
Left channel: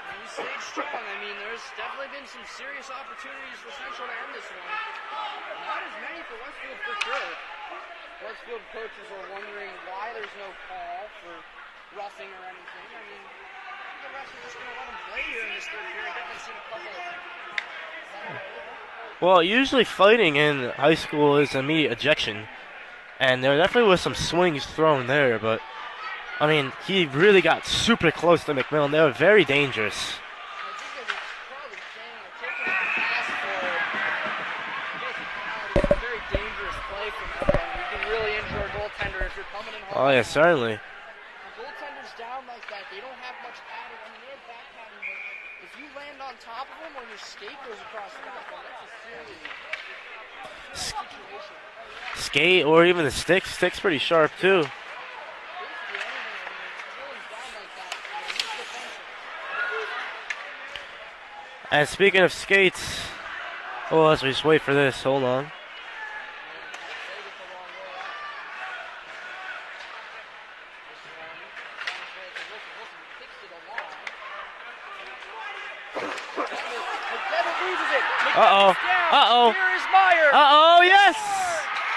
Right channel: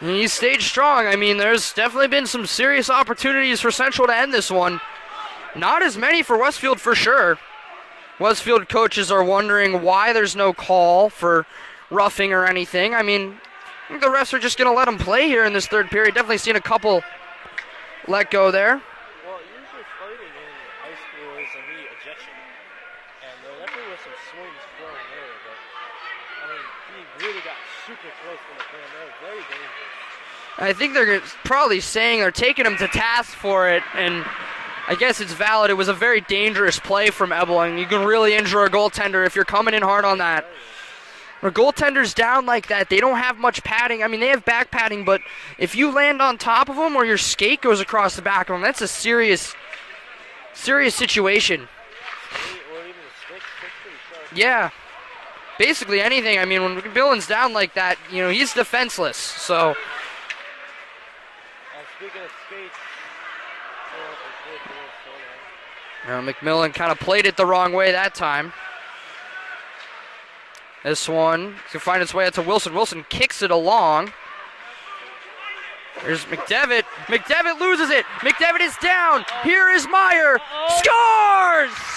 And he stayed strong. I mean, there's definitely been some serious opportunities for Central to end this one. Not as many for Westfield for sure. Westfield coaches are wondering why there's no call for roughing or anything. I mean, I think the refs are just going to let them play here in this third period. Definitely seen a couple let go there. Well, usually fighting in high school is immediate ejection. And there definitely was some swings thrown there, but, I mean, he really got super close to McMillan. They were very dangerous. I think they're probably saying they're taking him to task for it, and I guess it's valid. It was a very dangerous play from Ebel, and you can really injure a goaltender if you're coming in hard on that. Certainly. When a goaltender's down like that, they don't have much padding. I mean, they have back padding, but if you land on top of them or your skate goes across the back of them, that's a serious situation. Skate or even the stick. Stick's pretty sharp, yeah. too. Basically anything. I mean, when McMillan's down like that, you know, he's defenseless. So. And speaking of skates, well, let's just wait for this. Hold on. Now, McMillan kind of played it the wrong way that time. This one can find its way out to Wilson. Wilson kicks it along. Here's McDevitt. McDevitt loses it. McDevitt is down. Here is Meyer. Scores! Yes!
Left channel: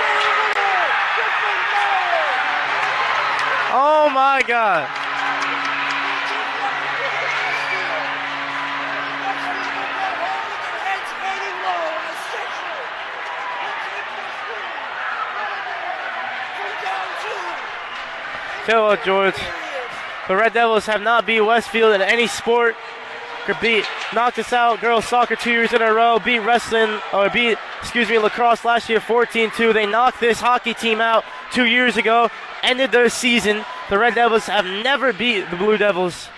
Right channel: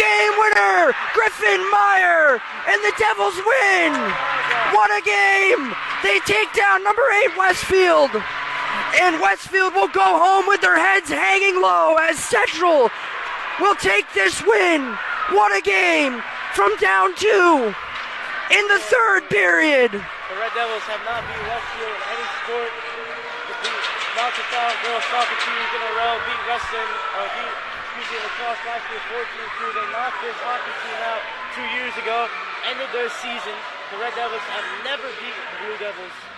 Game winner, Griffin Meyer, and the Devils win. Oh my God! What a game! They take down number 8 Westfield, and Westfield will go home with their heads hanging low as Central will take this win. What a game from down 2 in the third period. The Red Devils have not beat Westfield in any sport. Could knocked us out girls soccer 2 years in a row, beat lacrosse last year 14-2. They knocked this hockey team out 2 years ago, ended their season. The Red Devils have never beat the Blue Devils,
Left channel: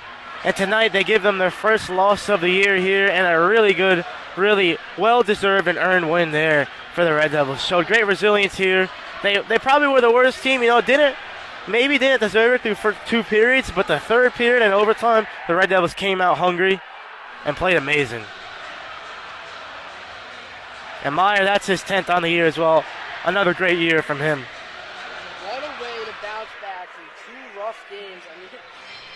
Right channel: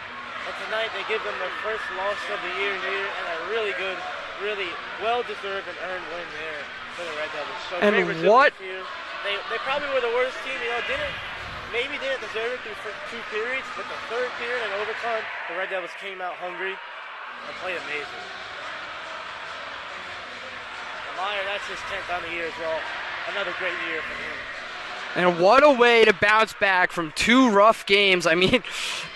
and tonight they give them their first loss of the year here, and a really good, really well-deserved and earned win there for the Red Devils. Showed great resilience here. They probably were the worst team, you know, didn't maybe didn't deserve it through for 2 periods, but the 3rd period and overtime, the Red Devils came out hungry and played amazing. And Meyer, that's his 10th on the year as well. Another great year from him. And what a way to bounce back from 2 rough games. I mean,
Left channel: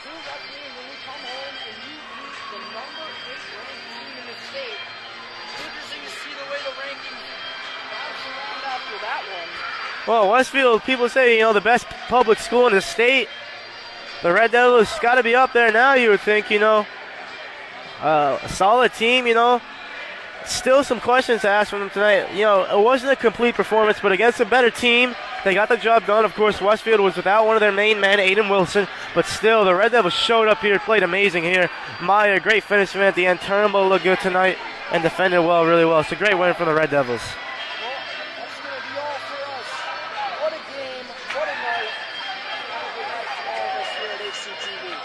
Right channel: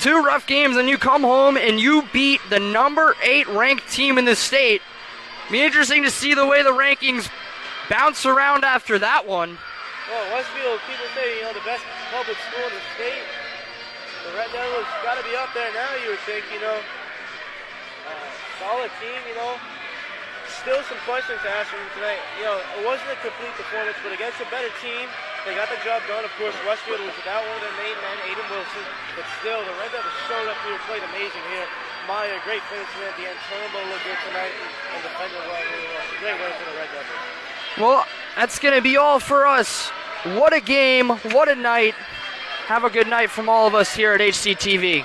2 rough games, and you come home and you beat the number 8 ranked team in the state. Be interesting to see the way the rankings bounce around after that one. Well, Westfield, people say, the best public school in the state. The Red Devils got to be up there now, you would think, a solid team, Still some questions to ask from them tonight. It wasn't a complete performance, but against a better team, they got the job done. Of course, Westfield was without one of their main men, Aiden Wilson, but still, the Red Devils showed up here, played amazing here. Meyer, great finish for him at the end. Turnbull looked good tonight and defended well, really well. It's a great win for the Red Devils. Well, that's going to be all for us. What a game, what a night. Have a good night from all of us here at HCTV.